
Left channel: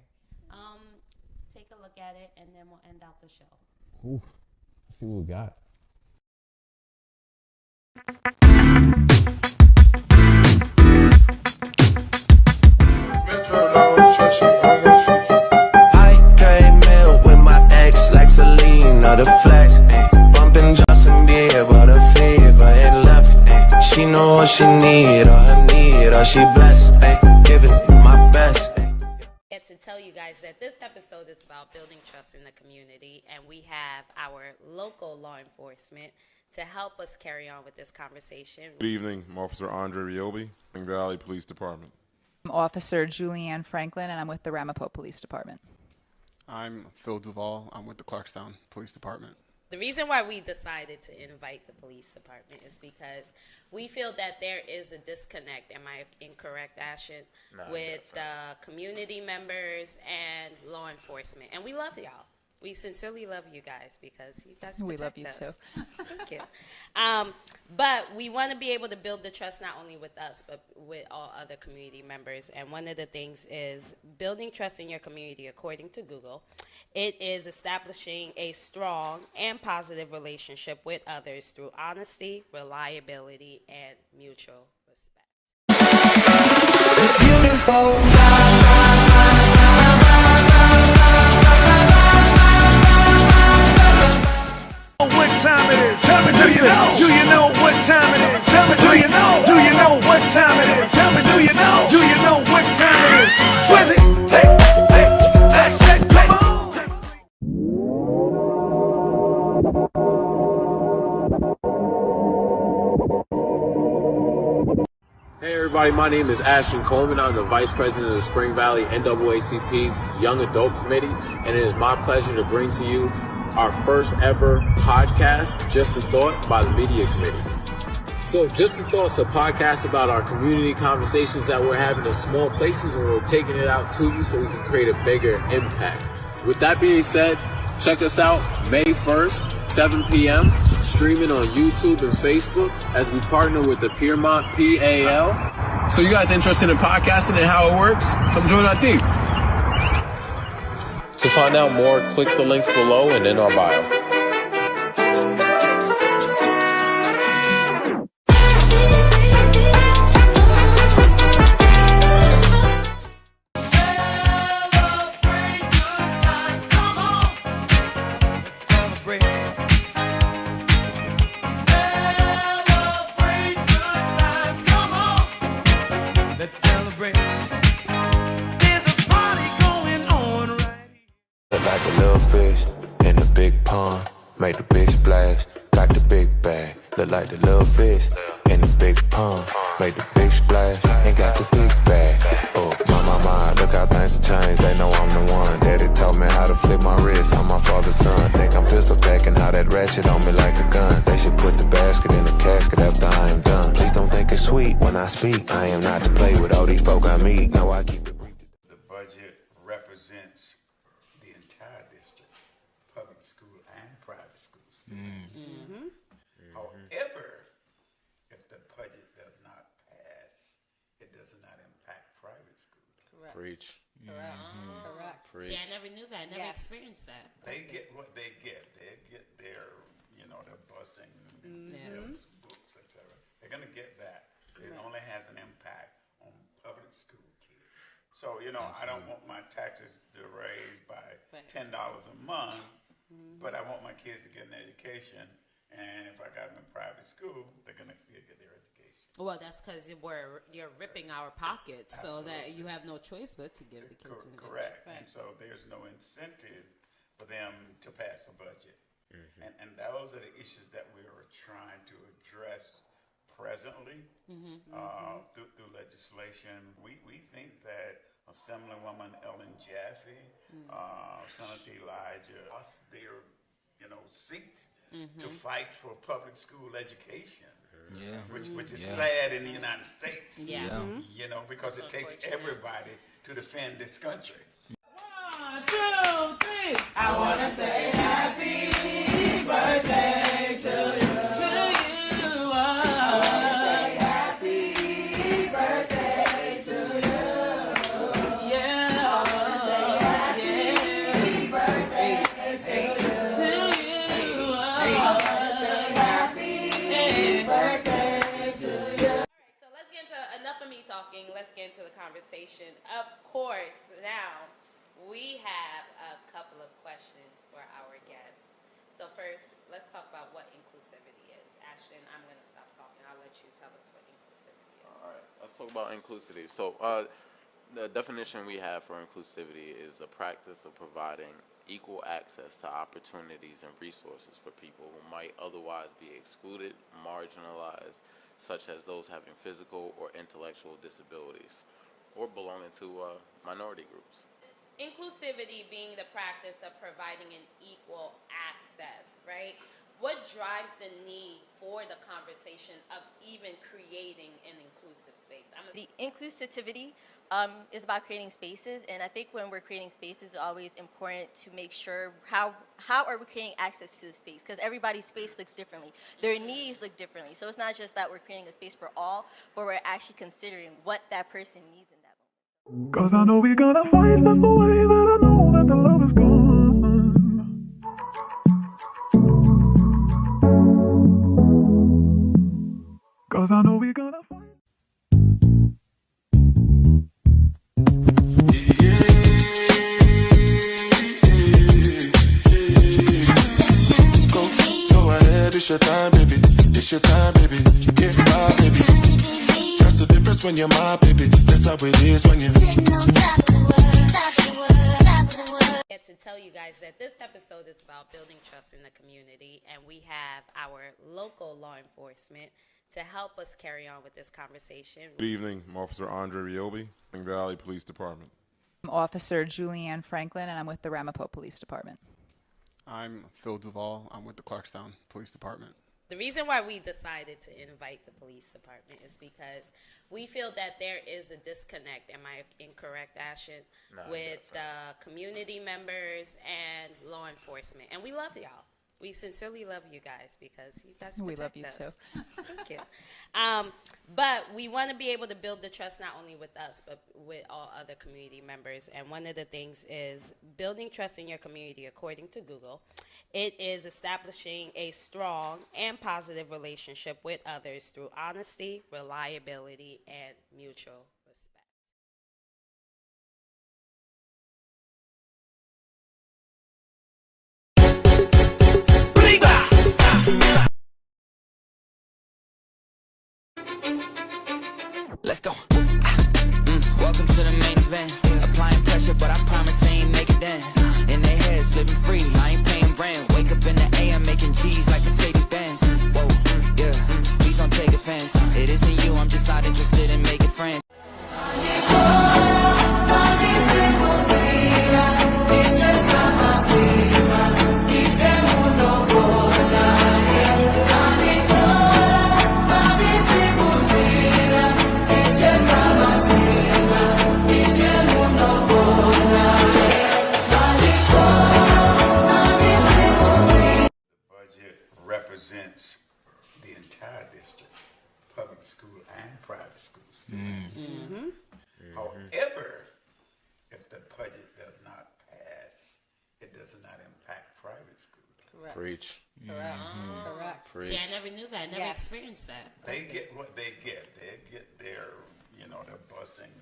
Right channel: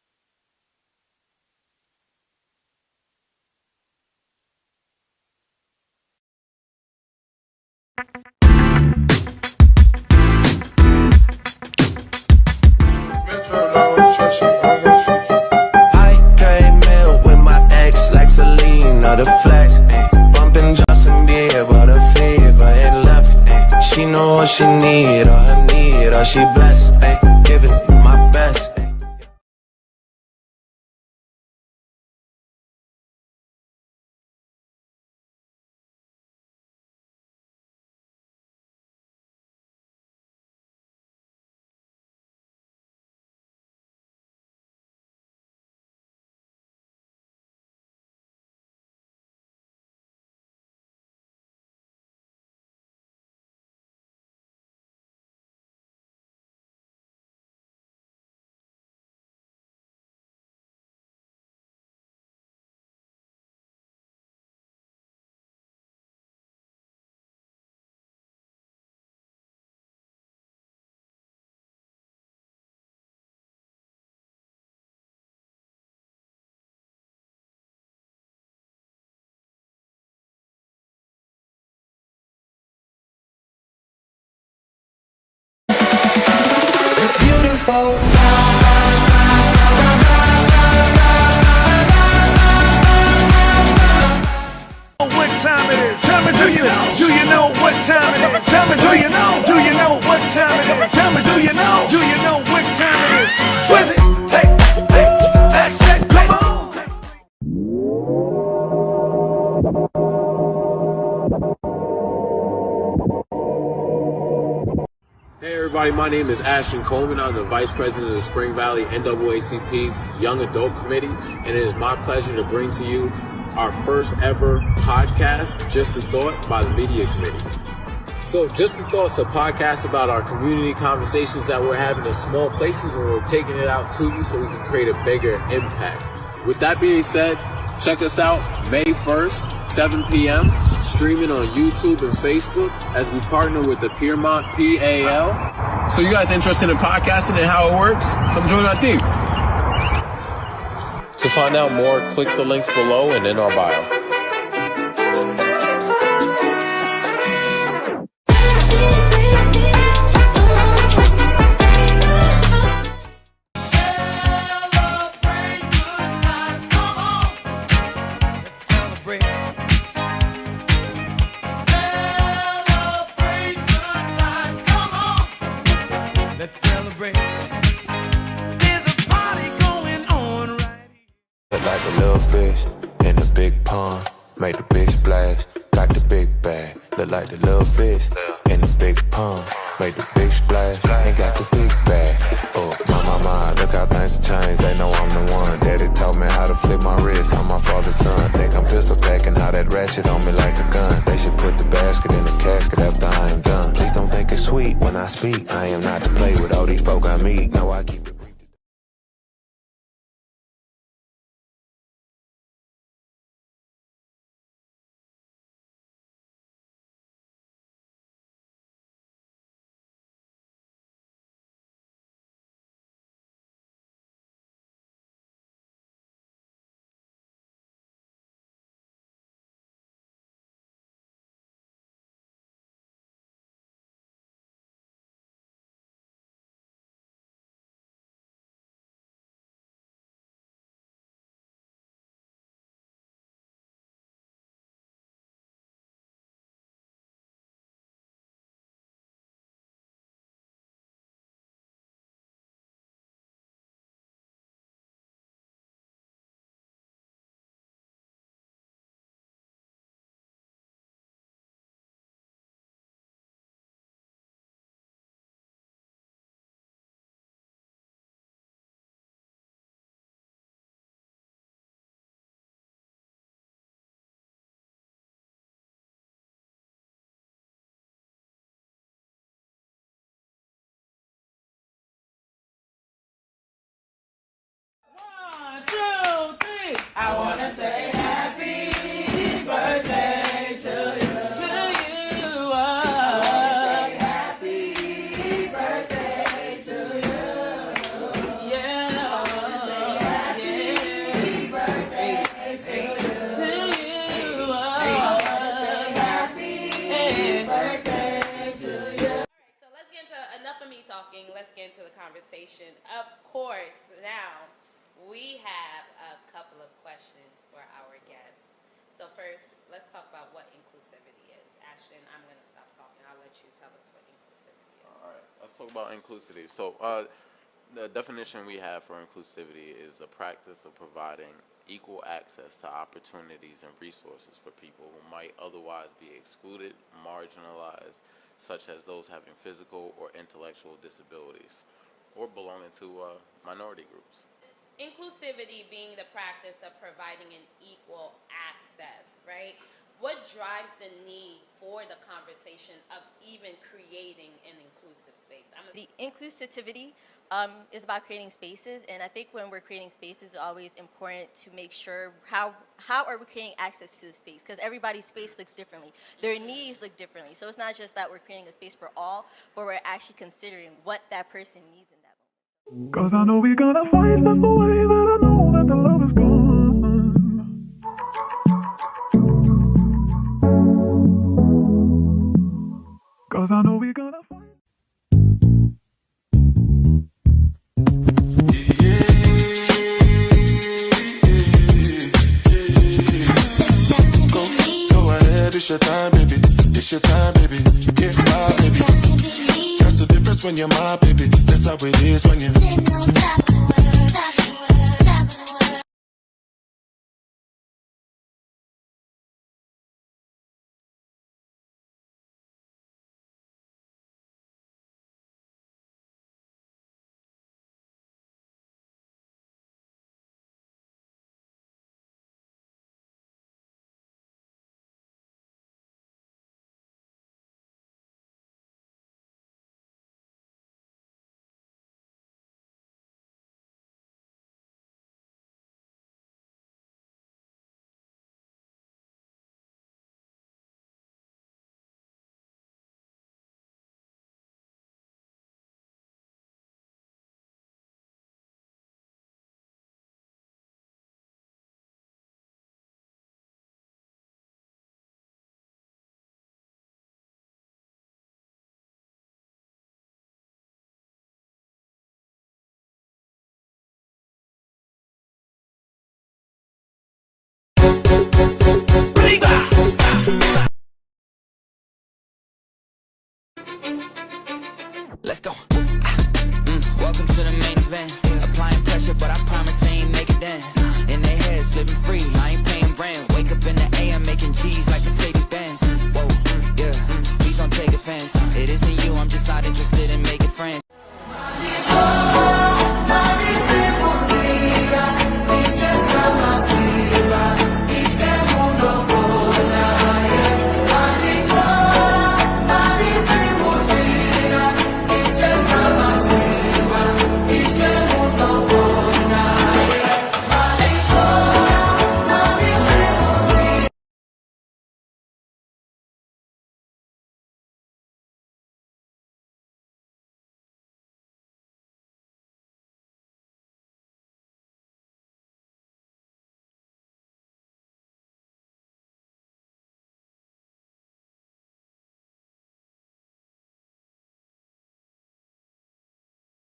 Take a look at it, and then we'll end out the show. oof. Let's see what we got. I came in with my ex like Selena, the flex. Bumping Justin Bieber, the fever ain't left. She know what she need, all she blessed. Give it my best. Get to tell you guys that this episode is about building trust in the community, and we have our local law enforcement to help us carry on with this conversation. Good evening, I'm Officer Andre Riobi, Spring Valley Police Department. I'm Officer Julianne Franklin, and I'm with the Ramapo Police Department. I'm Phil Duvall. I'm with the Clarkstown Police Department. The reason why we decided to invite the police department is because we feel that there is a disconnect, am I incorrect, Ashton, with community members and law enforcement. And we love y'all. We sincerely love you guys because you guys protect We love you us. too. Thank you. But we want to be able to build the trust not only with us, but with all other community members. And one of the things is building trust in your community, according to Google. It is establishing a strong and positive relationship with others through honesty, reliability, and mutual respect. Beautiful. What time it is? Tell me, do you know? Do you know what time it is? Tell me, do you know? Do you know what time it is? Tell me, do you know? Do you know what time it is? Swizzy, hey, hey, that's it, come on. Hey everybody, my name is Ashton Coleman. I'm the Vice President of the Spring Valley NAACP's Young Adult Committee, and it is my pleasure to bring to you our first ever podcast, Just a Thought, by the Media Committee. So Just a Thought's a podcast about our community conversations that we're having in small places, and we're taking it out to you so we can create a bigger impact. With that being said, check us out May 1st, 7 p.m., streaming on YouTube and Facebook as we partner with the Piermont PAL. So you guys interested in podcasting and how it works? Come join our team. To find out more, click the links below and in our bio. Let's celebrate. There's a party going on right here. Look like a little fish in the big pond. Make the big splash, got the big bag. Look like the little fish in the big pond. Make the big splash and got the big bag. Oh, my, look how things have changed. They know I'm the one. Daddy taught me how to flip my wrist. I'm my father's son. Think I'm pistol packing, how that ratchet on me like a gun. They should put the basket in the casket after I am done. Please don't think it's sweet when I speak. I am not to play with all these folk I meet. No, I keep it brief. The budget represents the entire district, public school and private school students. However, if the budget does not pass, it does not impact private schools. Correct. Preach. Correct. Preach. See, I never knew that. I never experienced that. They get what they get. They get their, their busing, their books, etc. They're going to get that. It only has an impact on public school kids. So, I don't want my taxes to raise by $10 a month, but I want my kids to get an education. And if I got them in private school, they're going to still get their education. Well, that's because you're ripping our pockets, so that you have no choice but to give the kids an education. Correct. And so there's no incentive for them to pass a budget. And those are the issues that we are trying to address presently through legislation. We think that Assemblywoman Ellen Jaffe, Senator Elijah, us their seats to fight for public school education. Which is sad in the United States. Because it takes everybody to defend this country. 1, 2, 3. I wanna say happy birthday to you. I wanna say happy birthday to you. Yeah. I wanna say happy birthday to you. I wanna say happy birthday to you. All right, so let's get into enough of me talking. Let's get into the conversation. Of course, now we have a couple of questions for our guests. So first, let's talk about what inclusivity is. Ashton, I'm going to stop talking. I'll let you tell us what inclusivity is. All right, let's talk about inclusivity. So the definition we have for inclusivity is the practice of providing equal access to opportunities and resources for people who might otherwise be excluded, marginalized, such as those having physical or intellectual disabilities, or belonging to minority groups. Inclusivity being the practice of providing an equal access, right? What drives the need for the conversation of even creating an inclusive space? The inclusivity is about creating spaces, and I think when we're creating spaces, it's always important to make sure how are we creating access to the space, because everybody's space looks differently. Their needs look differently. So it's not just that we're creating a space for all, but we're actually considering what that person needs in that moment. 'Cause I know we're gonna fight, that's the way that I know that the love is gone. 'Cause I know we're gonna fight. Go ahead, it's your time, baby. It's your time, baby. Get my baby. That's the difference when you're my baby. That's how it is when you. Get to tell you guys that this episode is about building trust in the community, and we have our local law enforcement to help us carry on with this conversation. Good evening, I'm Officer Andre Riobi, Spring Valley Police Department. I'm Officer Julianne Franklin, and I'm with the Ramapo Police Department. I'm Phil Duvall. I'm with the Clarkstown Police Department. The reason why we decided to invite the police department is because we feel that there is a disconnect, am I incorrect, Ashton, with community members and law enforcement. And we love y'all. We sincerely love you guys because you guys We protect love you us. too. Thank you. But we want to be able to build the trust not only with us, but with all other community members. And one of the things is building trust in your community, according to Google. It is establishing a strong and positive relationship with others through honesty, reliability, and mutual respect. Let's go. Welcome to the main event. Applying pressure, but I promise I ain't make it then. In their heads, living free, I ain't paying rent. Wake up in the AM, making G's like Mercedes Benz. Whoa, yeah, please don't take offense. It isn't you, I'm just not interested in making friends. Represents the entire district, public school and private school students. However, if the budget does not pass, it does not impact private schools. Correct. Preach. Correct. Preach. See, I never knew that. I never experienced that. They get what they get. They get their, their busing,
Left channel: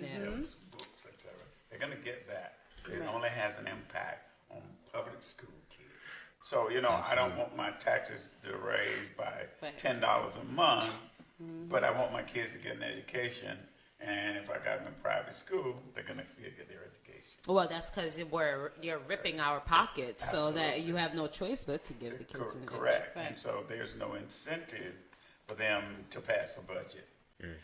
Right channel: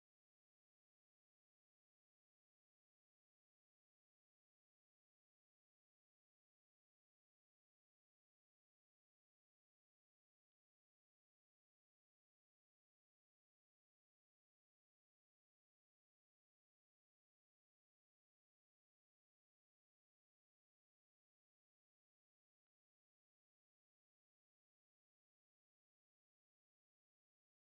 their books, etc. They're going to get that. It only has an impact on public school kids. So, I don't want my taxes to raise by $10 a month, but I want my kids to get an education. And if I got them in private school, they're going to still get their education. Well, that's because you're ripping our pockets, so that you have no choice but to give the kids an Correct. education. And so there's no incentive for them to pass a budget.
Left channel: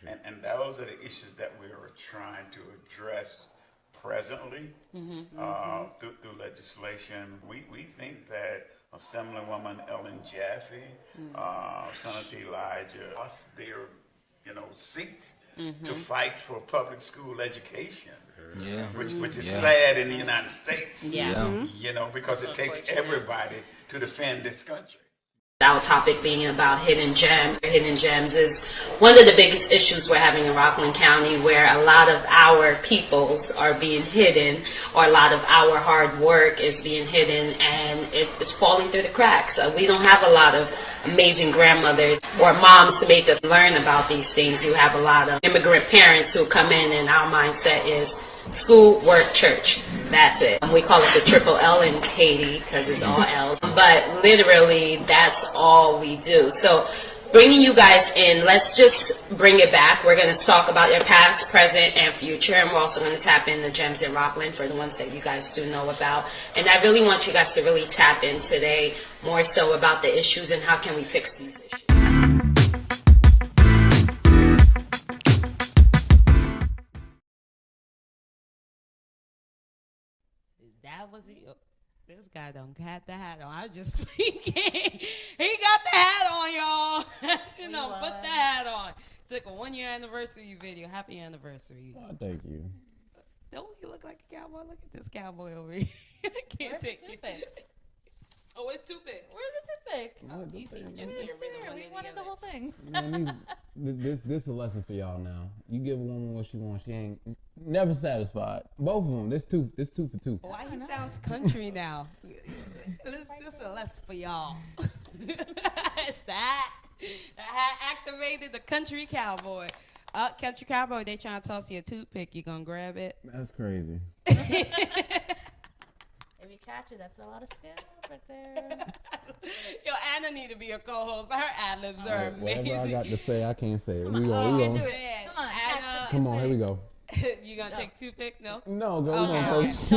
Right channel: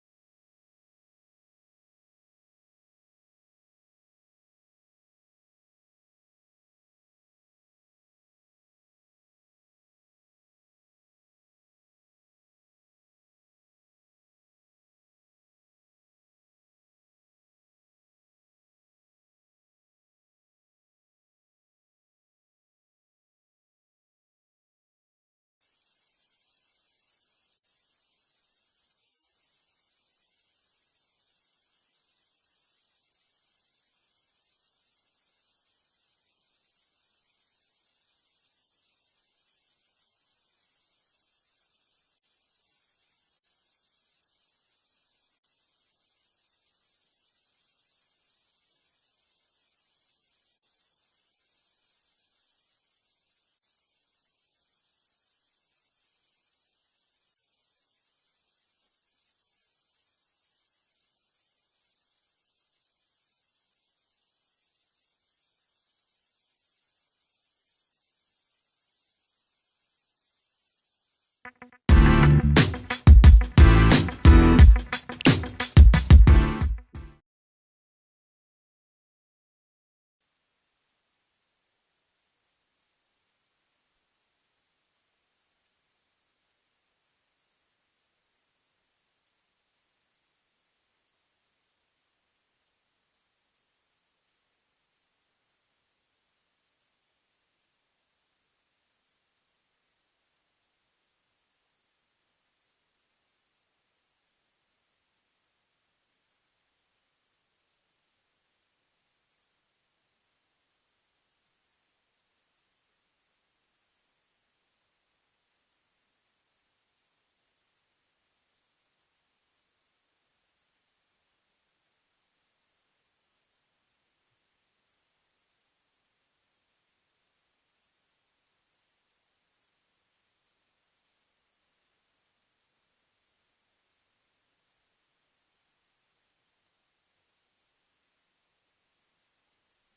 And those are the issues that we are trying to address presently through legislation. We think that Assemblywoman Ellen Jaffe, Senator Elijah, us their seats to fight for public school education. Which is sad in the United States. Because it takes everybody to defend this country. Our topic being about hidden gems. Hidden gems is one of the biggest issues we're having in Rockland County, where a lot of our peoples are being hidden, or a lot of our hard work is being hidden, and it is falling through the cracks. We don't have a lot of amazing grandmothers or moms to make us learn about these things. You have a lot of immigrant parents who come in, and our mindset is school, work, church. That's it. We call it the triple L in Haiti because it's all L's. But literally, that's all we do. So bringing you guys in, let's just bring it back. We're going to talk about your past, present, and future. And we're also going to tap in the gems in Rockland for the ones that you guys do know about. And I really want you guys to really tap in today more so about the issues and how can we fix these issues. That was it. This guy don't got the hat on. I was just speaking. He got the hat on, y'all. Put the hat on. Took a 1-year anniversary video. Happy anniversary. Oh, thank you. Don't you look like a cowboy? Look at this cowboy over here. I can't take it. Oh, it's too big. Where's the toothpick? Oh, easy. Just get rid of one We or the wanted the other. whole thing. Man, this is a lesson for y'all now. You give a woman what she wants, she ain't never satisfied. Both of them. This two for two. Why he sounds country now? This is a lesson for y'all. It's that. I activated the country cowboy. Country cowboy, they trying to toss you a toothpick. You gonna grab it? That's crazy. If you catch it, that's a lot of skills right there. Yo, Anna need to be a co-host. Her ad-libs are amazing. Whatever I got to say, I can't say it. We Do go. it. Anna. Come on, here we go. You gonna take toothpick? No. No, go. Okay. We gonna post.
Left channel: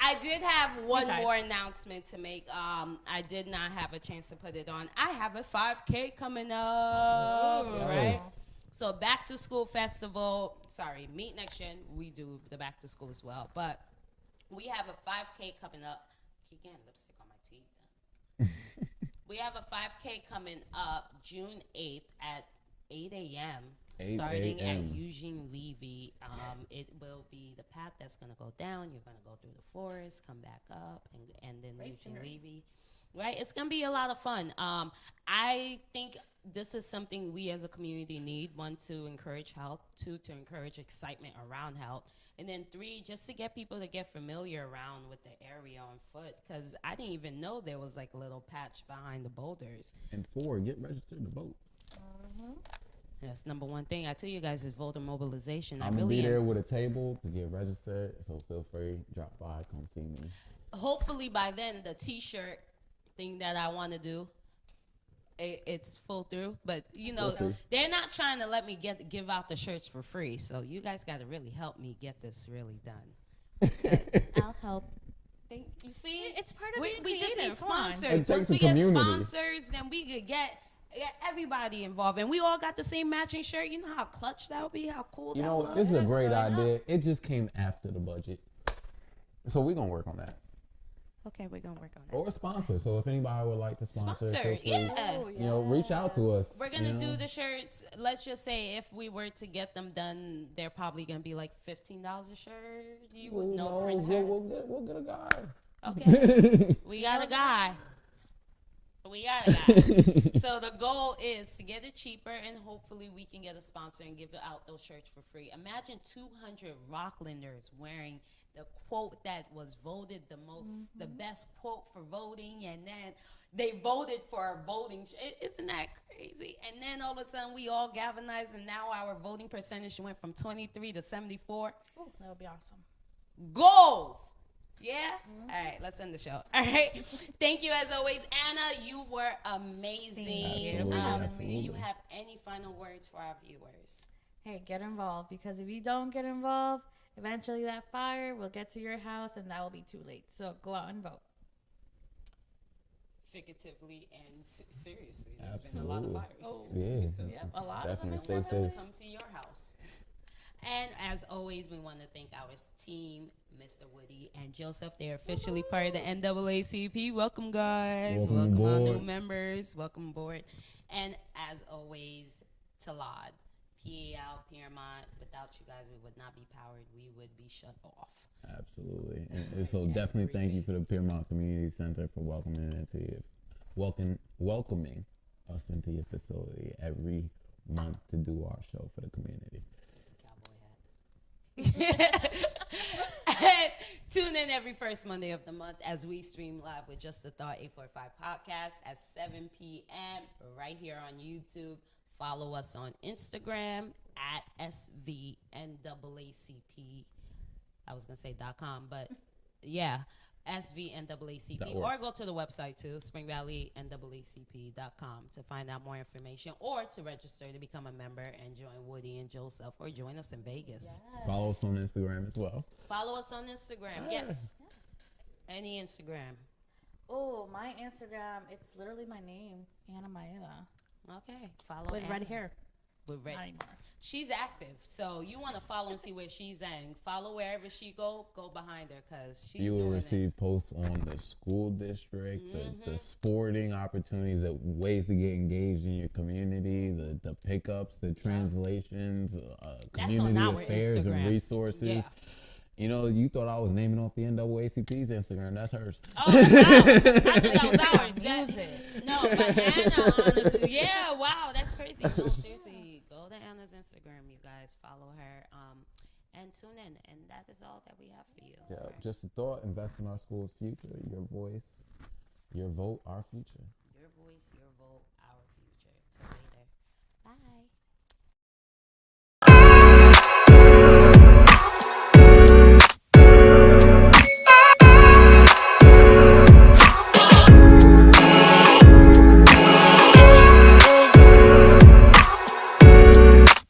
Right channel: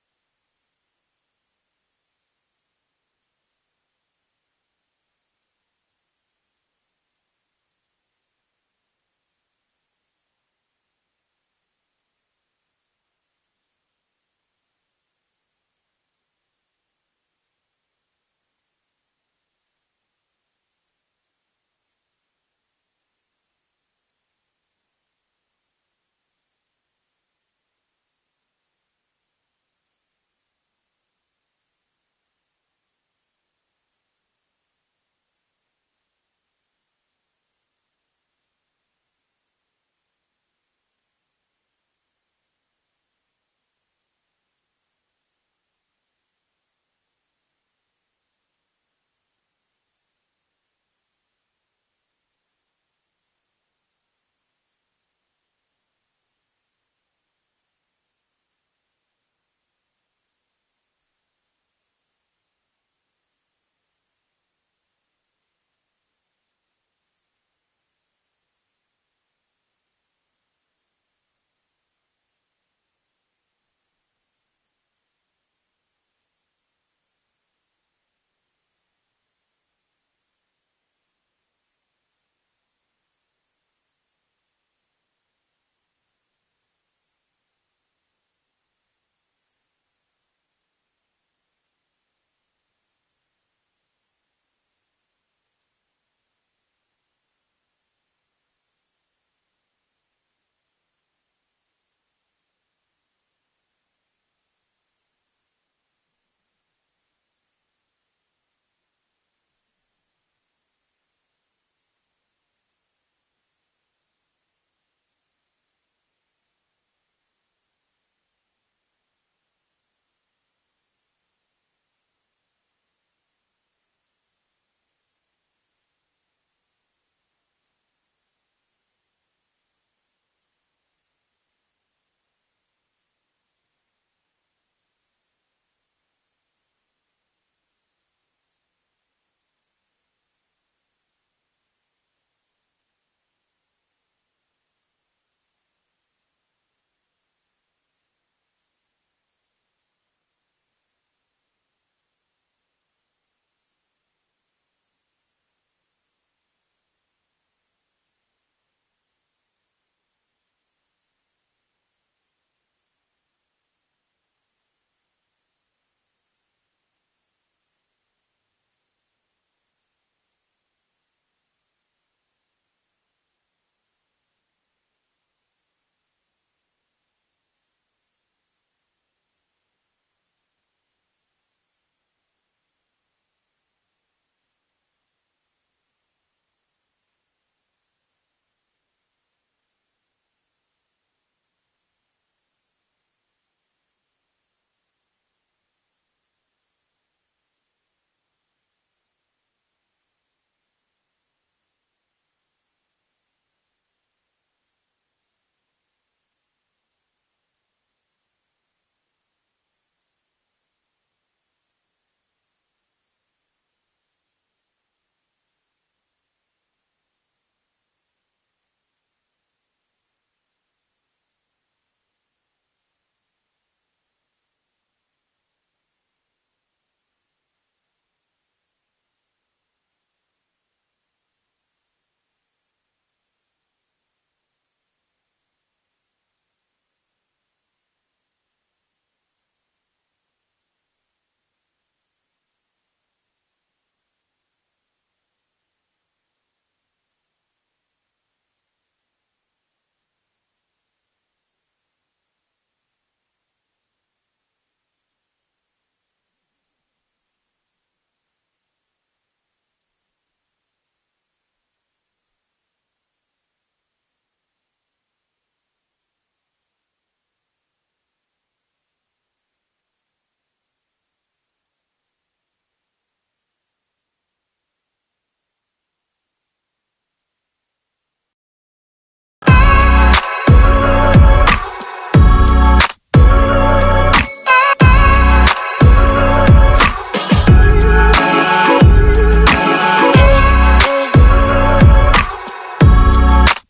I did have one more announcement to make. I did not have a chance to put it on. I have a 5K coming up, right? So back to school festival. Sorry, Meet Next Gen. We do the back to school as well, but we have a 5K coming up. Keep getting lipstick on my teeth. We have a 5K coming up June 8th at 8 a.m. starting at Eugene Levy. It will be the path that's going to go down. You're going to go through the forest, come back up, and then Eugene Levy. right? It's gonna be a lot of fun. I think this is something we as a community need. One, to encourage health. Two, to encourage excitement around health. And then three, just to get people to get familiar around with the area on foot. Because I didn't even know there was like a little patch behind the boulders. And 4, get registered to vote. That's number one thing I tell you guys is voter mobilization. I'm gonna be there with a table to get registered, so feel free, drop by, come see me. Hopefully by then the T-shirt thing that I want to do, it's full through. But you know, they're not trying to let me give out the shirts for free. So you guys got to really help me get this really done. I'll help. You see, It's part of being we just need creative. Come on. sponsors. It takes Once a we get community. sponsors, then we could get everybody involved, and we all got the same matching shirt. You know how clutch that would be, how cool You that know, would this is a great idea. It just came after the budget, so we're gonna work on that. Okay, we're gonna work on that. Or a sponsor. So if anybody would like to sponsor, feel free, yeah. you know, reach out to us. We're gonna do the shirts. Let's just say if we were to get them done, they're probably gonna be like $15 a shirt. You would know. We'll get a guy. Okay, we got a guy. So the goal is to get it cheaper, and hopefully we can get a sponsor and give out those shirts for free. Imagine 200 Rocklanders wearing the quote that was voted the most, the best quote for voting, and then they voted for our voting. Isn't that crazy? And then all of a sudden we all galvanized, and now our voting percentage went from 23 to 74. Ooh, that would be awesome. Goals. Yeah? All right, let's end the show. All right. Thank you as always. Anna, you were amazing. Absolutely. Do you have any final words for our viewers? Hey, get involved, because if you don't get involved, eventually that fire will get to your house and that will be too late. So go out and vote. Figuratively and seriously. There's been a lot of fires. Yeah. Yep, a lot Definitely of them stay safe. come to your house. And as always, we want to thank our team, Mr. Woody and Joseph. They're officially part of the NAACP. Welcome, guys. Welcome our new members. Welcome aboard. And as always, Talad, PAL, Piermont. Without you guys, we would not be powered. We would be shut off. Absolutely. And so definitely thank you for the Piermont Community Center for welcoming us into your facility every month to do our show for the community. Tune in every first Monday of the month as we stream live with Just the Thought 845 podcast at 7 p.m. right here on YouTube. Follow us on Instagram at SVNAACP. I was going to say .com, but yeah, SVNAACP. Or go to the website too, springvalleynaacp.com to find out more information, or to register to become a member and join Woody and Joseph, or join us in Vegas. Yes. Follow us on Instagram as well. Follow us on Instagram. Yes. Any Instagram. Oh, my Instagram, it's literally my name, Anna Maeda. Okay. Follow with Anna. red hair. With red. Not anymore. She's active, so you want to follow and see where she's at. And follow wherever she go behind her, because she's You will doing receive posts on the school district, the sporting opportunities, the ways to get engaged in your community, the pickups, the translations, community affairs Instagram. and resources. Yeah. You know, you thought I was naming off the NAACP's Instagram. That's hers. Oh, wow. I thought that was ours. Music. No, but Anna, honestly, yeah, wow, that's crazy. No, seriously, go to Anna's Instagram, you guys. Follow her, and tune in. And that is all that we have for you. Yeah, just a thought. Invest in our school's future. Your voice, your vote, our future.